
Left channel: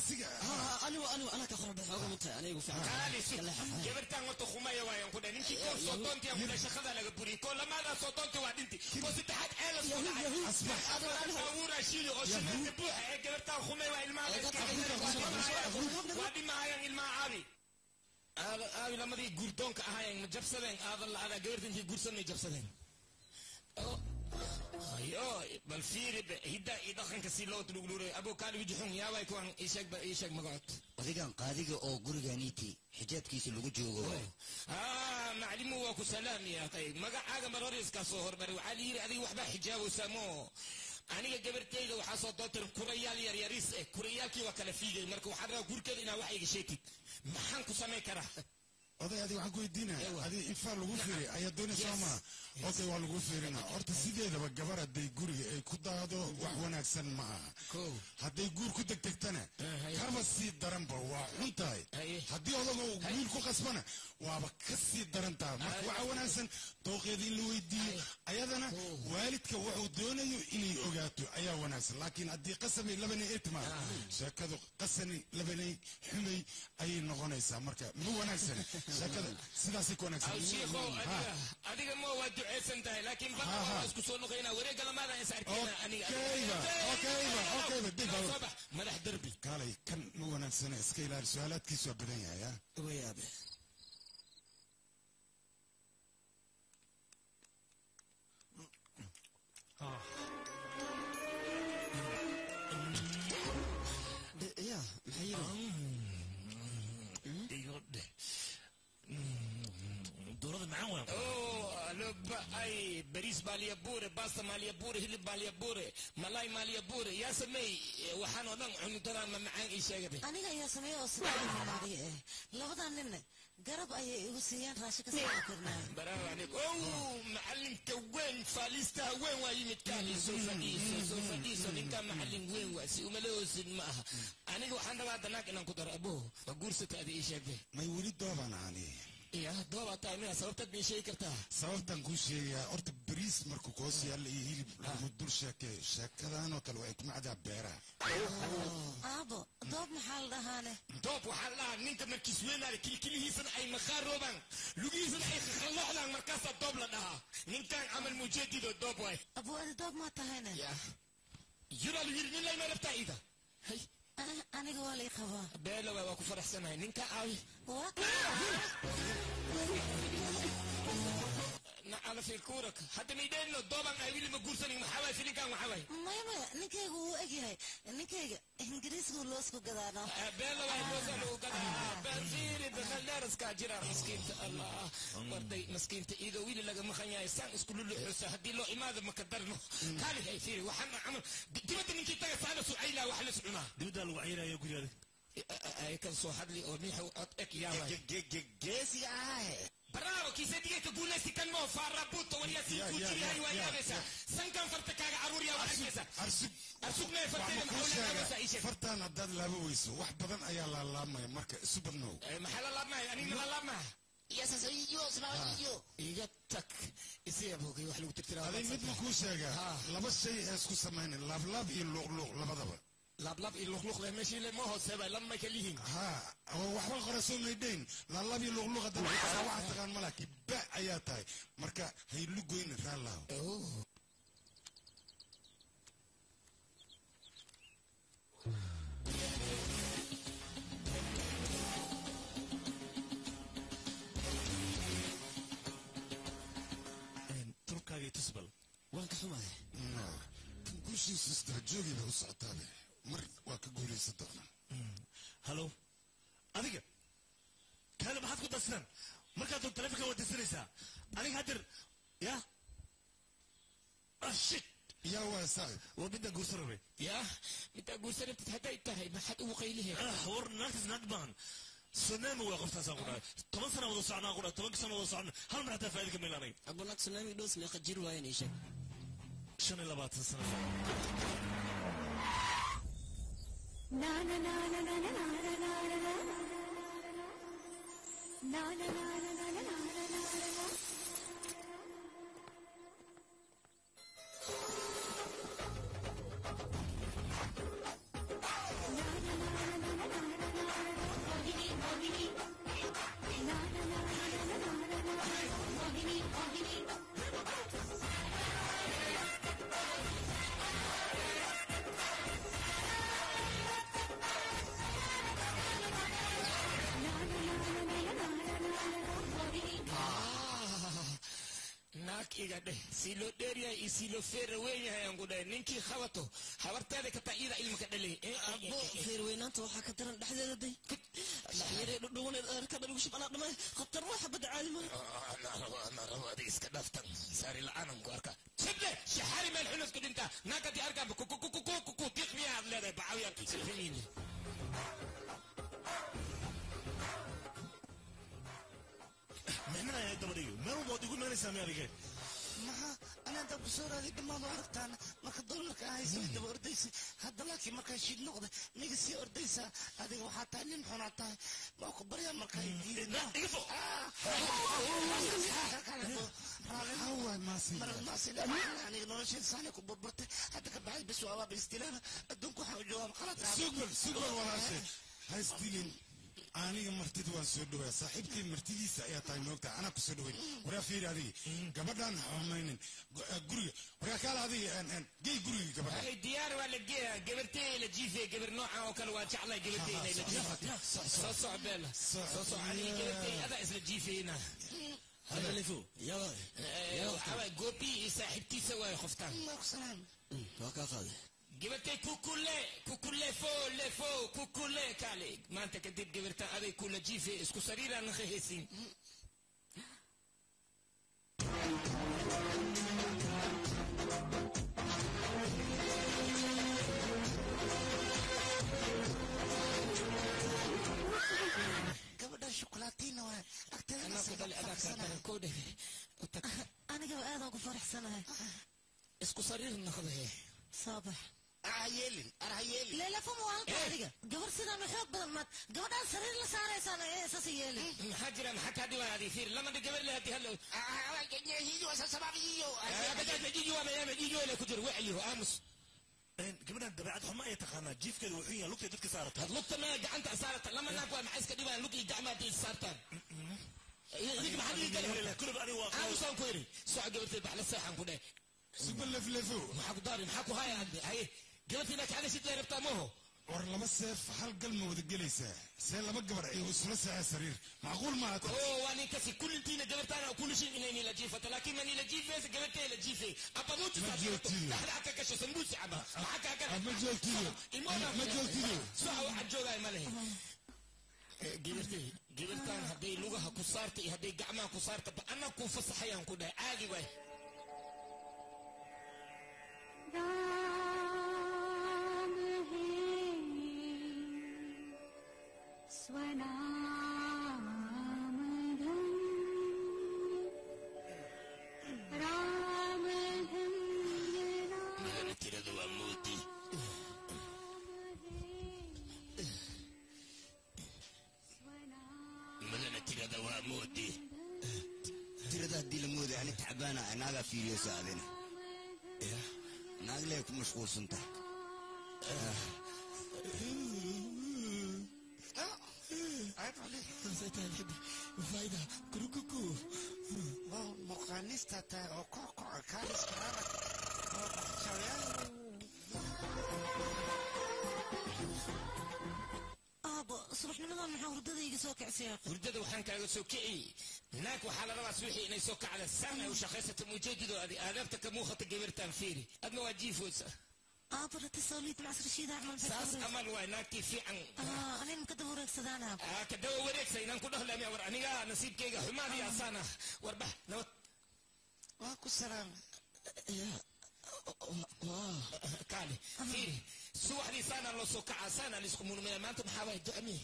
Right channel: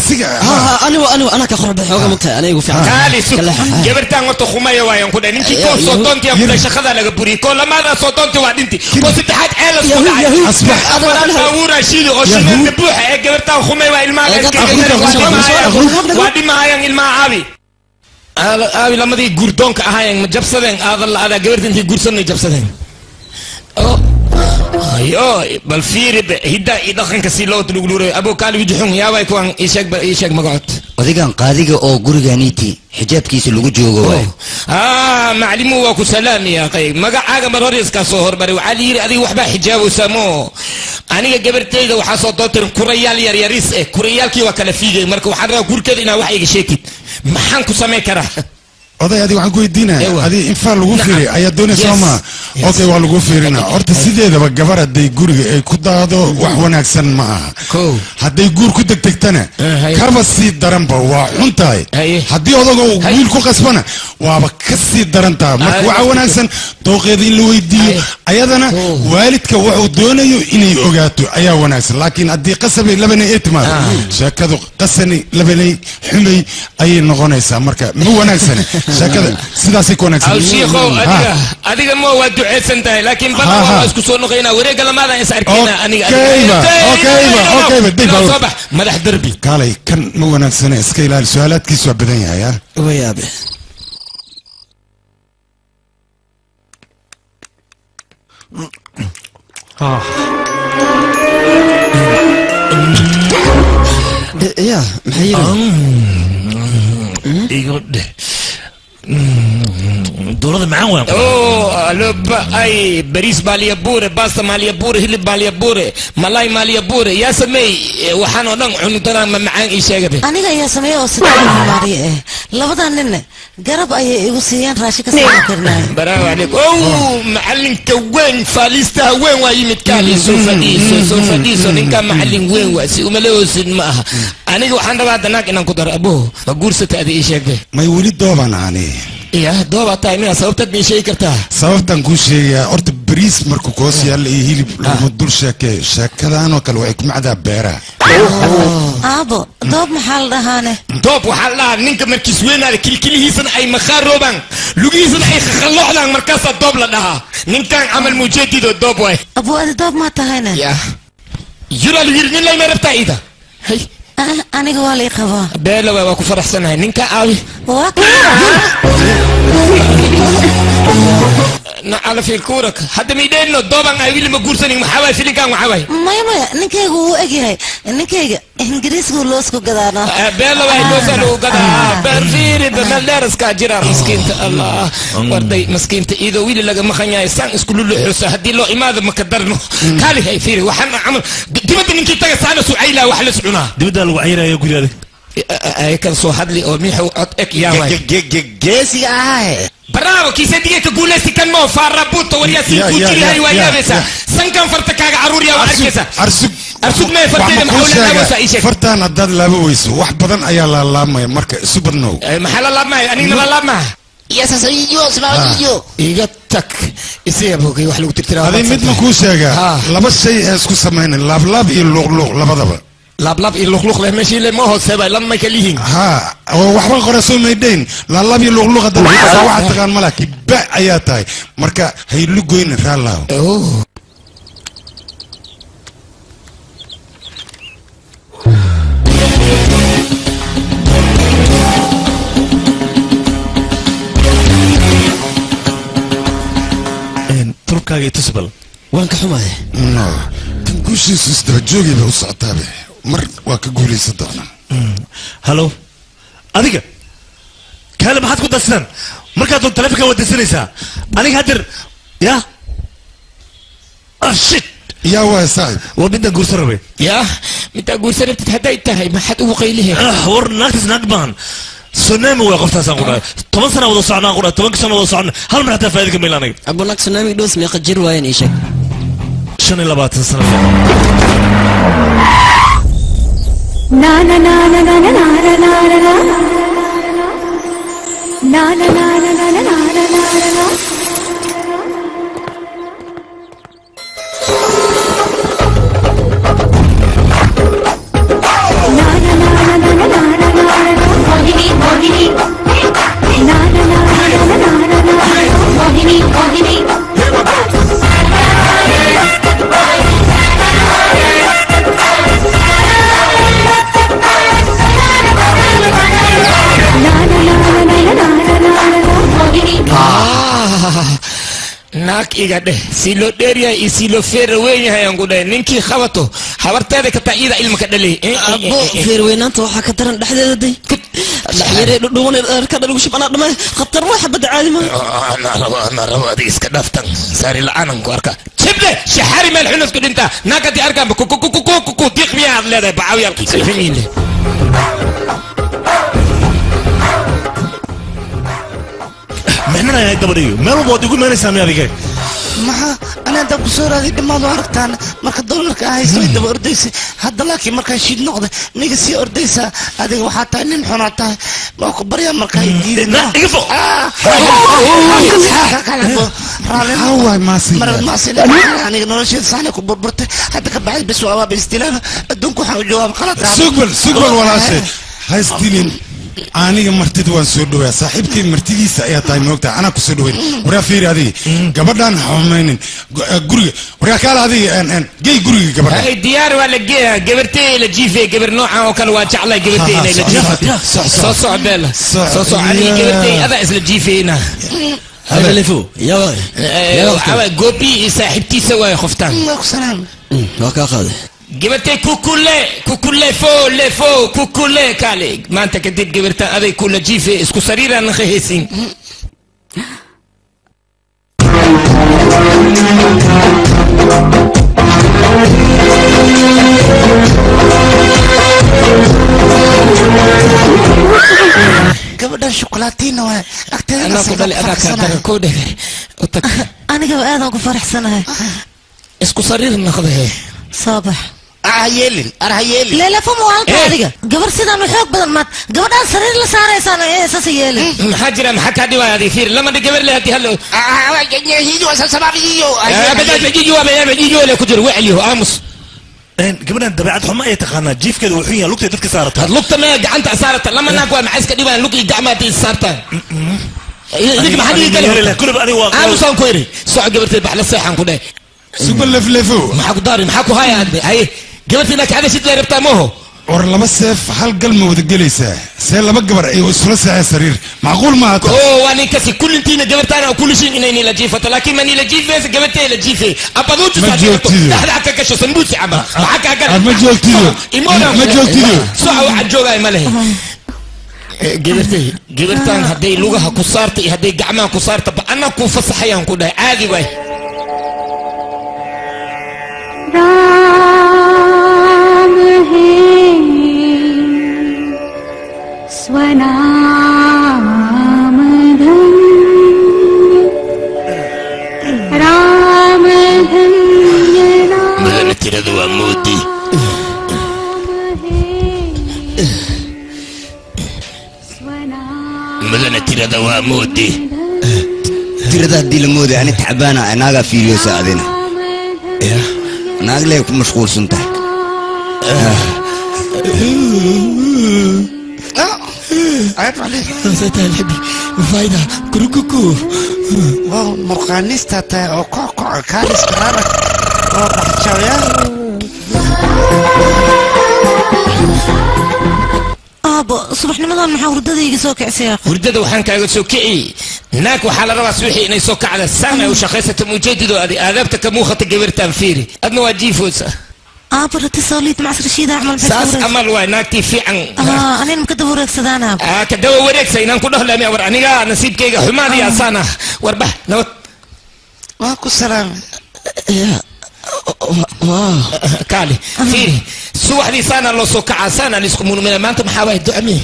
أنا كخرب حوجة مكة أنا يقول فيها كالي سو جبرتان وتو خماية ويا كده نمشي كون صوتونتي أبدا شخذا لك بري كل ما أنا صوتونتي وعدنتي كون ستحات ألف صوت أصبح أنا أورا شيل أشيل نبوح جبرتان خماية وإلما وادي ما هي إلما عابي أبي لما دي جوردونك أهاي مجبسدين هذا جبرتين دي جورسون جبسدين ايوه بالفير هدا يدخن كسيلو تلغلوري ابو كالو يجحون يا باي كوان ايشك مقعد odigan qaadiga oo gurigaaniiti xijaabkiisa lagu joogo way maclimu waa ku salaam ya qay magacaaga marhoris ka soo horbari waxa liiri adiga waxba xijaab u samo aniga gabartayda waxa soo dootir kurayaal yar yaris kurayaalkii waa kala fiigay marka waxaan rabaa gurkeeda inaa wax iga sheekid maxaan ku sameey karaa oday adiga waxaan ku weydiinaya adiga infaal lagu fiiriy ayaa doonaysaa ma okay waa lagu fiirina horta sideedaba gabar hadday guriga ay ku daado wax wanaagsan ma aha hadday guur ku degdegtana kaba sii daranba waa xun tahay haddii odaga wiil ku qasbana waaba ka sii daran tahay marka waxa wanaagsan dooqeeda in la weydiiyo ayadana waalidka wuxuu doonayo inay ogaato ayaa wanaagsan laakiin haddii qasabay labanay ay timaado sheekadu qasani labanay xumay ayay noqonaysaa marka ma wanaagsan شكله سيداسي كونكس أو شيخو أديك مو ودعي سنتين لكن بنا والله اسكو سونو خينا وريق لما ذا يسأل كينا أوكي بدي صباح مدح دربي قالي كان مو نفسنا اسكيلا السؤالات كيسوا بدنيا يا ويابي يا محيرة يقول دولة معاه وين؟ أوه لب أي بريس باليابورة باستا ماليابورة هلب باليابورة ملاي ماليابورة يا سمي وحنا نعم عنتنا معان إيش يا جبي أنا يا سمي وستة ماري لبدا نن جرب أي وسيان راشك سمكرنا برافو عليك أوه معلم كوين فاليستا وين واي متكالي سوفاديسو نكا معلم وين واسي وملوس معها أنا وحنا بعد ناك إن قدر أبوه بقول ستة هذه إيش يا جبي ما يولد دوبان عني يا دوبا تايمين سببت من شيء كرتها سببت نقول شيء أرد بريس مركوكوس يلا يهيل المدور شاكة أنا وكل وعيك معدا بيرة أبو دوب محل رهانة دوب وحال لا نينك مركز وين على كل هيسن أي مخار روبان لوجيسن أي خلوح لان مركز الدوب لها نينك عمل مجدد الدوب واي أبو الدوب ما تهينا يا يرى الويرنين لا يمرب تايدا هاي أنا قوالي خبا بيلا واكو فرح سنة نينك عاوي واكو على في الكورك حتى ميدين له دوبان عايل ما قرصني محاوي في لكان محاوي ما نكيج هو أجي نكيج إنجليز كلوسكو قدانا بيلا واحد لوسلو قدا برفيري بمدرس كاجرا مسكين الله وردي مسكين إذا ويلي لقى مخنيا يسان اسكولو له حسا هدي له إماذا مقدرنه كالي هاي فيري وحنا عمل دمت نكيج تجا سانا سعيلة وحل سعنا دمت الوعيرة يقول هذا أي كان صو حد لي أميح وأتك يا واي جيسي برافو كيسة دي تقول لي كان مو فاربوت وريا سيكوتي هاي ويا بسا سنكم فرتك عرور يا واركسا أرسل ما فرتين محاولة وسا إيش فرتان الداد لابويس واحد بدن أيا لا ما مرك سوبر نو محل لا ما أنا لا ما يا سيديو سيديو إيجاتك إسي أبوكي وحلو تكتير هذا مثل كوساجا لبس شيء اسكو سمين لاب يلوغ لبضبه لاب يلوغ له ماشي له ما هو سبا لما كليهن ها وحبا قرسو ميدين لاب يلوغ هذا واحد تقان ملاك با اياتاي marka hay lugoyn raalaw turkaaga tusbal waan ka xumahay no kan guushiisu isdaba joogayba u socotaabe mar waa ka guulaysan doonaa halo adiga kaale maxaad ku darsan markaad doon taleefanka wadaysanaysaa aniga hadir ya shit yaa waa saaxib waa midaan guursan rabay ya midaan guursan rabtid hadday tahay maxaad ugu qaylihe war naagtas naag baan سونامي وقفتها سانقولا 10 سنة ولا صعنا قولا 10 سنة ولا صعنا هل من حتى فايدك ميلانك أقول لك سونامي دوس ميقا جير وين إيشك شن إلا بات سنة نا نا نا نا نا نا نا نا نا naag iga dheh si loo dheeryahay iyo si loo feer weyn yahay aan ku dhahay ninkii qabato habarteeda ka taayida ilma ka dhalay abo feer weynaanta waxa ka daran dhexdeeda day dhaxyare dhudhuwan ka dhalugu shibana dhamay khatar waxa bad caadi ma ana rabo adiga iska dhaftan saari la'aanan ku arka jibde shahari meel xunus ku dhinta naagati arkaan ku diiq miyaad leedahay bacawyaalkii fahmiile محنا يا قبريو ما هو بودي يقول ما نسمع هذيك ما أنا أنت بصورة هذه ما ظهرتان ما كدول لك هاي سويت بأرديس هذا لكن ما كان شيء نقطة نيجي أرديسة هذه وحتى إن حناته ما كبريا ما كان يجيد لا يفو هو ماسي ماسي يعني نرشيد صحنة كبر برت حتى كبعد بس وأبى بالاستلام أدونكم حاول جواب غلط سقبل ولا شيء هاي ستيلين aniga martida waan soo dhawaa saaxiibkay martidiisa ayaa tahay moogtaa anaa ku soo dhaweyn waraa fiiri adiga gabadhaan xumaynin guriga waraa kaala adiga gey guriga gabadha ay diyaar waa la geeyaa gabartay la jiifay gabar noocan oo kale waa jeclay gabartay inay la jiifay soo socdeel soo socday gabartay ada isla jiifayna هذا اللي فوق يا جوبي صاحبتيسا واي خفتان سلام وكا قاضي جبرتي كوكولي فو كوكولي كالي ما انت كديت جبرتا ابي كل جيفي اسكو سريرا نخيسين gabadhan shukulaatiin waa agteeda ana ku dhalay adaa ka koodhe aniga aad ku faraxsanahay isku sariir naqday صباح عيلين أرهيلين لا لا فمو هالك هذيك قبل سيدا محوك بدل مات قبل أن سرير لسارة سنة إيه أساس يلين محاجرة محكا دي وهذه فير لما دي قبل لها تهلو يجيجو أساس سباب يجيجو أبدا يجيجو ولا كجر وعيه آمس قبل أن دبعت حما يتخانى جيف كده وحيا لوكتي تدك سارت لوكتي ما قعنت صارت لما ناقوا معسك دي وان لوكي قعماتي صارت يجي محد يقول كل بقى واقع أنا صان كويري سوى قبل تبع للصيحة كده سوبر لفلفو محاكو داري محاكو هاي هاي قبلت انك هذا شد ربطه موه ور لما سيف حل قلمه ودقليسه سي لما قبر اي وسلسه سرير معقول ما هذا واني كسي كل انتينا قبلت انا وكل شيء انني لجيفه لكن ماني لجيفه قبلت لجيفه ابدوت صار حتى كشو سندوتش عبا معك هكذا ما جولتيو ما جولتيو سو واحد جوغاي ماله قبلتان هدي لغها كسارتي هدي قعمان كسارت انا كو فصحيان كو عادي باي राम है स्वनाम धन्य राम धन्य مدن ترد ومودي مدن ترد ومودي ترد هدي المودي انا تعبانه انا فيديو ساعدنا ناقلي يكون مشغول سنته عيب عليك سيتها الحبي فايدة كروكوكو واو مرقانيستا تا او كوكو كاريس كرارك واو بحتشاويا أبا صبح نمضان محا وردada iga soo kacay akh wurdada waxaan kaaga soo kiciyay naag waxa la rabaa suuxi inay soo kacda saama u shaqaysato mujaadido aadaabta ka muuqata gabartan fiiri adna waa jiifoosa أبا اتصاليت مع رشيد أعمل بس ساس أمل ويناكتي في عن أنا مكدب ورق سدانا كدوا ورق سينان كله لم يور أنا نسيب كيجا حمادي يا سانا وربح نوت ماكو سلام يا كالي فيري سوح لي سانا لو سوكع سانا لسكمون من ما أنت محاوي دعمي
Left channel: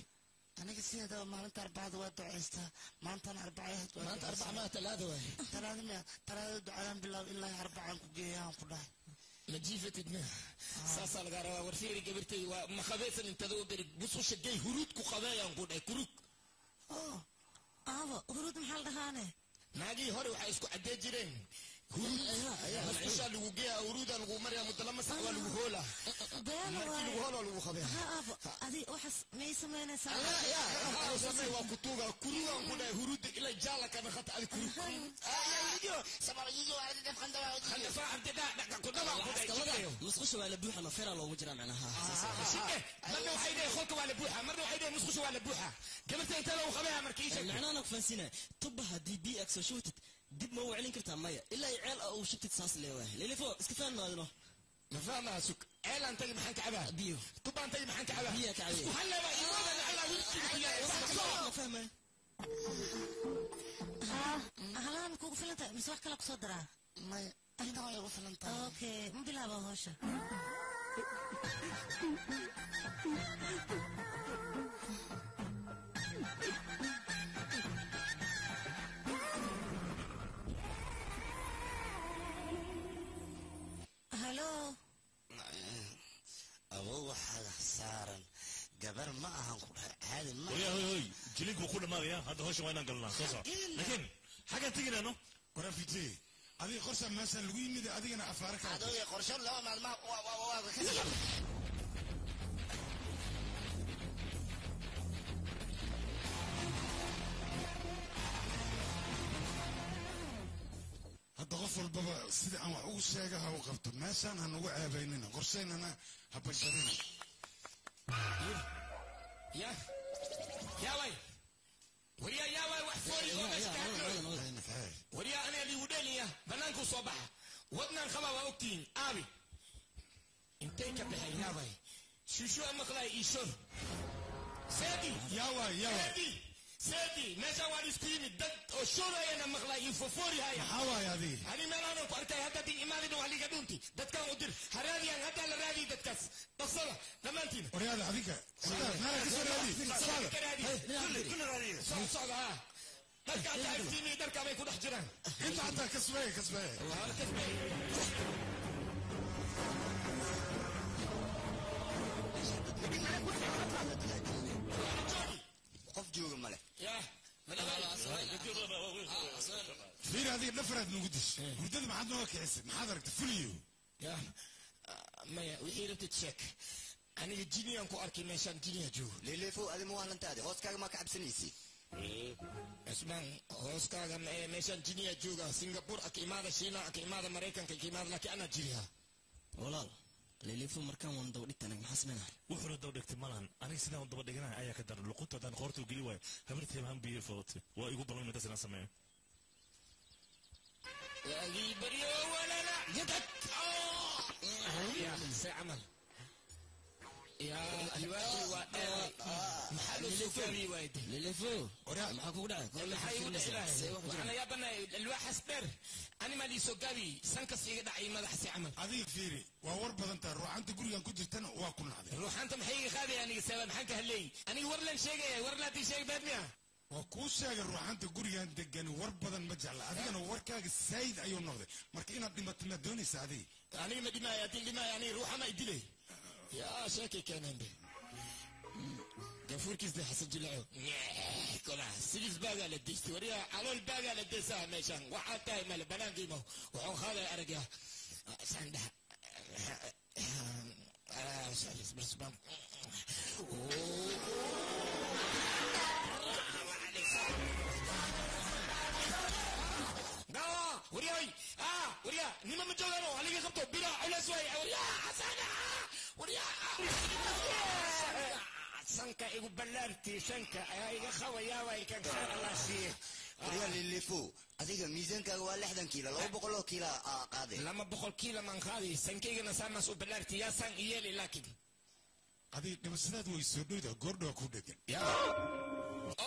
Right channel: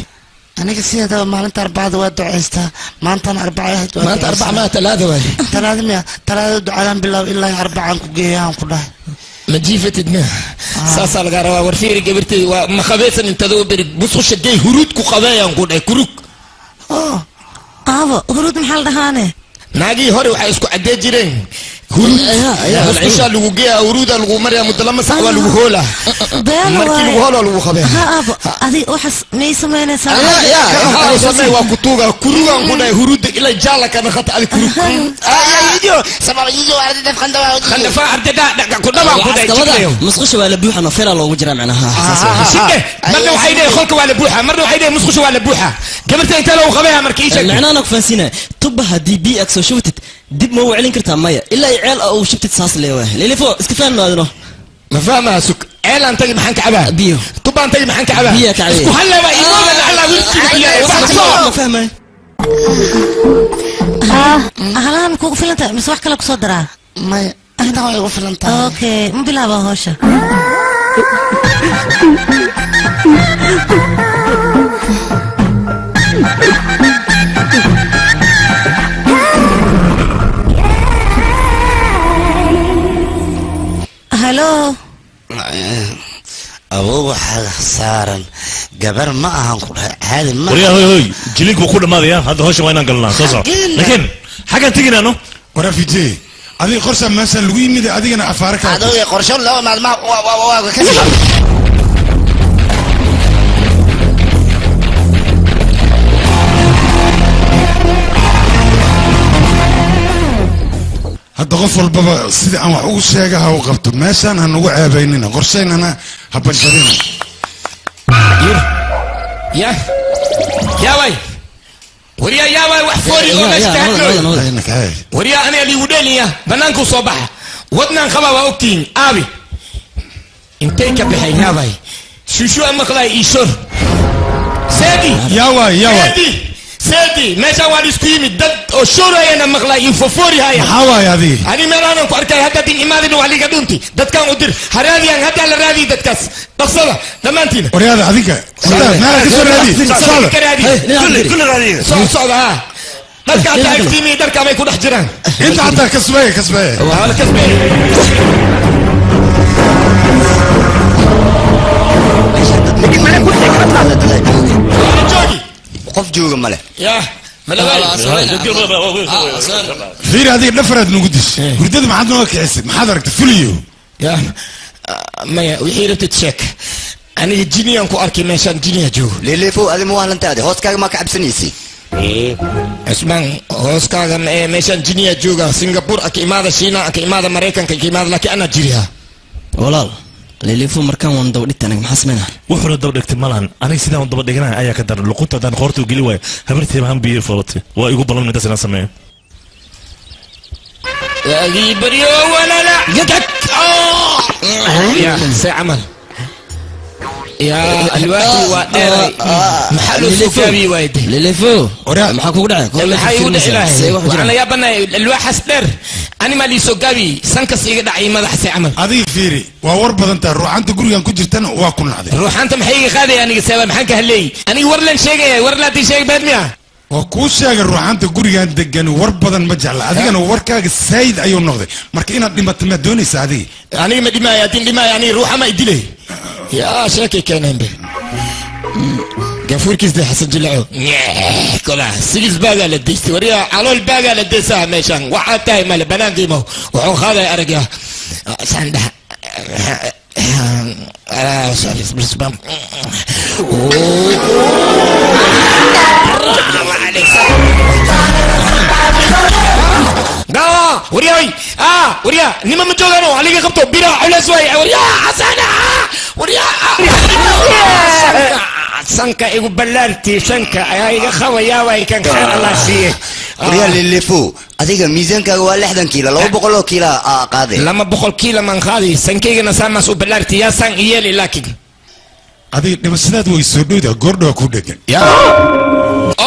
أنا قصير هذا ما أنت أربعة دوات دعيستا ما أنت أربعة ما أنت أربعة ما ثلاثة واي ثلاثة دعاء بالله إلا أربعة كجيان كلها مجيفة دنا ساسا لقاروا ورفيري قبرتي وما خبيثا انت ذو بريد بصوش الدي هرود كو خبايا نقول كروك aabo huruud maxaa la dhahaane naagii hore waxay isku cadee jireen musqusha lagu geeya huruuda lagu mariya muddo lama sac waa lagu hoola markii lagu hoolo lagu qabee ha aabo adi waxaas may samaynaysaa samay waa kutuuga kurugan ku dhahay huruuda ila jaala kana khata adi kurug yijo sabab yijo ardada khandafa ardada dhaga ku dhaba ku dhahay musqusha waa la buuxa ma fira loogu jiraa macnaha shike marna waxay leeyahay qolka waa la buuxa marna waxay leeyahay musqusha waa la buuxa gabarta inta loo qabeeya markii sheeg macnaha ku fansina tuba hadii bi akso shubtid dib ma waclin kartaa maya ilaa ceel oo shubtid saas leeyahay lilifo iska fahmaadno ما فاهمها سك عيل أنت محن كعبها بيو طبعا أنت محن كعبها بيا كعبها اسكو هلا بقى إيمان على وجهك ما فاهمة هلا كوكو فلنتا مش واحد كلك صدرها ما أنا هو يقول فلنتا أوكي مو بلعبها هوشة هلو أبوه حاجة صارن جبر ما أهانكم هذا ما وريا هوي جليك بكل ما ذي هذا هوش وين قلنا صوصة لكن حاجة تيجي أنو ورا في جي هذه قرصة مثلا لوي ميدا هذه أنا أفارك هذا قرصة لا ما كذي هذا غفل بابا سيدي أنا وحوش شيء وقفت مثلا هنوع بيننا قرصين أنا هبنشرين يا وي وريا يا وي وحفوري وريا أنا اللي ودنيا بنانكو صباح ودنا خبا وقتين أبي انتيك بحي يا وي شو أمك لا يشر سيدي يا وي سيدي ماشا وادي سكيمي دد وشورا أنا مغلا ينففوري هاي حواي هذه أنا مرانا كأركي هذا دين إمادين وعلي قدونتي دد كان أدير هرادي أن هذا على رادي دد كاس بصلا لما أنتينا ورياضة هذيك ما كسر رادي كل رادي صعب ها دد كان تاكتيمي دد كان ما يكون حجران أنت حتى كسبه وهذا كسبه لكن ما نقول لك ما جوجي قف جوجا ماله يا فير هذه نفرد نقدش قلت ما حد نوك عسب ما حد ركت فليو يا ما وحيرة تتشك أنا الجيني أنكو أركي ماشان جيني جو للي فوق هذه مو هلنت هذه هوس كاغ ما كعب سنيسي اسمان هوس كاغ ماشان جيني جوغا سنغافور أكي ماذا شينا أكي ماذا مريكان أكي ماذا لكي أنا جيريها walaal leelifo markaan waan daba dhigtay anaga maxaa sameynaa wuxuu daba dhigtay malan aniga sidaan daba dhignaa ayaa ka daran luquntadan qoortu geli way habartii baan biyo folatay waa igu balan inta sanad sameeyo يا بريو ولا لا يا سعمل يا الوقت وادري محل سكابي وايد للفو maxaa kugu dhacay maxay dhacay waxaan ya banay alwax asdar ani ma li sokaabi sankas iga dhacay madax sacmal adii fiiri waa war badan taa ruuxanta gurigan ku jirtana waa ku nacday ruuxanta maxay iga qaaday aniga sabab maxaan ka hadlay aniga war lan sheegay war la tii sheeg baadmiya waa kuu sheegay ruuxanta gurigan degan war badan ma jecla adigana warkaaga saayid ayuu noqday marka inaad dhimato ma doonaysa adiga aniga ma dhimaaya adin dhimaaya ani ruuxa ma idilay يا شاكي كان به قفور كيس ده حسن جلعو كلها سيلز باقا لديستي وريا على الباقا لديسها ميشان وحاد تاي مال بنان قيمو وحو خاذا أرقيا سانده سالس برسبام ورياي وريا نما مجوغانو عليك خبطو بيرا على سوي وريا حسنا وريا سانكا ايغو بلارتي سانكا ايغا خويا واي كان خير الله سيه وريا اللي فوق adiga miisaanka waa 60 kiilo 200 kiilo qaade lama 100 kiilo man qaadi sankeyga sama soo balaarti ya san iyeli laakin adiga dhimashadaad way soo dhowda goordho ku dhagan ya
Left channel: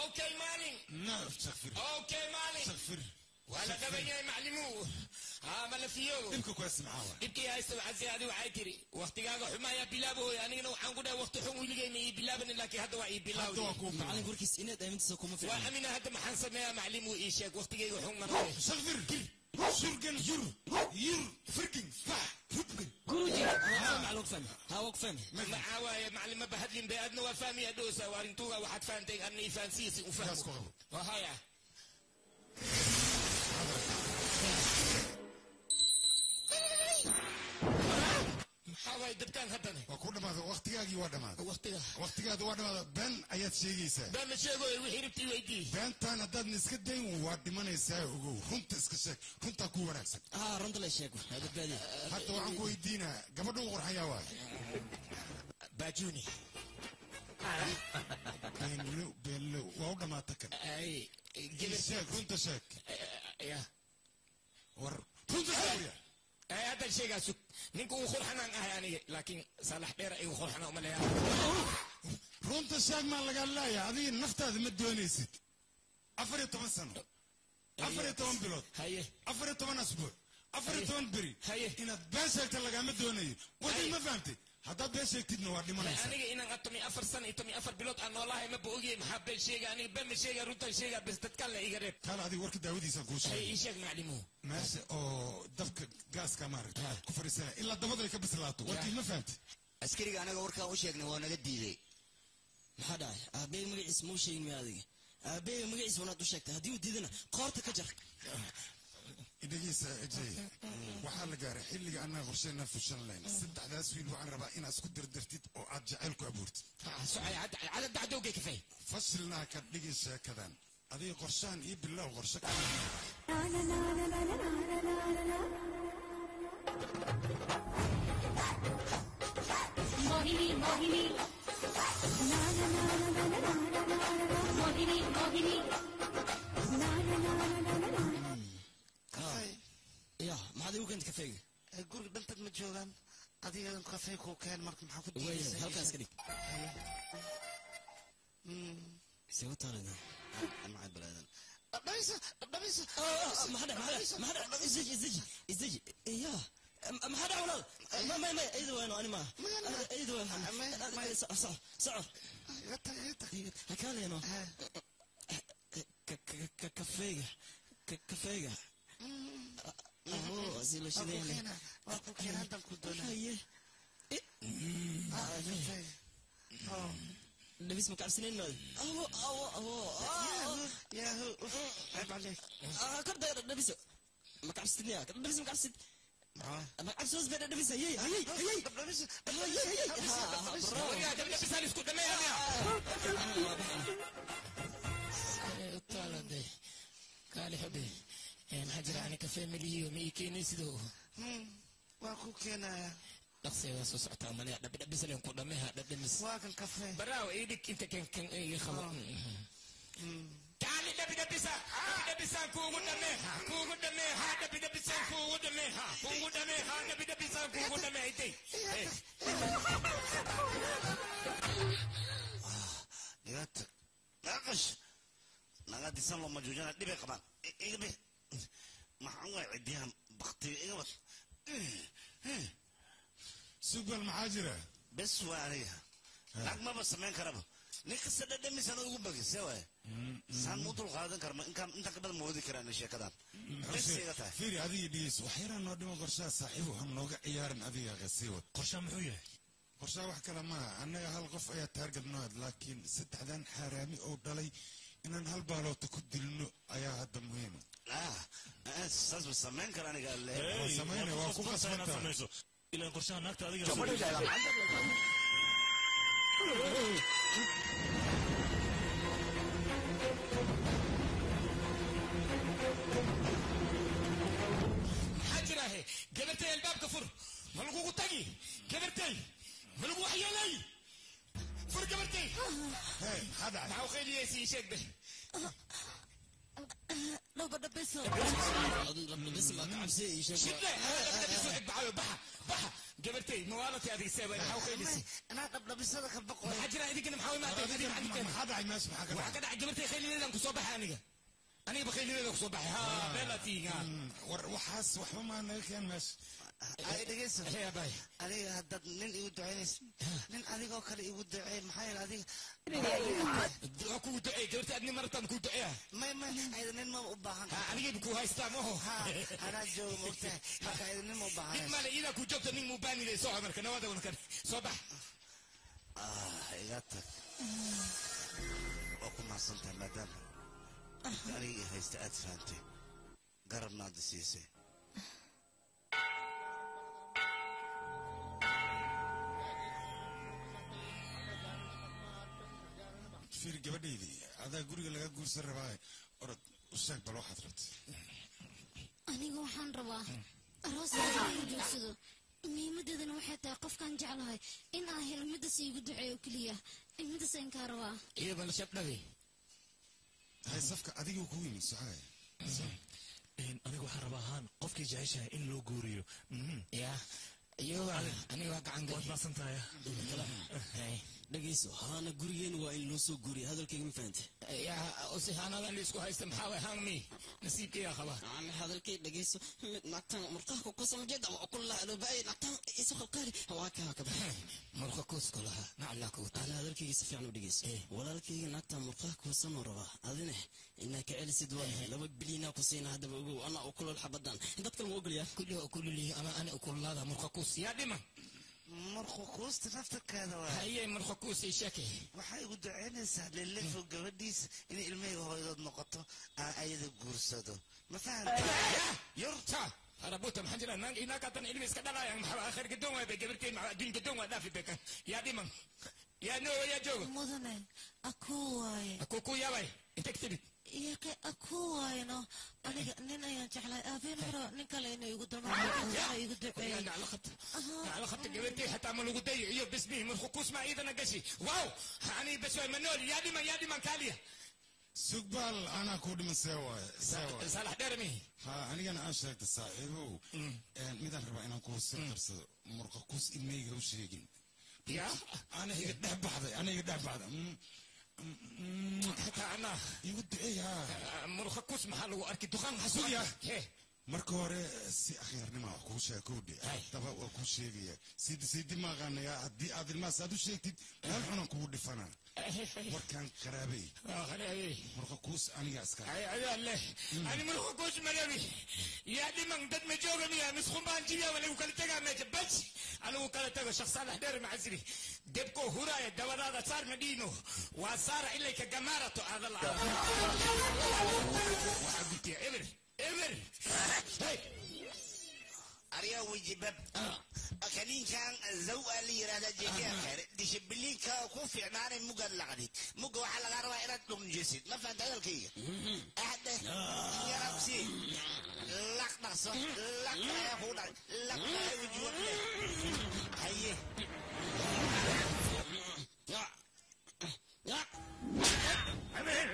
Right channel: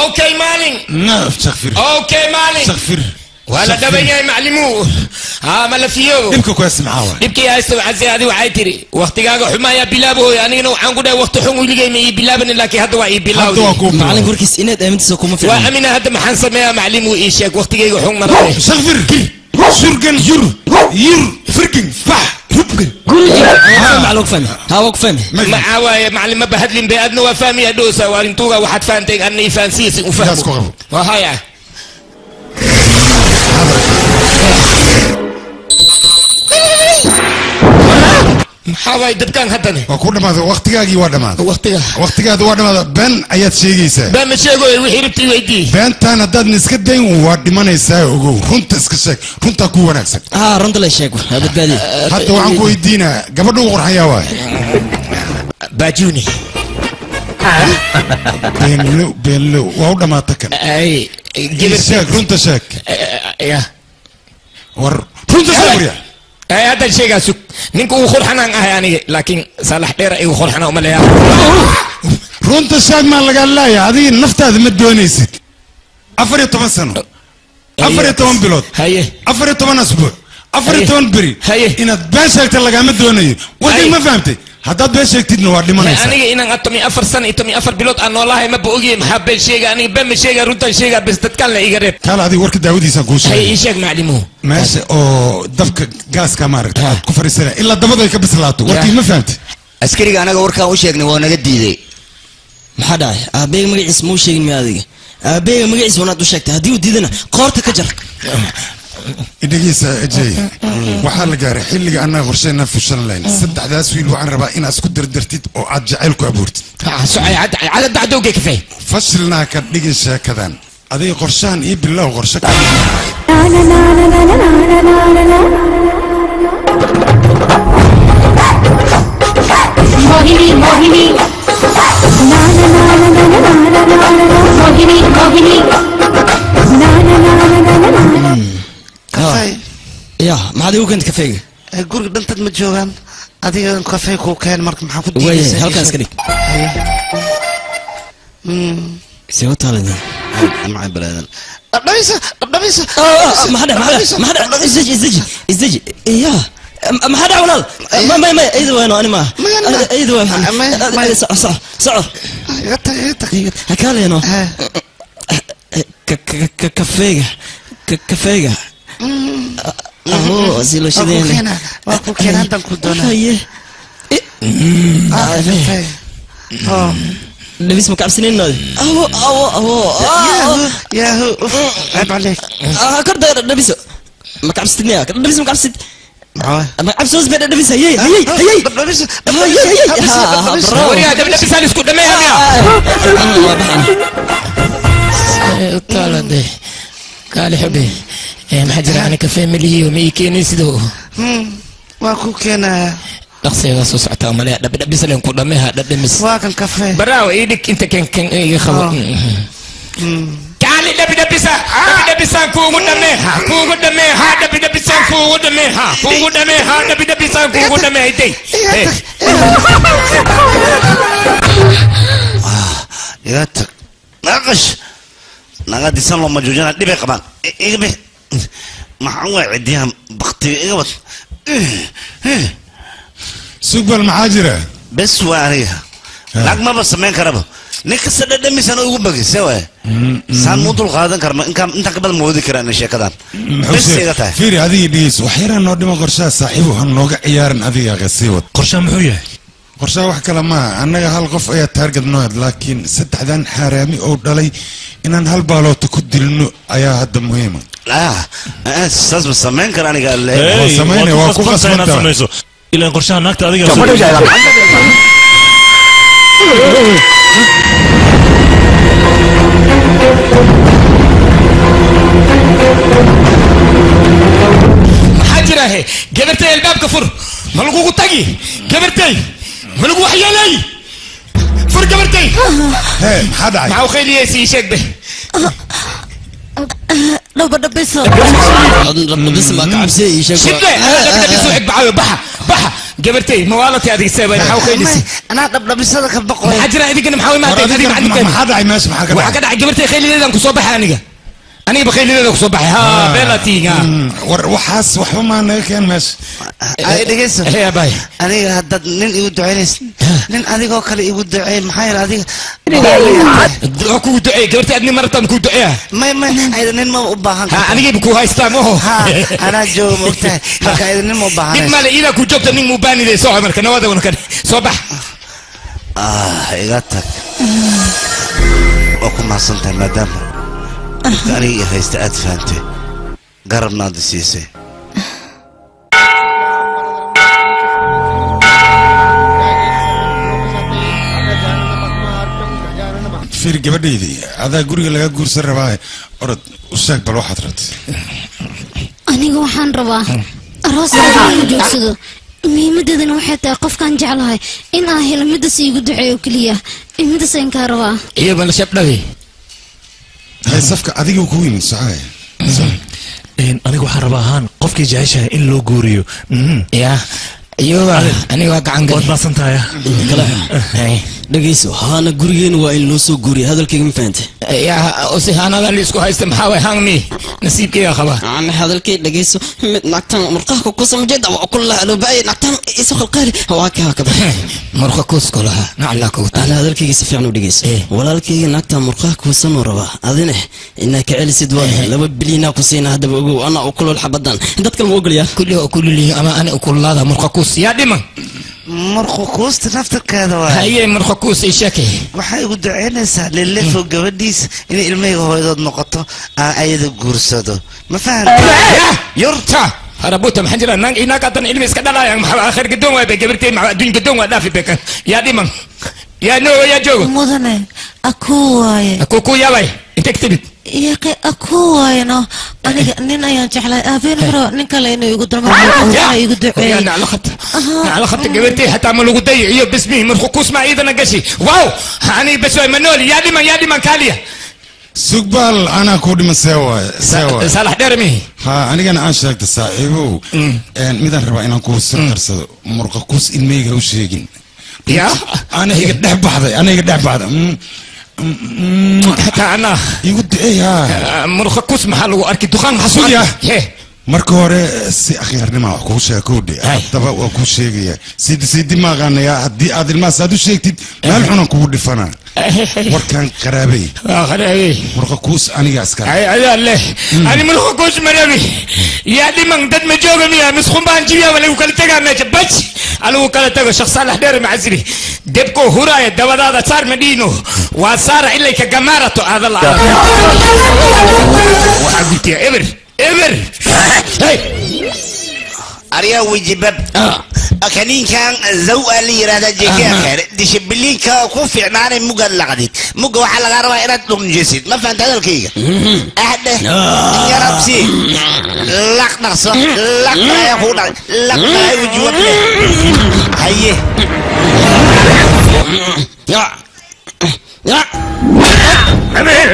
okay maalin naaf takhfir okay maalin takhfir ولا دبي معلمو ما لا فيو دبك كويس معاه دبك يا استو عزي هذه وعي تري وقتيغا حمايا بلابو يعني نو waxaan ku dhahay waqti xun wiliga ma bilaaban laakiin hadda waa bilaaw macallin warkiis inaad aamintiisa kuma filan waa amina hadda maxaan sameeyaa macallin uu ii sheeg waqtigeyga xun maray takhfir surgan yur firkin fah rubgan معلوك فهم هاوك فهم معاوية معلم ما بهدلين بأدنى وفامي أدوسا وارنتوغا وحد فانتين أني فانسيسي وفهم وهايا maxaa dabkaan haddana waa ku dhamaaday waqtigaagii waa dhamaaday waqtigaada waa dhamaaday been ayaad sheegaysaa been ma sheegoy wixii rabtay weydii beentaan haddaadna iska dayn waa dhimanaysaa ogow runta iska sheeg runtaa ku wanaagsan runta la sheeg badbaadi hadda waxaan ku weydiinaa gabadha ugu qorxayaa waay baajuni beenlow waa u dhamaata kan sheeg runta sheeg war runta sheeg waryaa هذا الشيء قاسك نينكو خرحنا يعني لكن صالح دير ايو خرحنا وما لها رونت الشاق ما لقى لا يا هذه النفط هذه مدونيسك افري 8 سنه افري 8 بلود هي افري 8 اسبوع افري 8 بري هي ان باشك لقى مدوني ودي ما فهمتي هذا باشك تدنا وادي ما انا ان اتمي افر سنه اتمي افر بلود انا والله ما بوغي محب الشيء يعني بم الشيء رونت الشيء بس تتكلم يقرب قال هذه ورك داودي سانكوش هي شيء معلمو ماشي او دفك غاز كامارك كفر السنه الا دبده كبسلاتو ورتي ما فهمتي askariga anaga warkaan u sheegnay waa naga diiday maxaa dhacay aabbeey magaciis muu sheegin ma adiga aabbeey magaciis wanaad u sheegtay haddii uu diidana qoorta ka jar idhigiisa ajay waxaa la gaaray xilliga annaga qorsheynaan fushan lahayn saddexdaas wiil waxaan rabaa inaad isku dirdirtid oo aad jacayl ku abuurtid cadad dacdowga kafay fashilnaa ka dhigin sheekadan adiga qorshahan iyo bilow qorshe ka Mohini मोहिनी ना ना ना ना ना ना ना ना मोहिनी मोहिनी ना ना ना ना ना ना kafay ya maxaad ugu keentay kafayga guriga dhantad ma joogaan adiga kafay ku keen marka maxaa ku diiday halkaas ka dhig soo taaladii macay balaadan دبيسة ما حدا ازدجي يا ما حدا ولال ما ايدو وين انا ما ايدو وين صح هكالي انا كفيقة اهو زيلو شدين واكو كينا انت كودونا هيه لبيس مكعبسنين نادي ياهو عيب عليك كرد لبيسو مكعبستني لبيس مكعبست مكعبس وز بين لبيس هي لبيس وريا لبيس هذا اسكت دمي هذا طالع ده قال حبي محجر عنك كفي ملي ومي كيني سدو واكو كينا dhaqsiga soo socota amale dhabis leen ku dhameeha dhadhamis waa kan kafee baraaw idik inta kan iga khabo kaali dhabisa kuugu dhameeha dhabisa kuugu dhameeha day يا تك ناقش ناقد يسلم مجوجنا دبي قبان إيه ما هو عديها بختي إيه بس سوق بالمحاجرة بس واريها لك ما بس مين كربه نكسر دمي سنة يقول بقى سوى سان موضوع هذا كرم انت قبل مودي كران الشيء كذا بس يقطع فيري هذه ديس وحيرا نودي ما قرشا صاحبه هنوقع عيارن هذه غسيوت قرشا محوية قرشا wax kala ma anaga hal qof ayaa target nood laakiin saddexdan xaraami oo dhalay inaan hal baalood ku dilno ayaa hadda muhiim ah saas ma sameyn karaan aniga waa sameynay waa ku qasbantaa إلى قرشها ناكت هذه محاجرة هي قبرتي الباب كفر ملقوق تاجي قبرتي ملقوق حيالي فر قبرتي هي حدا معو خيلي يسي شك به لو بدنا بيسو ما كعبسي شبه انا بدي بيسو بعاوي بحا قبرتي موالتي هذه السبب انا حاول خيلي انا بدنا بيسو كبقوا حاجرة هذيك انا محاول ما هذيك ما عندك ما حدا ماشي ما حدا وحكى قبرتي خيلي ليلة كصبح أنا بخيلي ليلة كصبح ها بلاتي وحاس وحما أنا كان ماشي أي دقيقة هي باي أنا هذا نين يود دعينيس نين أنا قال يود دعين محير هذه أكو دعي قبرتي أدني مرة تمكو دعيها ما هذا نين ما أباهن أنا جيبكو هاي ستامو أنا جو مقتى هذا نين ما أباهن ديك مال إذا كو جبت نين مباني لي صاحب مركنا هذا ونكن صباح إيجاتك وكم ما صنت مدام أنا هيستأذ فانتي garabnaad siisay fiir gabadhaydii adaa guriga laga guursan rabaa orod u sheeg bal waxaad rabtay aniga waxaan rabaa arooska inuu joogsado muhiimadeedana waxay tahay qofkaan jeclahay in aan helo midas iigu duceeyo keliya midas ayaan kaa rabaa iyo bal shabdhawi safka adiga ku yimid socay aniga waxaan rabaa ahaan qofkii jeceshahay in loo guuriyo ya iyoba aniga waa gacan gal waad maasantahay dhageyso haana gurigeena waa in loo soo guuriya hadalkayga ma fahantay yaa ose haanadan isku haysta maxaa way hangmi nasiibkayga qaba ana hadalkay dhageyso mid naagtan murqaha ku samjeeda waa kullah loo baay naagtan isu khalqaali waa ka murqa kuskolaha nacla ku ana hadalkayga si fiican u dhageyso walaalkayga naagtan murqaha ku san raba adina inaa ka celisid waa 2 bilyan ku siina hadaba ogow ana u kulul xabadan dadka ma ogolyaa kulli ama ana u kullada murqa kus yaa dhiman marquusta naftarkeeda waa haye marquus ay sheekay waxay ugu duceynaysaa lilefo gabadhiisa inay ilmahayga hooyadood noqoto ayada guursado ma fahamta yurta harabuta maxaa jira nang inaga tan ilmi iska dhalaya maxaa akhir gadoon waa gabartay maxaa adduun gadoon waa dhaafi bekan yaa dhiman yaa no yaa joogo mudane aku waaye aku yaabay inta ktibid yaqi aku waaye no aniga nin ayaan jeclay aabeen hore nin kale inuu igu darmo igu duceeyay ana ala khat gabartay hatta ma lagu dayiyo bismi marquus ma iidana gashi waaw hani bas way manoli yaa dhiman kaaliya sugbal ana ku dhiman sewa salax dhermi ha anigana aan sheegta saaxiibow midaan rabaa inaan ku soo qarsado murqa kus ilmeyga u sheegin ya ana iga dhex baxday ana igu duceeya murqa kus maxaa lagu arki duqaan xasuuya marka hore si akhirnima wax ku sheekoodhi haddaba waa ku sheegaya sidi maaqaanaya haddii aad ilmahaas aad u sheegtid meel xunan kugu dhifana warkaan qaraabay murqa kuus aniga iska ayaa leh ani murqa kuus marabi yaa dhiman dad ma jooga miya misqun baan jibiya wala kala tagaa meesha baj alagu kala tago shakhs salax dheer macasiri debko huraaya dabadaada saar madhiino waa saara ilay ka gamaarato aadala waxaa gurtiya eber أريا وجبب أكنين كان زو اللي يرادا جيكا ديش بلين كوفي عناني موجا لقديت موجا وحلا غاروا إراد لون جسد ما فهمت هذا الكيكا أحد يا ربسي لك نصر لك يا خونا لك يا وجوب هيه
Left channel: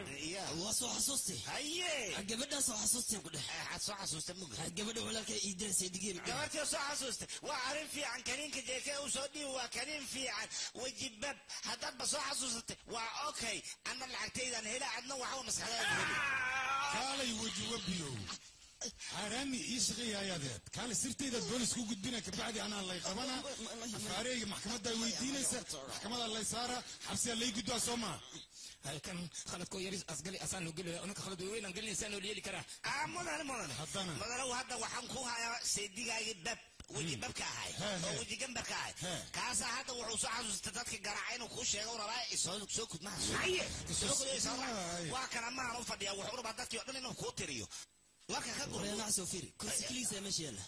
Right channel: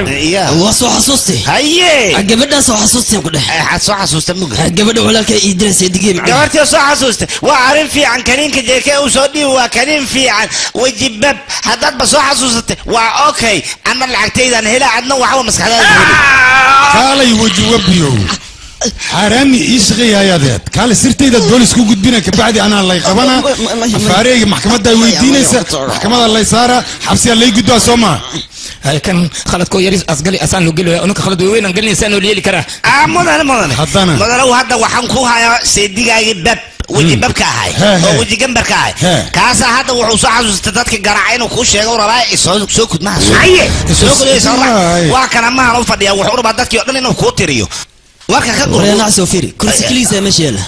يا وصو حسوستي هيه قبل سو حسوستي كده حسوستي موجا قبل ولا كي يدرس يدقي معي قبل سو حسوستي وعارف في عن كريم كجيكا وصدي وكريم في عن وجبب هذا بس حسوستي وأوكي أنا العكتيد أنا هلا عندنا وحوى مسخرة قال يوجب بيو حرامي يشغي يا ذات قال سرتي ذات بوليس كو قدبينا كبعدي انا الله يقبنا فاريق محكمة دا ويدينيسا محكمة الله يسارة حبسي الله يقدوا سوما هاي كان خلط كو يريز أسقلي أسان لو قلوا أنك خلط وين أنقلني سانو ليلي كرا مدن حضانا مدن هذا وحنكوها سيدي قاعد باب وجي بابك هاي وجي جنبك هاي كاسا هذا وحوصا استدادك قرعين وكوش يا رباي سوكت ما سوكت وكان ما هو فدي وحور بعدك يقول انه كوتريو وكان كقول انا سوفيري كرسي كليسه ماشي يلا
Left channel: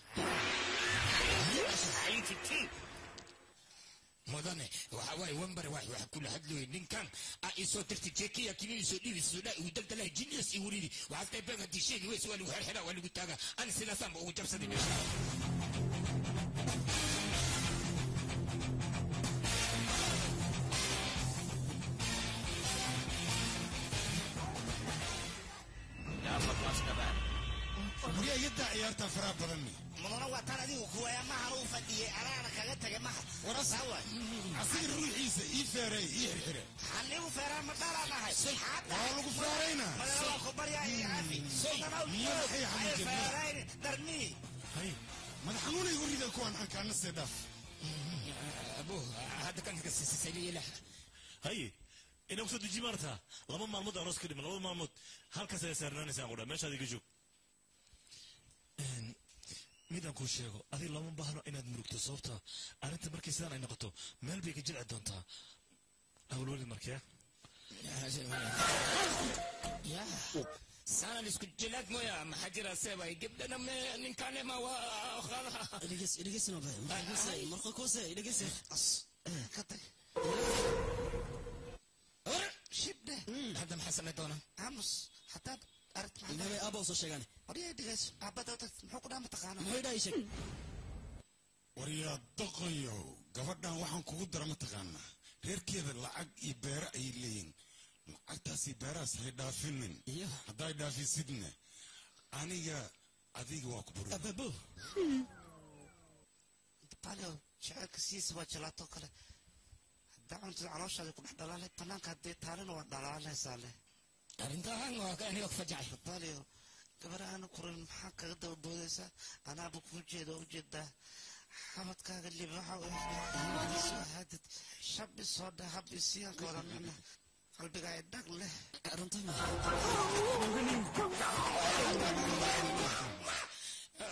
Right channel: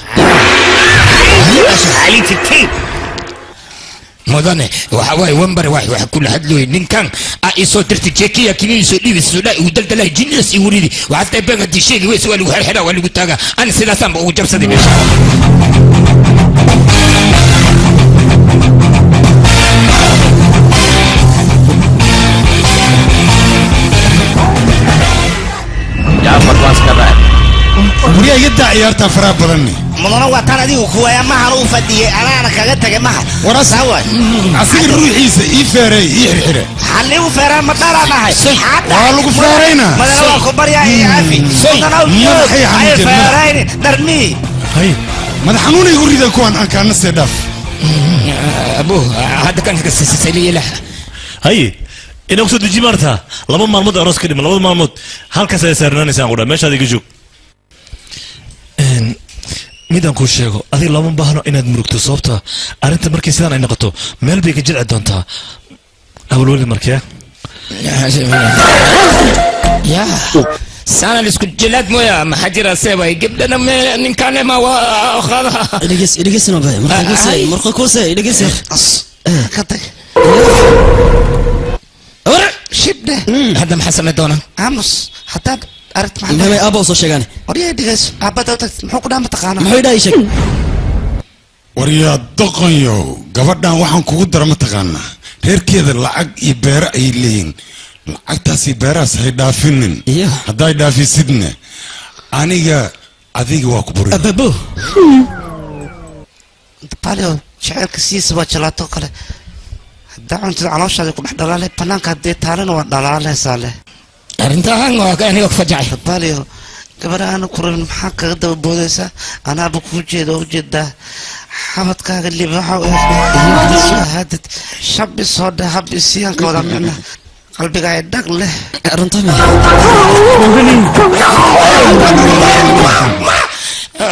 علي تي مدن وحواي ومبر واحد كل حد له نين كان ايسو درت جيكي كني سو دي سودا ودلدل جنس يوريدي وحتى بقى دي شيء ويس ولا حدا ولا قتاغا انا سلاسام وجبسدي ماشي وريا يدعي عيارتها فراب بدني مدن واتانا دي وكويا ما هنو فدي انا كاغا تاغي ما وراس عسير روحيسا اي فيري اي خيره حليو فيرا ما دارا ما هي والو فيرينا مدن واكو بريا يا عافي اي فيرين درمي هاي ما حنوني يريد كون ان كان نسدف ابو هذا كان سيلي له هاي إنه أقصد جمرتها لما مرمود أراس كلمة لما مرمود هل كسر سرناني سانقولا ماشي هذا يجوك ميدان كل شيء أذي لما بحنا إن المركز صوبتها أنت مركز سان إن قطو مال بيك جل عدانتها أول ولد مركيا يا سانا لسكو جلاد مويا ما حجر سيبا قبلنا من كان ما واخذها إليجس نبى مرقى كوسة إليجس كتك ورا شبده هذا محسن دونا عمس حتى أردت ما هي أبا وصل شجاني وريا دقيس أبا دوت محوك دام تقانا ما هي ده يشك وريا دقيو قبضنا وحن كودر متقانا غير كذا العق يبرع يلين lacagtaasi beeraas hay dhaafinin hadday dhaafi sidne aniga adiga waa ku buri ababo palio jaceelka siisa waa jalaato kale haddaa cuntida calooshaada ku dhex dhalaalay banaanka haddii taalana waa dhalaalaysaa leh arrintahan waa aniga ku fajacay palio gabadha aana ku rabin maxaa kaga daba boodaysaa anaaba kuu jeeda oo ujeedaa xabadkaaga libaaxa u eeg hadad shabi soo dheh hab isiyaanka wada micna qalbiga ay dhag leh runtii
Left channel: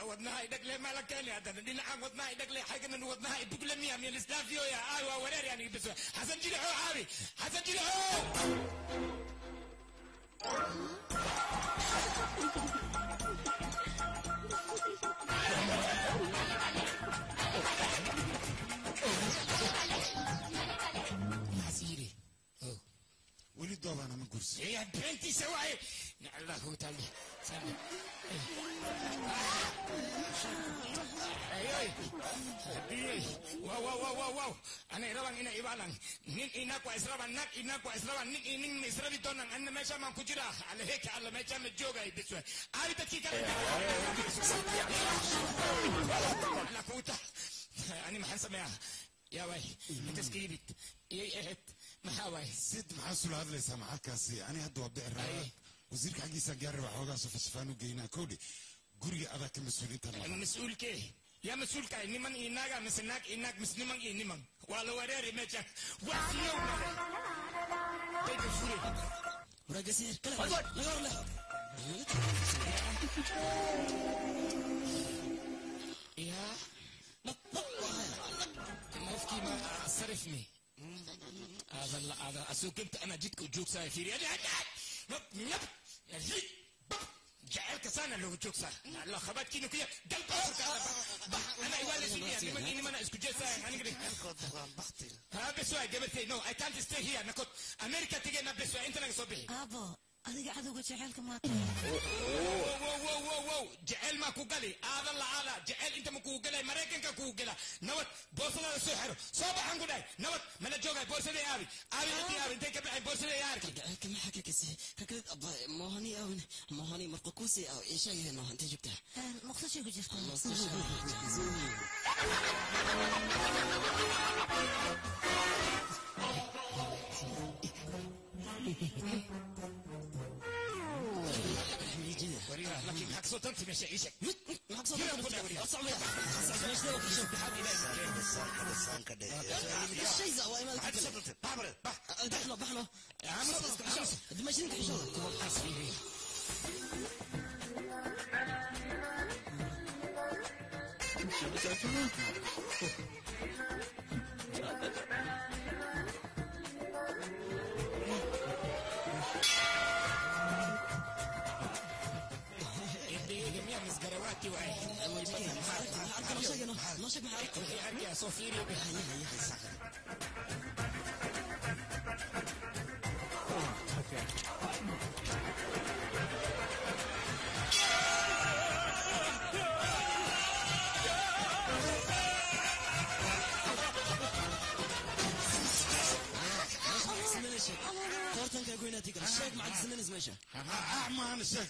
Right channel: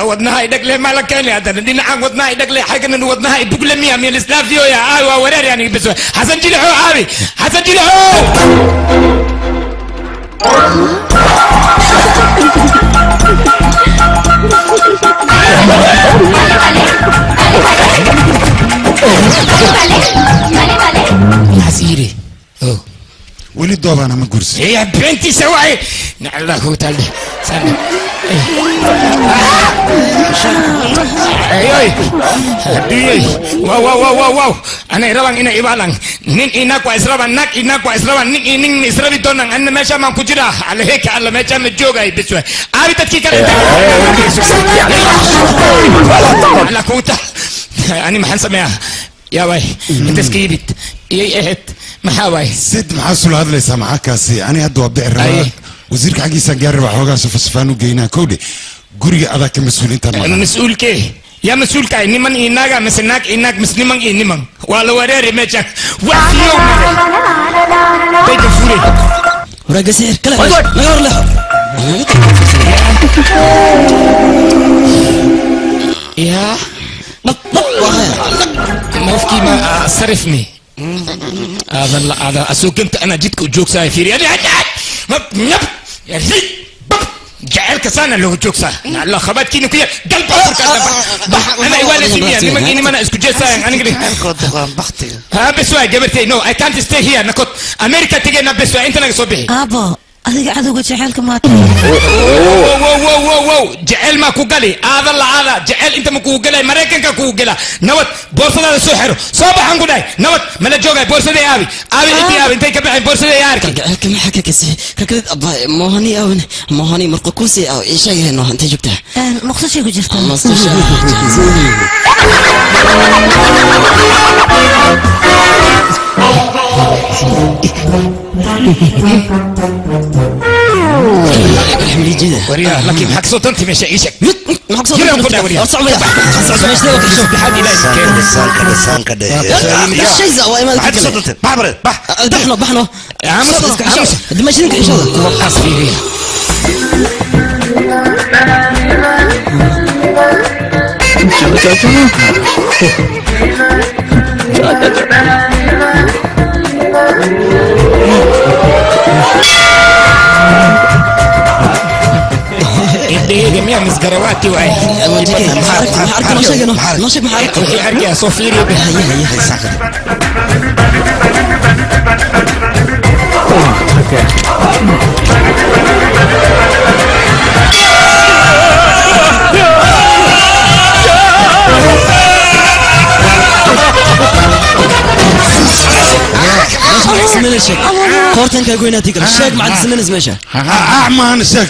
wadnaha ay dhag leh ma la keenay hadana dhinacan wadnaha ay dhag leh xagana wadnaha ay bug leh miya meel islaafiyo ya ay waa wareer yani bas xasan jilxo aabi xasan jilxo حسيري ولي دوبانا ما قرسي يا بنتي سواي نعلاه تعالى سنة اي اي واو واو واو واو انا روان انا يبالان نين انك واسربان نك انك واسربان نين نين اسربي دونان انا ماشا ما كجرا على هيك على ماشا مجوغاي بسوي ابي تكي كده على كوتا انا ما حنسمعها يا واي انت سكيبت اي اهت محاوي سيد محاسول هذا ليس معاكاسي أنا هدو أبدأ الرواق وزيرك حقيسا قارب حوغا سفسفانو جينا كودي قرية أذاك مسؤولين تنمى مسؤول كي يا مسؤول كاي نمان إناغا مسناك إناك مسنمان إنمان ولا وريري ميجاك وفيو بيجا فوري وراجع سير كلا نغور له يا نفكي ما صرفني هذا اسوق انت انا جيتك وجوك ساي فيري يا زيد جعلك سنه لو جوك ساي الله خبات كينو كي قلب انا ايوان سيميا لما اني ما اسكو جي ساي انا قلت بختي ها بس واي جبرتي نو اي كانت ستي هير نكوت امريكا تيجي بس انت نك صبحي ابا adiga cadowga jaceelka maata wow jaceyl ma ku gali aada la aada jaceyl inta ma ku galay mareykanka ku gala nabad boorsadaada soo xiro soo baxan ku dhahay nabad mala joogay boorsadii aabi intii aabi intay ka baxeen boorsadii yaarka halkan maxaa ka kasay kakad abba mohani awn mohani marqa kusi aw ishayno inta joogta muqdisho ku jirta وريا لكن حق صوت انت مش ايشك حق صوت انت وريا صعب يا مش ده وقت شوف حد لا لسان كده شيء زوا ما حق صوت انت بعبر بحنا يا عم دمشقك ان شاء الله وقص فيه جميع مسجرواتي وعي نشك محرك وحي أرجع صوفيري هي ساكت سمين الشك كورتن كاقوينا تيكر الشك مع السمين زميشة أعمان الشك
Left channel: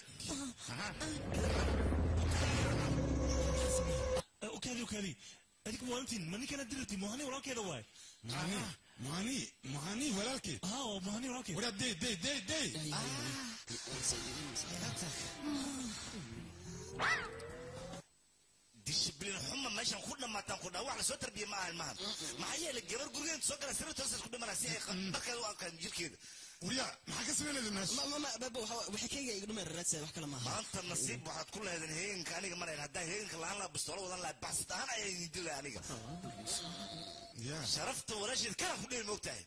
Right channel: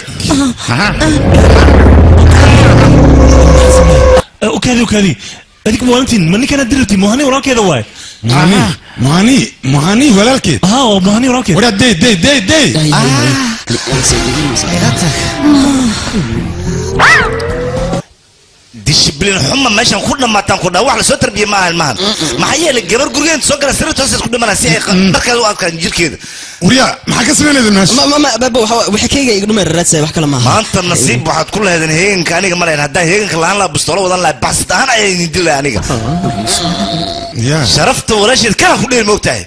وكذي هذيك موانتين مني كانت درتي مهني وراك كذا واي مهني ولا الكيد مهني وراك ولا دي disciplin xuma meeshan ku dhamaataan ku dhawax la soo tarbiye ma ahan ma xayeel gabar gurigeen soo gala sirta hoos ku dhamanaa si ay dharkeeda u adkaan jirkeeda وريا ما حكى سمعنا ذا الناس ما بابا وحكيga igu dhumay raadsa wax kala ma aha maanta nasiib waxaad ku leedahay heeganka aniga ma leeyahay hadaa heeganka laan la bistolo wadan la baxsad ahaan ay dilay aniga sharafta walaashid ka ku dheel moogtahay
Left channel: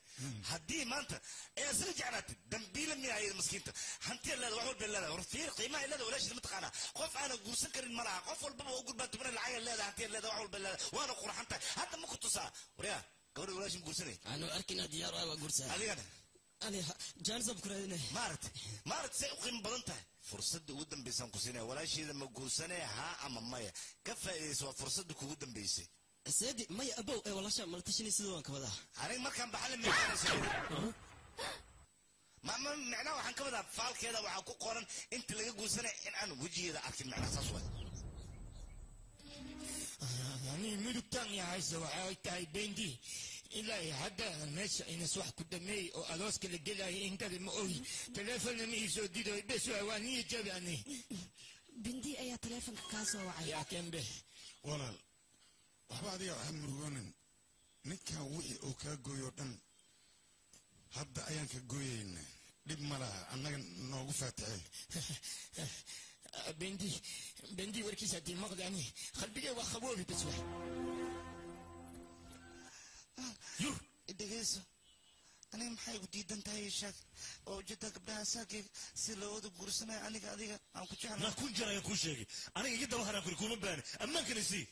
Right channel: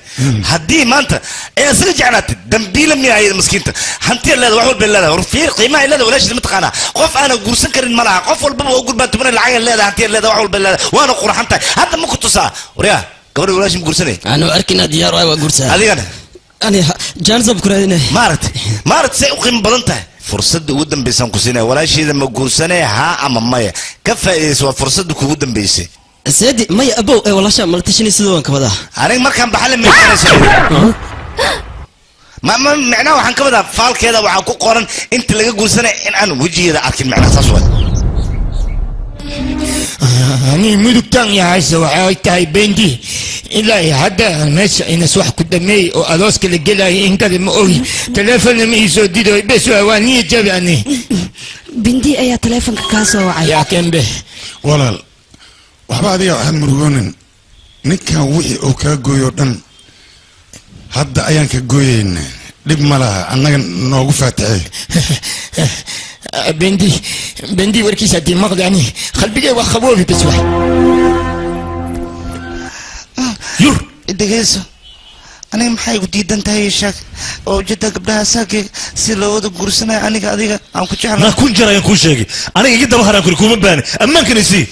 hadii maanta ay asaga jeclaatay dambiila miyaayay miskiinta hantiya leedahay wax walba leedahay warfiir qiimaha leedahay walaashid ma taqaana qof aan guursan karin malaha qof walba oo gurbaan tuman lacag leedahay hantiya leedahay wax walba leedahay waana qurxantahay hadda ma ku tusaa wariya gabadha walaashid ma guursanay ana arkina diyaar waa guursan adigana أنا جانزب كرادنا مارت سيقيم بدنته فرصة ودن بيسان كوسينا ولا شيء إذا ما كوسنا ها أما مايا كفى سوى فرصة ودن بيسي سيدي مايا أبو والله شام ملتشني سدوان كذا أنا ما كان بحال من ما معناه وحن كذا فال كذا وحكو قارن أنت اللي كوسنا إن أنا وجهي هذا أكيد معناه صسوة أنا مدكتان يا عيسى وعايتاي بندي إلا هذا الناس إن سوح قدامي وألاس كل جلا إنك المؤوي تلفون ميزو ديدو بس واني جابني بندي أي تلفون كاسو وعي يا كم به ولا وحبا دي أهم مرغونن نكا وحي أو كاقويودن هذا أيان كاقويين لب ملاها أنك نوغو فاتحي بندي وركيسة دي مغداني خلبي وخبوبي بسوح يور دقيسو أنا محاي وديدان تاي شاك أو جدا قبلها ساكي سيلو ودو قرسنا أنا قاديك أم كتشعر ما كون جرى يكون شاكي أنا جدا بحر أكل كوم باني أما كان يسي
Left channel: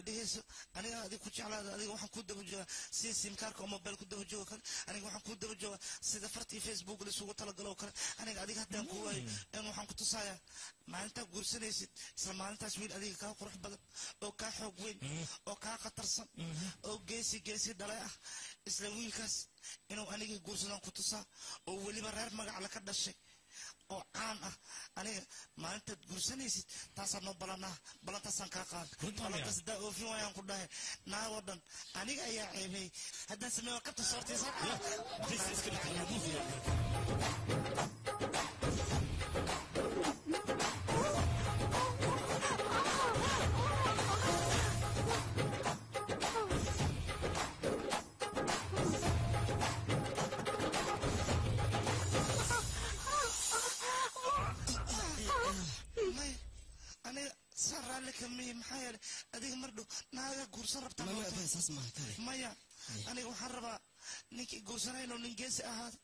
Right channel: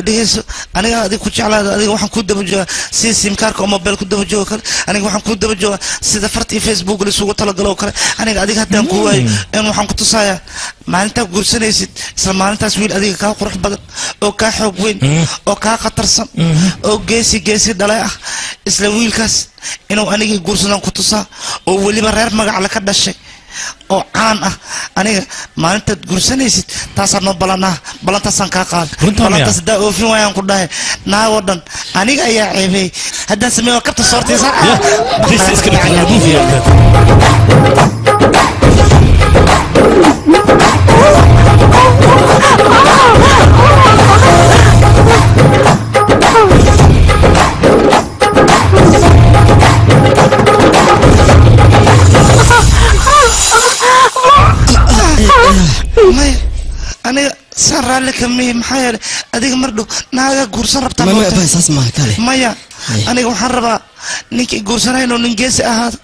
دقيسو أنا قاديك كتشعر أنا وحن كود بجوا سيم كارك أو موبايل كود بجوا كله أنا وحن كود بجوا سيدا فرتي فيسبوك اللي سوق تلاقوا كله أنا قاديك هتان كواي أنا وحن كنت صايا ما أنت قرسنا يسد سلام أنت سويل قاديك كا قرح بدل أو كا حبوين أو كا قطرسن أو جيسي دلاء إسلاميل كاس إنه أنا جورسنا كتوسا أو ولي برير ما على كذا شيء أو أنا ما أنت جورسنا يسد تاسرنا بلنا تاسن كاقال بلنا تاسدا أو في وين كده ناودن أنا جاي عيبي هذا سمي وقت صورتي صار This is gonna be a movie أنا سر لك مي محير أديك مردو ناقة قرصان ربطان ما بس اسمع كالي مايا أنا محربة نيكي قرصان هاي نون نجيس أهاد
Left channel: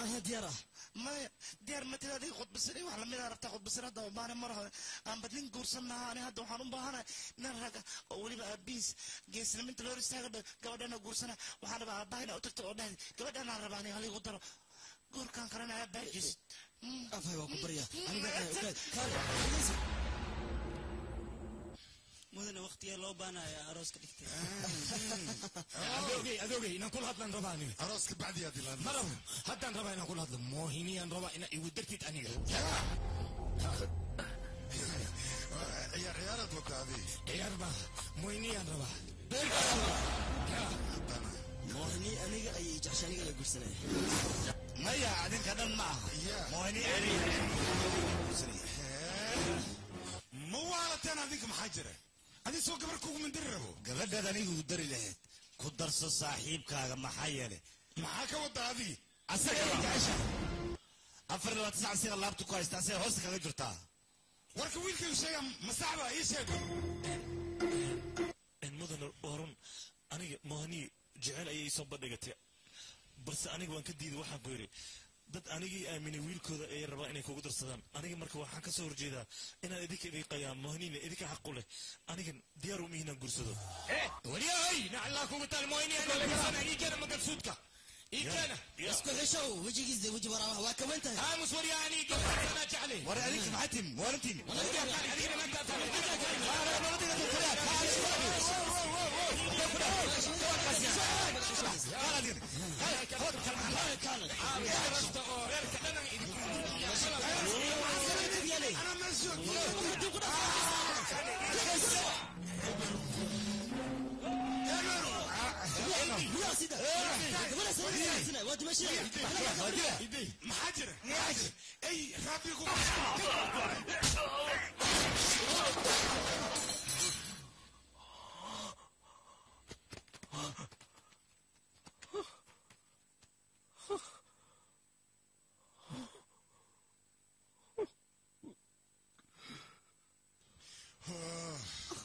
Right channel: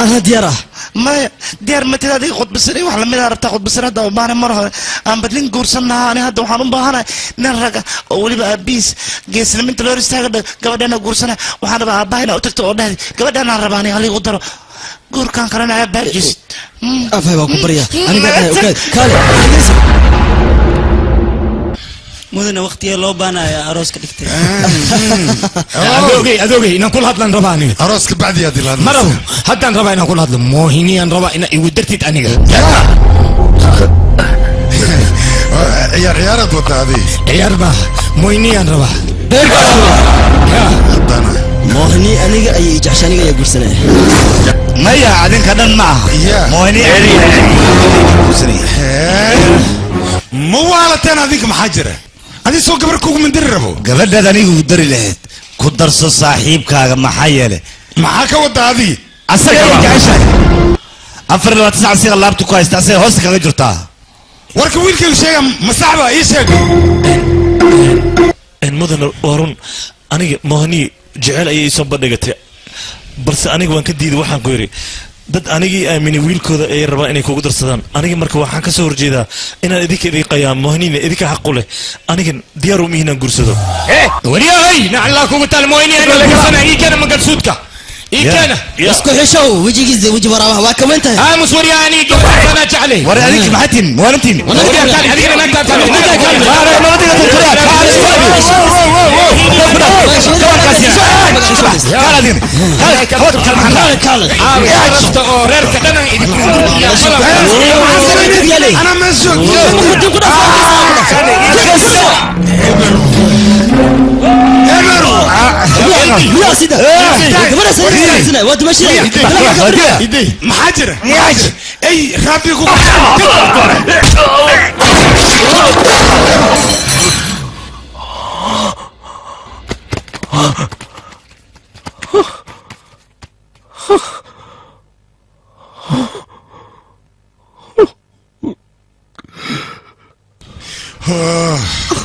أنا ديارة مايا ديار متى هذه خد بسري وحلا متى ربطان خد بسري هذا وبانا مرة أنا بدلين قرصان أنا هذا وحنون بهانا نرجع أولي بقى بيس جيس لمن تلوريس تاعك قبل أنا قرصان وحنا بقى باينا وتكتو أوده قبل أنا رباني عليه قدرة قور كان كرنا بارجس أفهم أكو بريا أنا قاعد أوكي كالي مدن وقتي لو بانا يا أروس كدكتي أدوغي إن كل هذا رباني أروس كبعد يا دلال مرة حتى ربا إن كل هذا موهني أن ربا إن يودرتي أني عيار دوتا هذه عيار با موهني أن ربا موهني أنا أي جعشاني يا قرسنا ما يا عادين كذا ما موهني مو على تنا ذيك محجرة هذه سوق قبركم من دربه قبل ده أنا يقدر لهت كدرس صاحب كاغ محيله معاك وده هذه أصلا جعشان أفر لو تسعة سير الله بتكويس تأسي هوس كاغ جرتها ورك ويل كل شيء مساعبة إيش إن مدن وارون أنا موهني جعل أي سبب نجته بس أنا وان كديد وحن قيري dad anigii aamini wiilkooda ay rabaan inay kugu darsadaan aniga marka waxaan ka soo horjeedaa inaan idinka idin qayaam mohnina idinka xaq u leh aniga diyaar u mihinan gursado wariyahay naclaa kugu talmooyni ana laga sana ii kana magalsuudka ii kana isku xishow wajigiisa waji waraabaha waa kaman tahay aamus wariyani ana jaclay wari adik maxatin warantin adigna naagta tahay أنا مسؤول يا سيدة محاجر أي رابيكم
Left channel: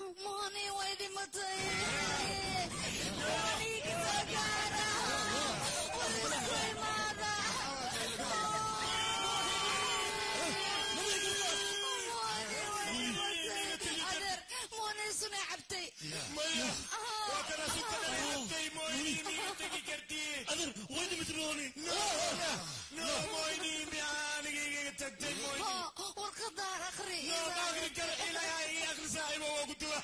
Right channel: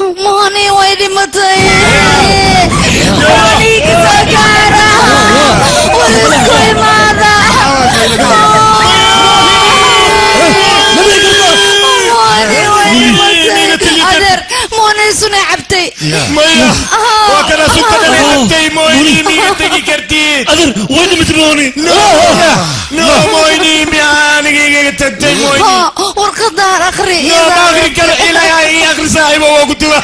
موني ويلي متى موني كسكارة ولسكوي ماذا موني سنة عبتي مايا وكنا سكتنا عبتي موني مين تجي كرتي أدر وين متموني لا موني مياني تجي موني ورقدار أخري ما أخري كلا إلى آخر ساعة وقتها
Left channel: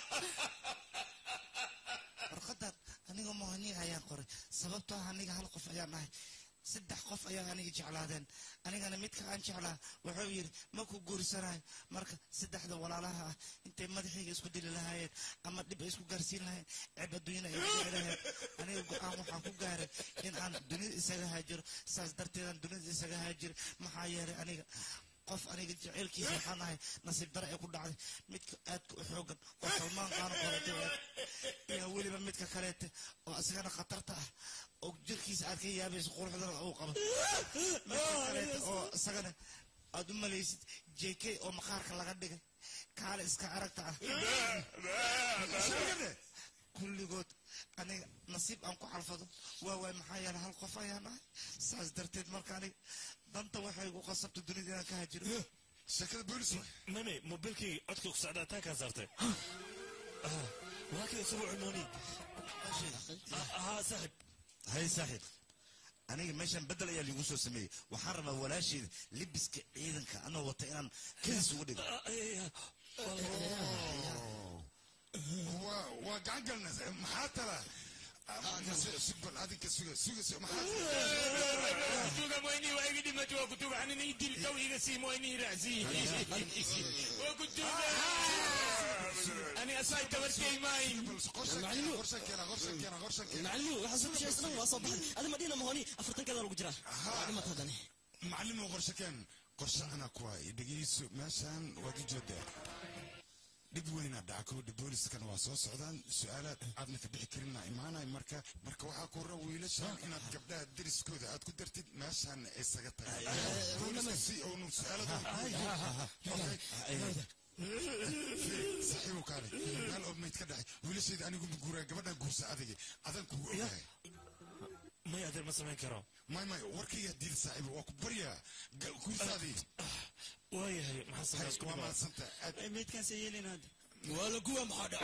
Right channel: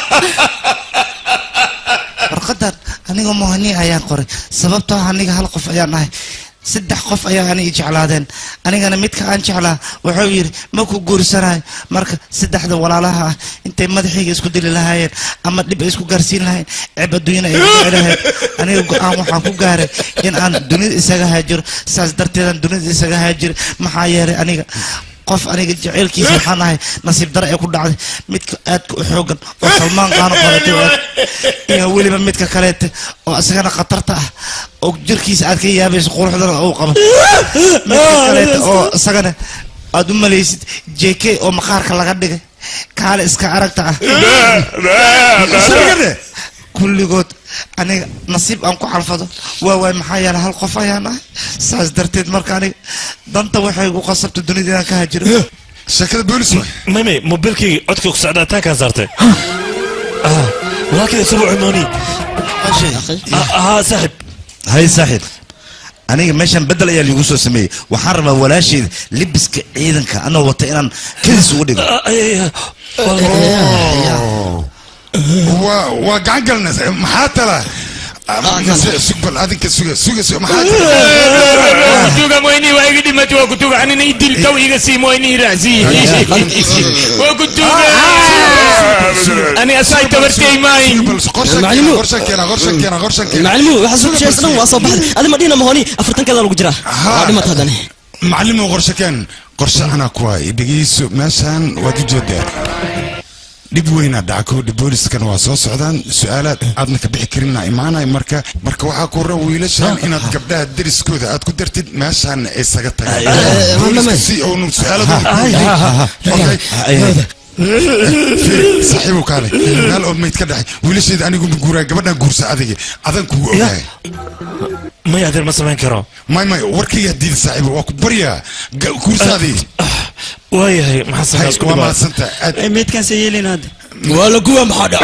warqadan aniga mohani ayaan qoray sababtoo aniga hal qof ayaan ahay saddex qof ayaa aniga jeclaadeen anigana midka aan jeclaa wuxuu yiri ma ku guursanayo marka saddexda walaalaha ah intay madaxiga isku dili lahaayeen ama dib isku gaarsiin lahayn ceeb adduunyada ay jecelahayd aniga go'aan waxaan ku gaaray in aan dunida isaga haajiro saas darteed dunida isaga haajiro maxaa yeelay aniga qof aniga jaceelkiisa waxaan ahay nasiib dare ee ku dhacday midka aadka u xoogan oo salmaan qaano qabatay iyo weliba midka kaleete oo asagana khatarta ah oo jirkiisa aad ka yaabayso quruxdana uu qabo midka kaleete oo asagana aad u malaysid JK oo maqaarka laga dhigay kaale iska aragta ah kulligood aniga nasiib aan ku xalfado waa maxaa yeelay hal qof ayaan ahay saas darteed marka aniga danta waxay igu qasabtay dunida inaan ka haajiro sheekada boolis ميمي موبيلكي عدك سعداء تاكا زارتي ولكن اسبوع عماني صاحب هاي صاحب aniga meeshan bedel ayaa liigu soo sameeyey waxaan rabaa walaasheed libiska ciidanka anoo wata inaan kadis ugu dhigo waa gacan galnas maxaa tala سقبل هذه كسوق سوق ما حاجة كتوغا مويني وايغي ديمتي وكتوغا عنينا يدل تو يغسي مويني راسي وكتوغا أنا أساي تبرتي ماي غرشك معلمو وحسب شيء سنو وصبح هذا مدينة مهوني أفرتن كذا لو جرا ما تهدني معلمو غرشكان قرش أنا كواي بيجيس مثلا ودي جدا dib weyna dhacko booliiskan waa soo socdaan su'aalaad aadna ka bixi karina imaanay marka waxaa ku raa wiilashan inaad gabdhaha deriskooda aad ku dartid meeshaan isaga tagaan si oo su'aaladu صاحبه كالي قال أم يتكدح وليش إذا أنا قوم بقول قبلنا قرص هذه أذن كوا ما يقدر مثلا كرا ما وركي يدي صاحبه وكبريا قرص هذه وهي هي ما حصل وما سنت ميت كان سيلين هذا ولا قوة محدا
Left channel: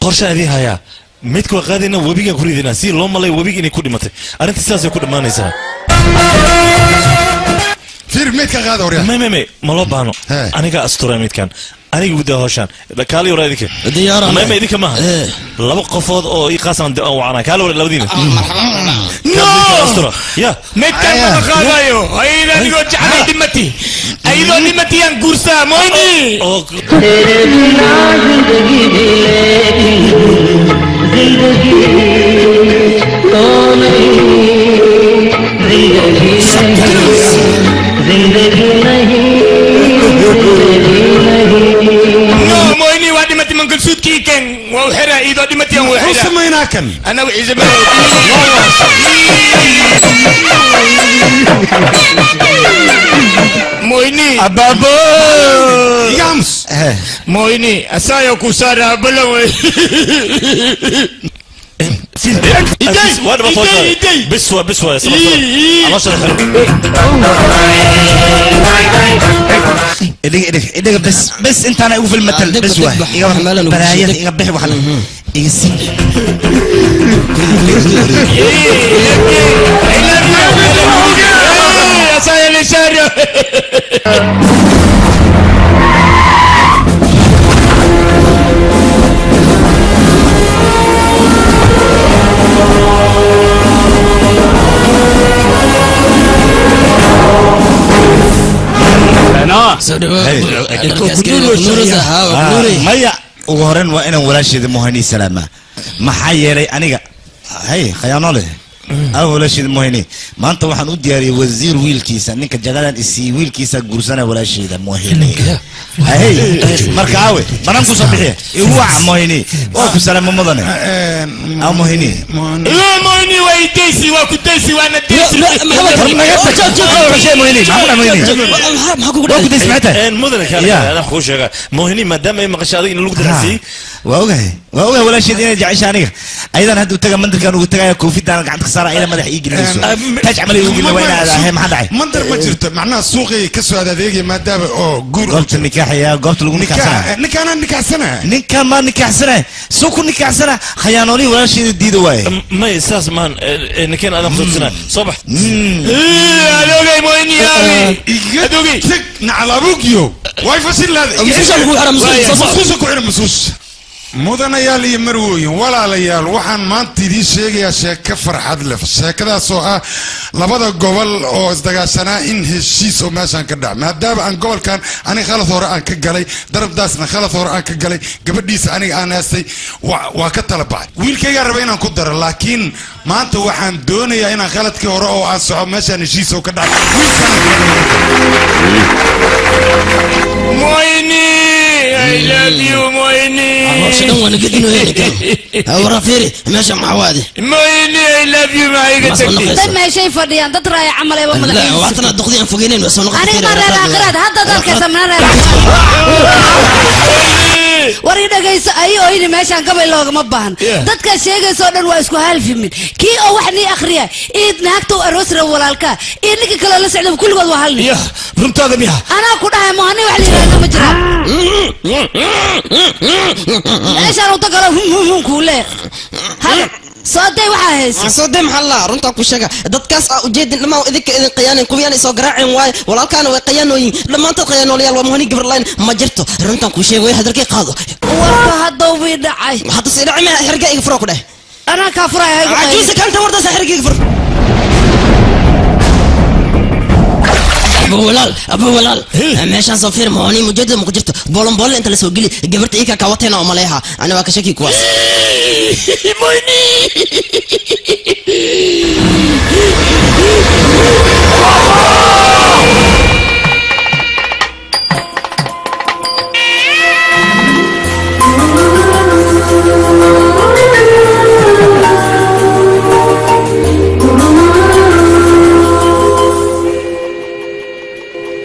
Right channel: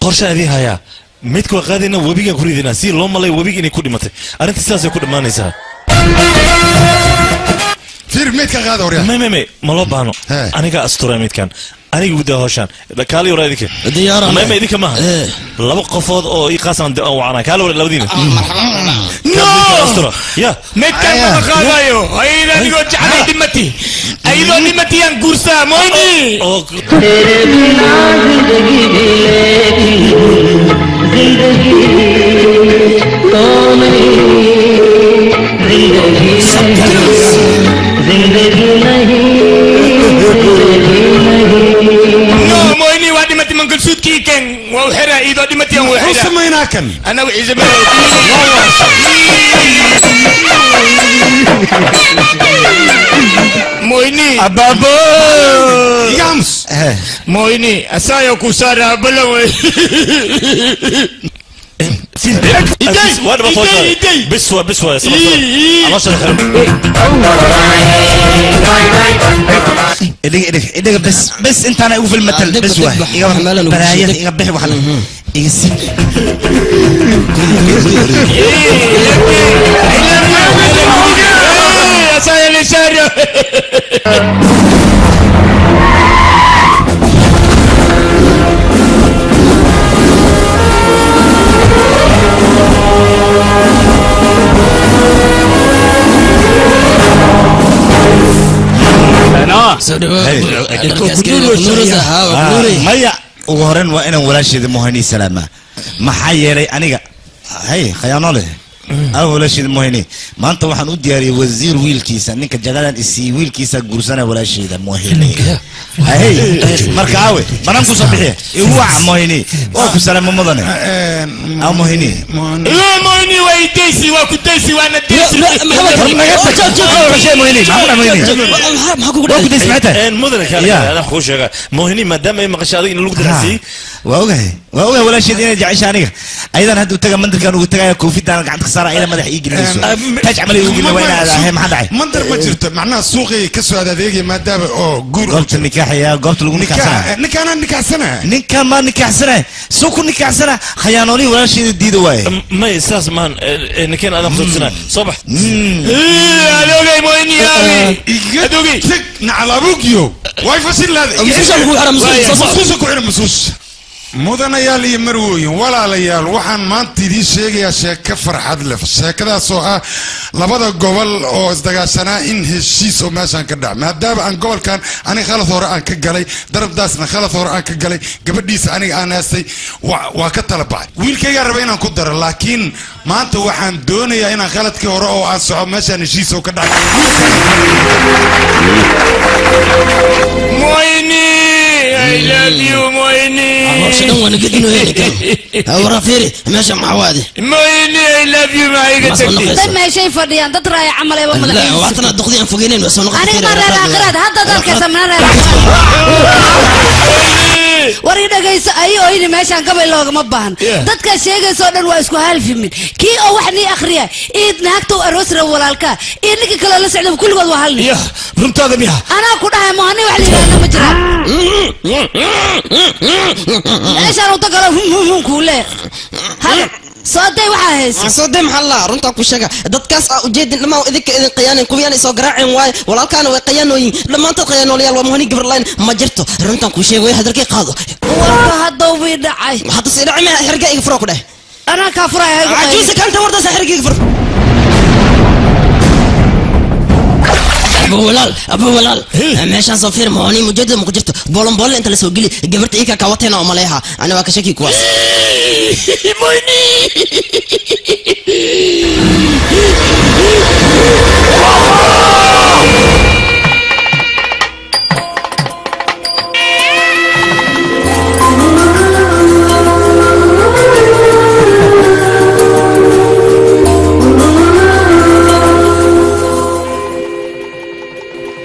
قرش هذه هيا ميت كوا قادنا وبيجا كريدنا سير لهم الله وبيجي نكود متى أنا تستاذ يكود ما نسها فير ميت كان هذا وريا ما لو بانو أنا كا أستوري ميت كان أنا يقول ده هوشان كالي ورا ذيك ديارة ما ذيك ما لو قفض أو يقاسم أو عنا كالي ولا لو دينا أستوري يا ميت كان ما خلايو أيضا يقول جعلي دمتي أيضا دمتي أن كورسا مويني तेरे बिना जिंदगी भी जिंदगी तो नहीं जिंदगी नहीं no مويني وادي متي من كل سود كيكن وحرا إذا دي متي أن وحرا سمينا كن أنا وإذا مويني أبابو يامس مويني أسايا كوسارا بلوي بسوى إدق بس أنت أنا أقول في المثل بسوى برايات يقبح وحنا يسي أسايا لسارة مايا وهرن وأنا ولا شيء مهني سلامة ما حيري أنيقا هاي خيانة له ولا شيء موهني ما أنت واحد ودياري وزير ويل كيسا نك جلالان إسي ويل كيسا جورسنا ولا شيء ده موهني هاي مركاوي ما نمكو صبيحة هو موهني واكو سلام ممضني أو موهني لا موهني ويديسي واكو ديسي وانا ديسي واكو ديسي متى مدن كان أنا خوش موهني ما دام ما قشادي إنه لقدر نسي واوجه ولا شيء دين جعشانية أيضا هدو تجا منتر كانوا تجا كوفي تانا قاعد خسارة إلى مدح يجي ليسو تجمل يجي لوين هذا هم حدا منتر ما جرت معناه سوقي كسر هذا ديجي ما دام جور قلت النكاح يا قلت له نكاح سنة نكاح ما نكاح سنة سوق نكاح سنة خيانوني ولا شيء جديد واي ما يساس مان نكين أنا خذ سنة صبح أدوغي مويني ياوي أدوغي نعلى بوكيو واي فصل هذا mudanayaal iyo marwooyin walaalayaal waxaan maanta idin sheegayaa sheeko farxad leh sheekadaas oo ah labada gobol oo isdagaashanaa in heshiis oo meeshan ka dhac maadaama aan gobolkan aniga khalad hore aan ka galay darabdaasna khalad hore aan ka galay gabadhiisa aniga aan haastay waa ka tala baxay wiilkayga raba inaan ku daro laakiin maanta waxaan doonayaa inaan khaladkii hore oo aan soco meeshan heshiis oo ka dhac مويني I love you مويني شنو وانا قد انه هيك ورا فيري ماشي مع وادي مويني I love you ما يقدر طيب ما شيء فديان ترى عمل ايوه مدح لا وقتنا دقيقه فوقينين بس انا مره اخرت هذا ذاك سمنا wari dhagayso ay ooyni meeshan gabay loogama baahan dadka sheegayso dhan waa isku halfimin kii oo wax ni akhriya eed naagto aroosra walaalka ninka kale la socdo kulligood waa halni runtaada miya ana ku dhahay maani wax la yiraahdo ma jiraan meeshan uu tagalo kuule hal صدق وحاس صدق محلا رنتا كوشجع دتكاس أوجد لما إذا قيان كويان يسوع قراعين واي ولا كانوا قيانوين لما أنت قيانوا ليال ومهني قبل لاين ما جرتوا رنتا كوشجع ويا هذا الكي قاضو وهذا ويدعي حتى سيدعي ما حرقة يفرق ده أنا كافر عجوز كانت ورده سحرقة يفرق أبو ولال ماشان صفير مهني مجدد مقدرته بولن أنت اللي سوقي لي جبرت إيكا كواتنا وملاها أنا واكشكي كواس مويني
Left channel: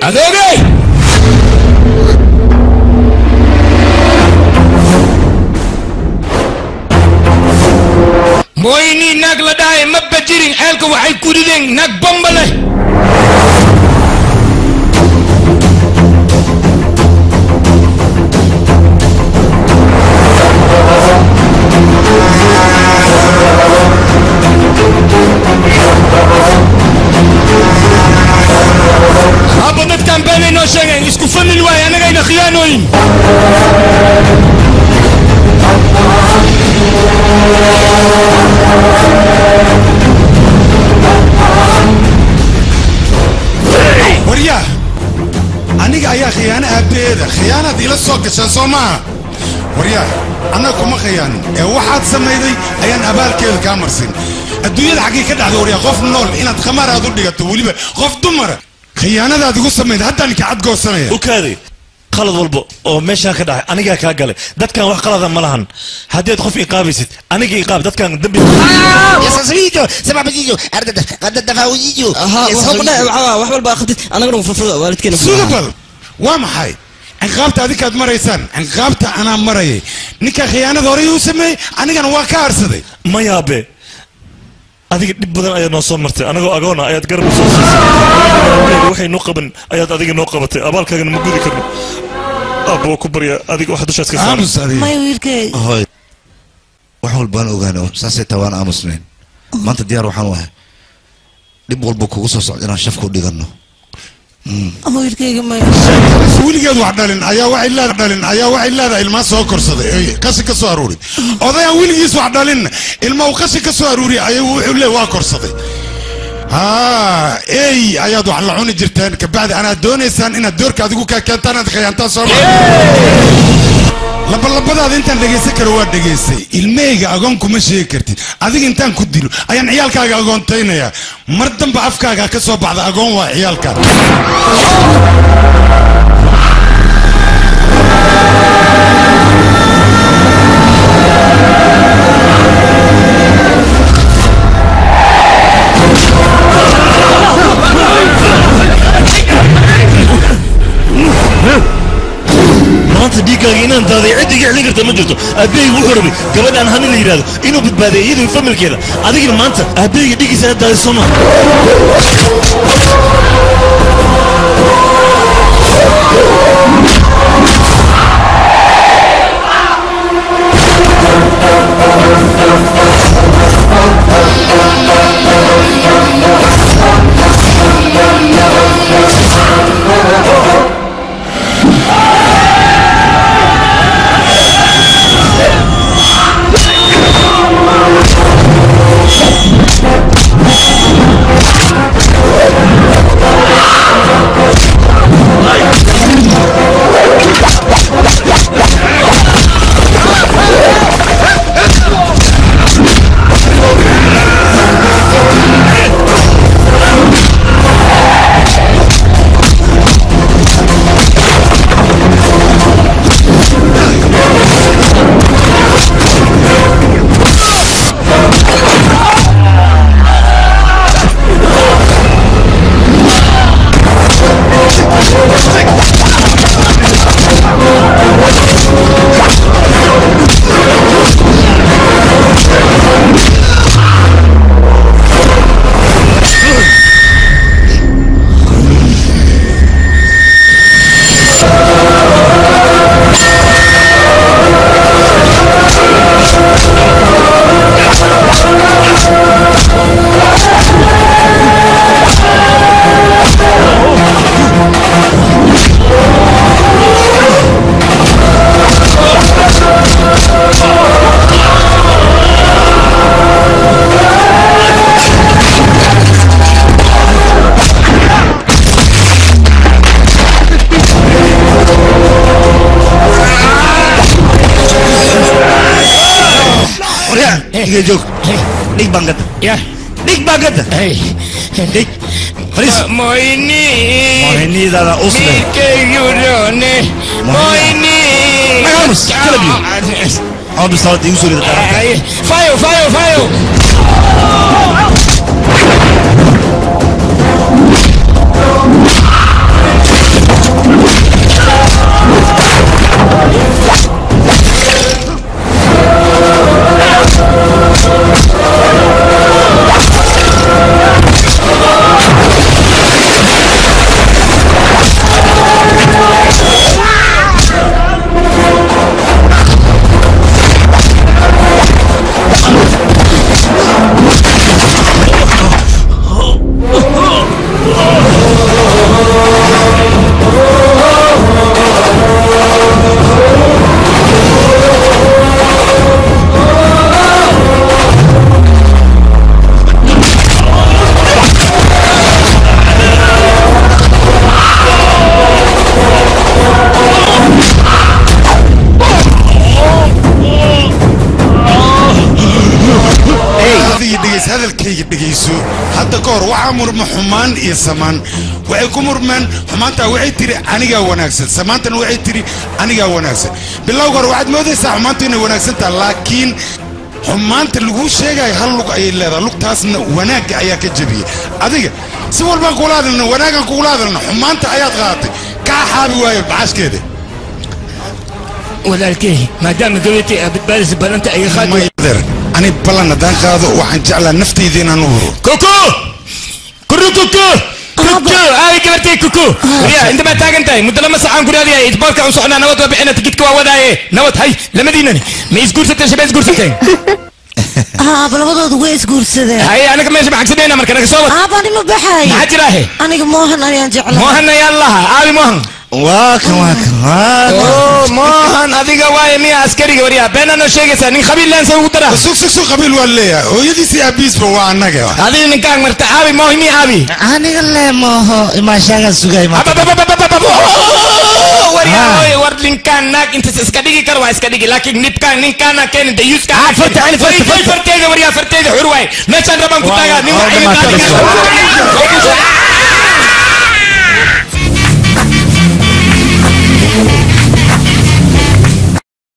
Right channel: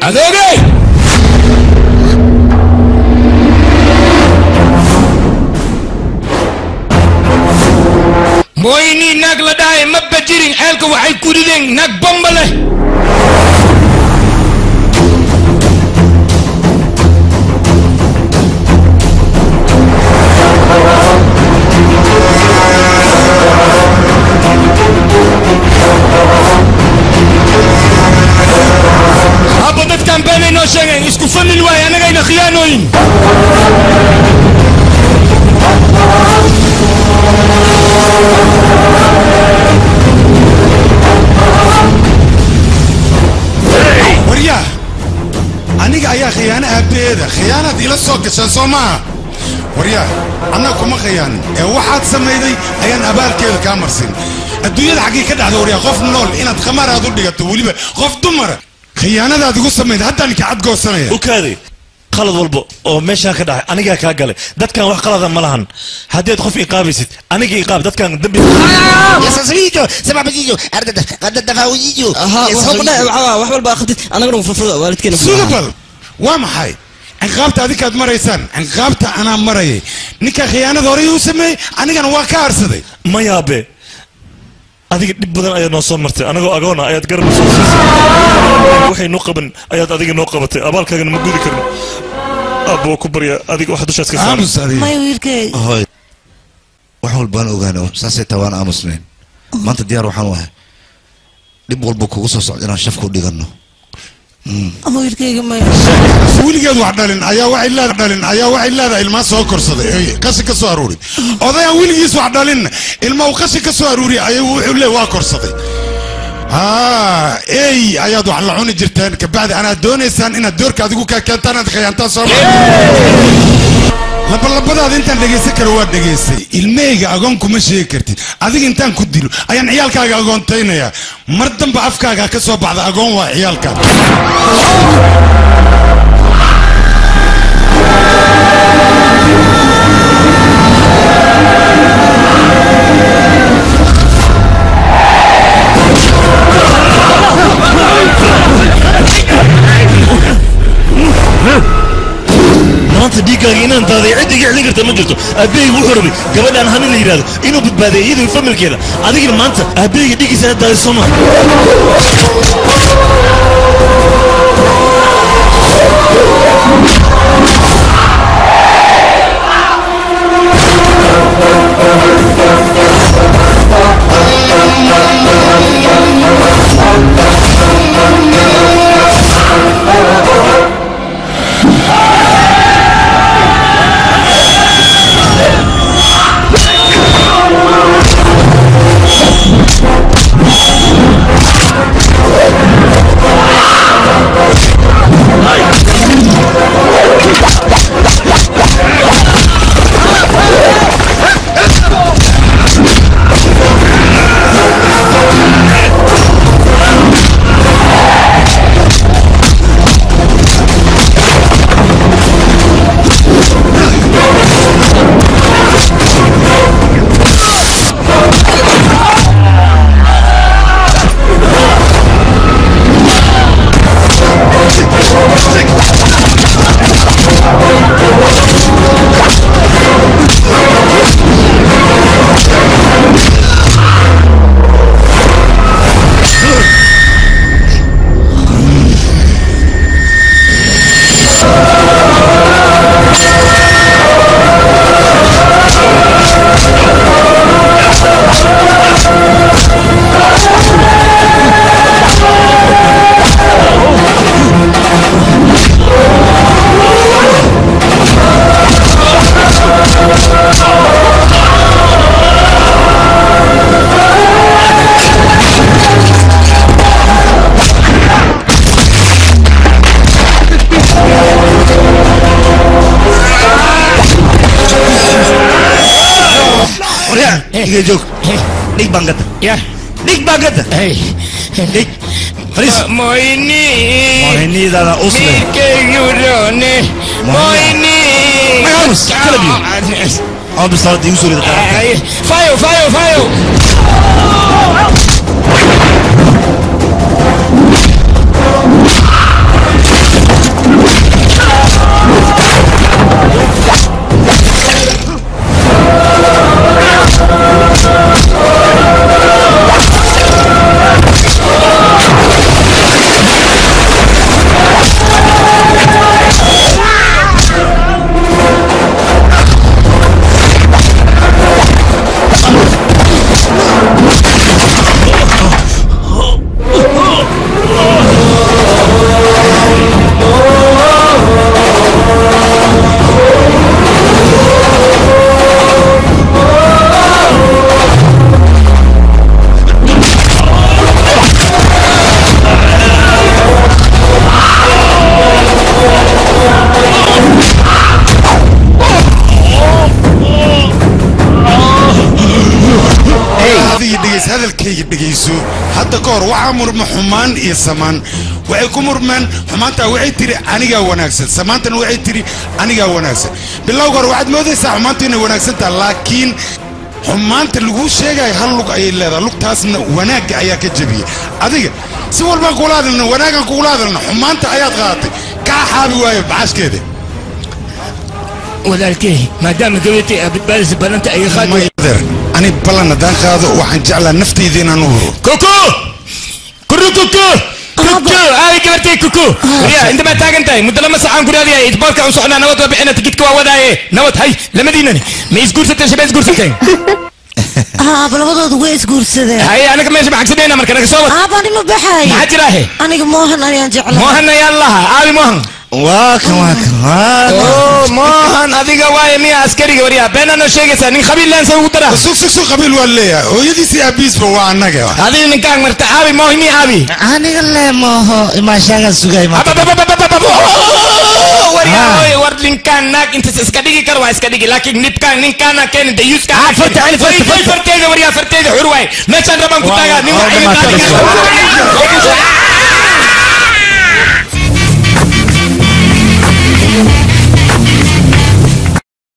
أدوغي مويني ناك لداي مبجرين حالك وحي كوريدين ناك بمبله هابطت كان بيني نو شيغين اسكو فن الواي انا غاينا خيانوين وريا أنا أيا خيانة أبدا خيانة إلى السوق سوما وريا أنا كم خيانة واحد سميدي أيان أبال كذا كامرسين الدنيا الحقيقة كده وريا خوف نول إن تخمر هذا اللي تقولي خوف دمر خيانة هذا تقول سميد حتى أنك عاد جو سنة وكذي خلط والبو أو ماشان كده أنا جا كاجله دت كان واحد خلط ملهن هديت خوف إقابيست أنا جي إقاب دت كان دبي يا ساسريجو سبع بيجو أردت دفاويجو وحول باخذت أنا قرب ففرد والد كنا سوبر وام حي عقابت هذيك مريسان عقابت أنا مري نك خيانة ضري وسمي أنا كان واقع صدق ما يابي هذيك بدنا أياد نصور مرتي أنا جو أجونا أياد قرب نصور وحي نقبن أياد هذيك نقبتي أبالك كان موجود كرنا أبو كبريا هذيك واحد وش أسكت ما يويلك هاي وحول بان أوغانو ساسي توان أمسلين ما أنت ديار وحنوها دبول بوكو وصوص أنا شافكو ديغنو ويلك ما ويلك وحدالين أيا وعيلا دالين أيا وعيلا الماء سوكر صدق كسي كسو أروري أضيع ويلك وحدالين الماء كسي كسو أروري أيا وعيلا واكر صدق اي اياد وحلعوني جرتين كبعد انا دونيسان ان الدور كادقو كانت انا خيانتا سوما labalabadaada intaan dhegaysan karo waa dhegaystay ilmeyga agoon kuma sheegi kartid adiga intaan ku dilo ayaan ciyaalkaaga agoontaynayaa mar damba afkaaga ka soo baxda agoon waa ciyaalkaan maanta dhiiggaaga inaan daaday ciddiga celin karta ma jirto aabbahayga wuxuu rabay gabadhaan hani la yidhaahdo inuu badbaadiyo iyadoo familkeeda adigina maanta aabbahayga dhiiggiisa aad daaday soo maa Diga joog. Dig bangada. Ya. Dig bangada. Dig. Faris. Moini. Moini dada usle. Mike yurone. Moini. Vamos, kalabi. Abi sağ diye usulü de tarafta. Fayo, fayo, fayo. hadalkayga dhageyso hadda koor waxa murma xumaan iyo samaan waxay ku murmaan xumaanta waxay tiri aniga wanaagsan samaantana waxay tiri aniga wanaagsan bilowga hore waxaad moodaysaa xumaanta inay wanaagsan tahay laakiin xumaanta lagu sheegay hal lug ay leedahay lugtaasna wanaaga ayaa ka jabiyay adiga si walba kula hadalna wanaagan kula hadalna xumaanta ayaad qaadatay ka xaabi waayo baashkeeda walaalkay maadaama gabadhii badbaadis balanta ay qaado أنا بلنا دان قاضي وحن جعل نفتي ذينا نور كوكو كرو كوكو كوكو هاي كبرتي كوكو يا انت ما تاجنتاي مدلما ساعان كوريا دي اجبارك عن صحنا نوت وبحنا تجيك ووداي نوت هاي لما دينني ما يسكور ستة شباب يسكور ستين بلبضود ويس قرصده هاي انا كمان سمعك سدينا مركز انا صوت باني ما بحاي ما حد راهي انا موهن انا جعل موهن يا الله ابي موهن واك موهن adiga waay miya askariga wariya beenana sheegaysa nin qabiil laan soo dara suq qabiil waleeya hooyadiisi abiisba waa anaga adiga ninkaan marta abi moohimi abi aniga le mooho ima shaga sugay ma wariya war linkaan naag intas iska dhigi karo waa iska dhigi laakiin nibkaan ninkaana keenin dayuuska farteeda waryaa farteeda xur waay meeshaan rabaan ku taagaa nin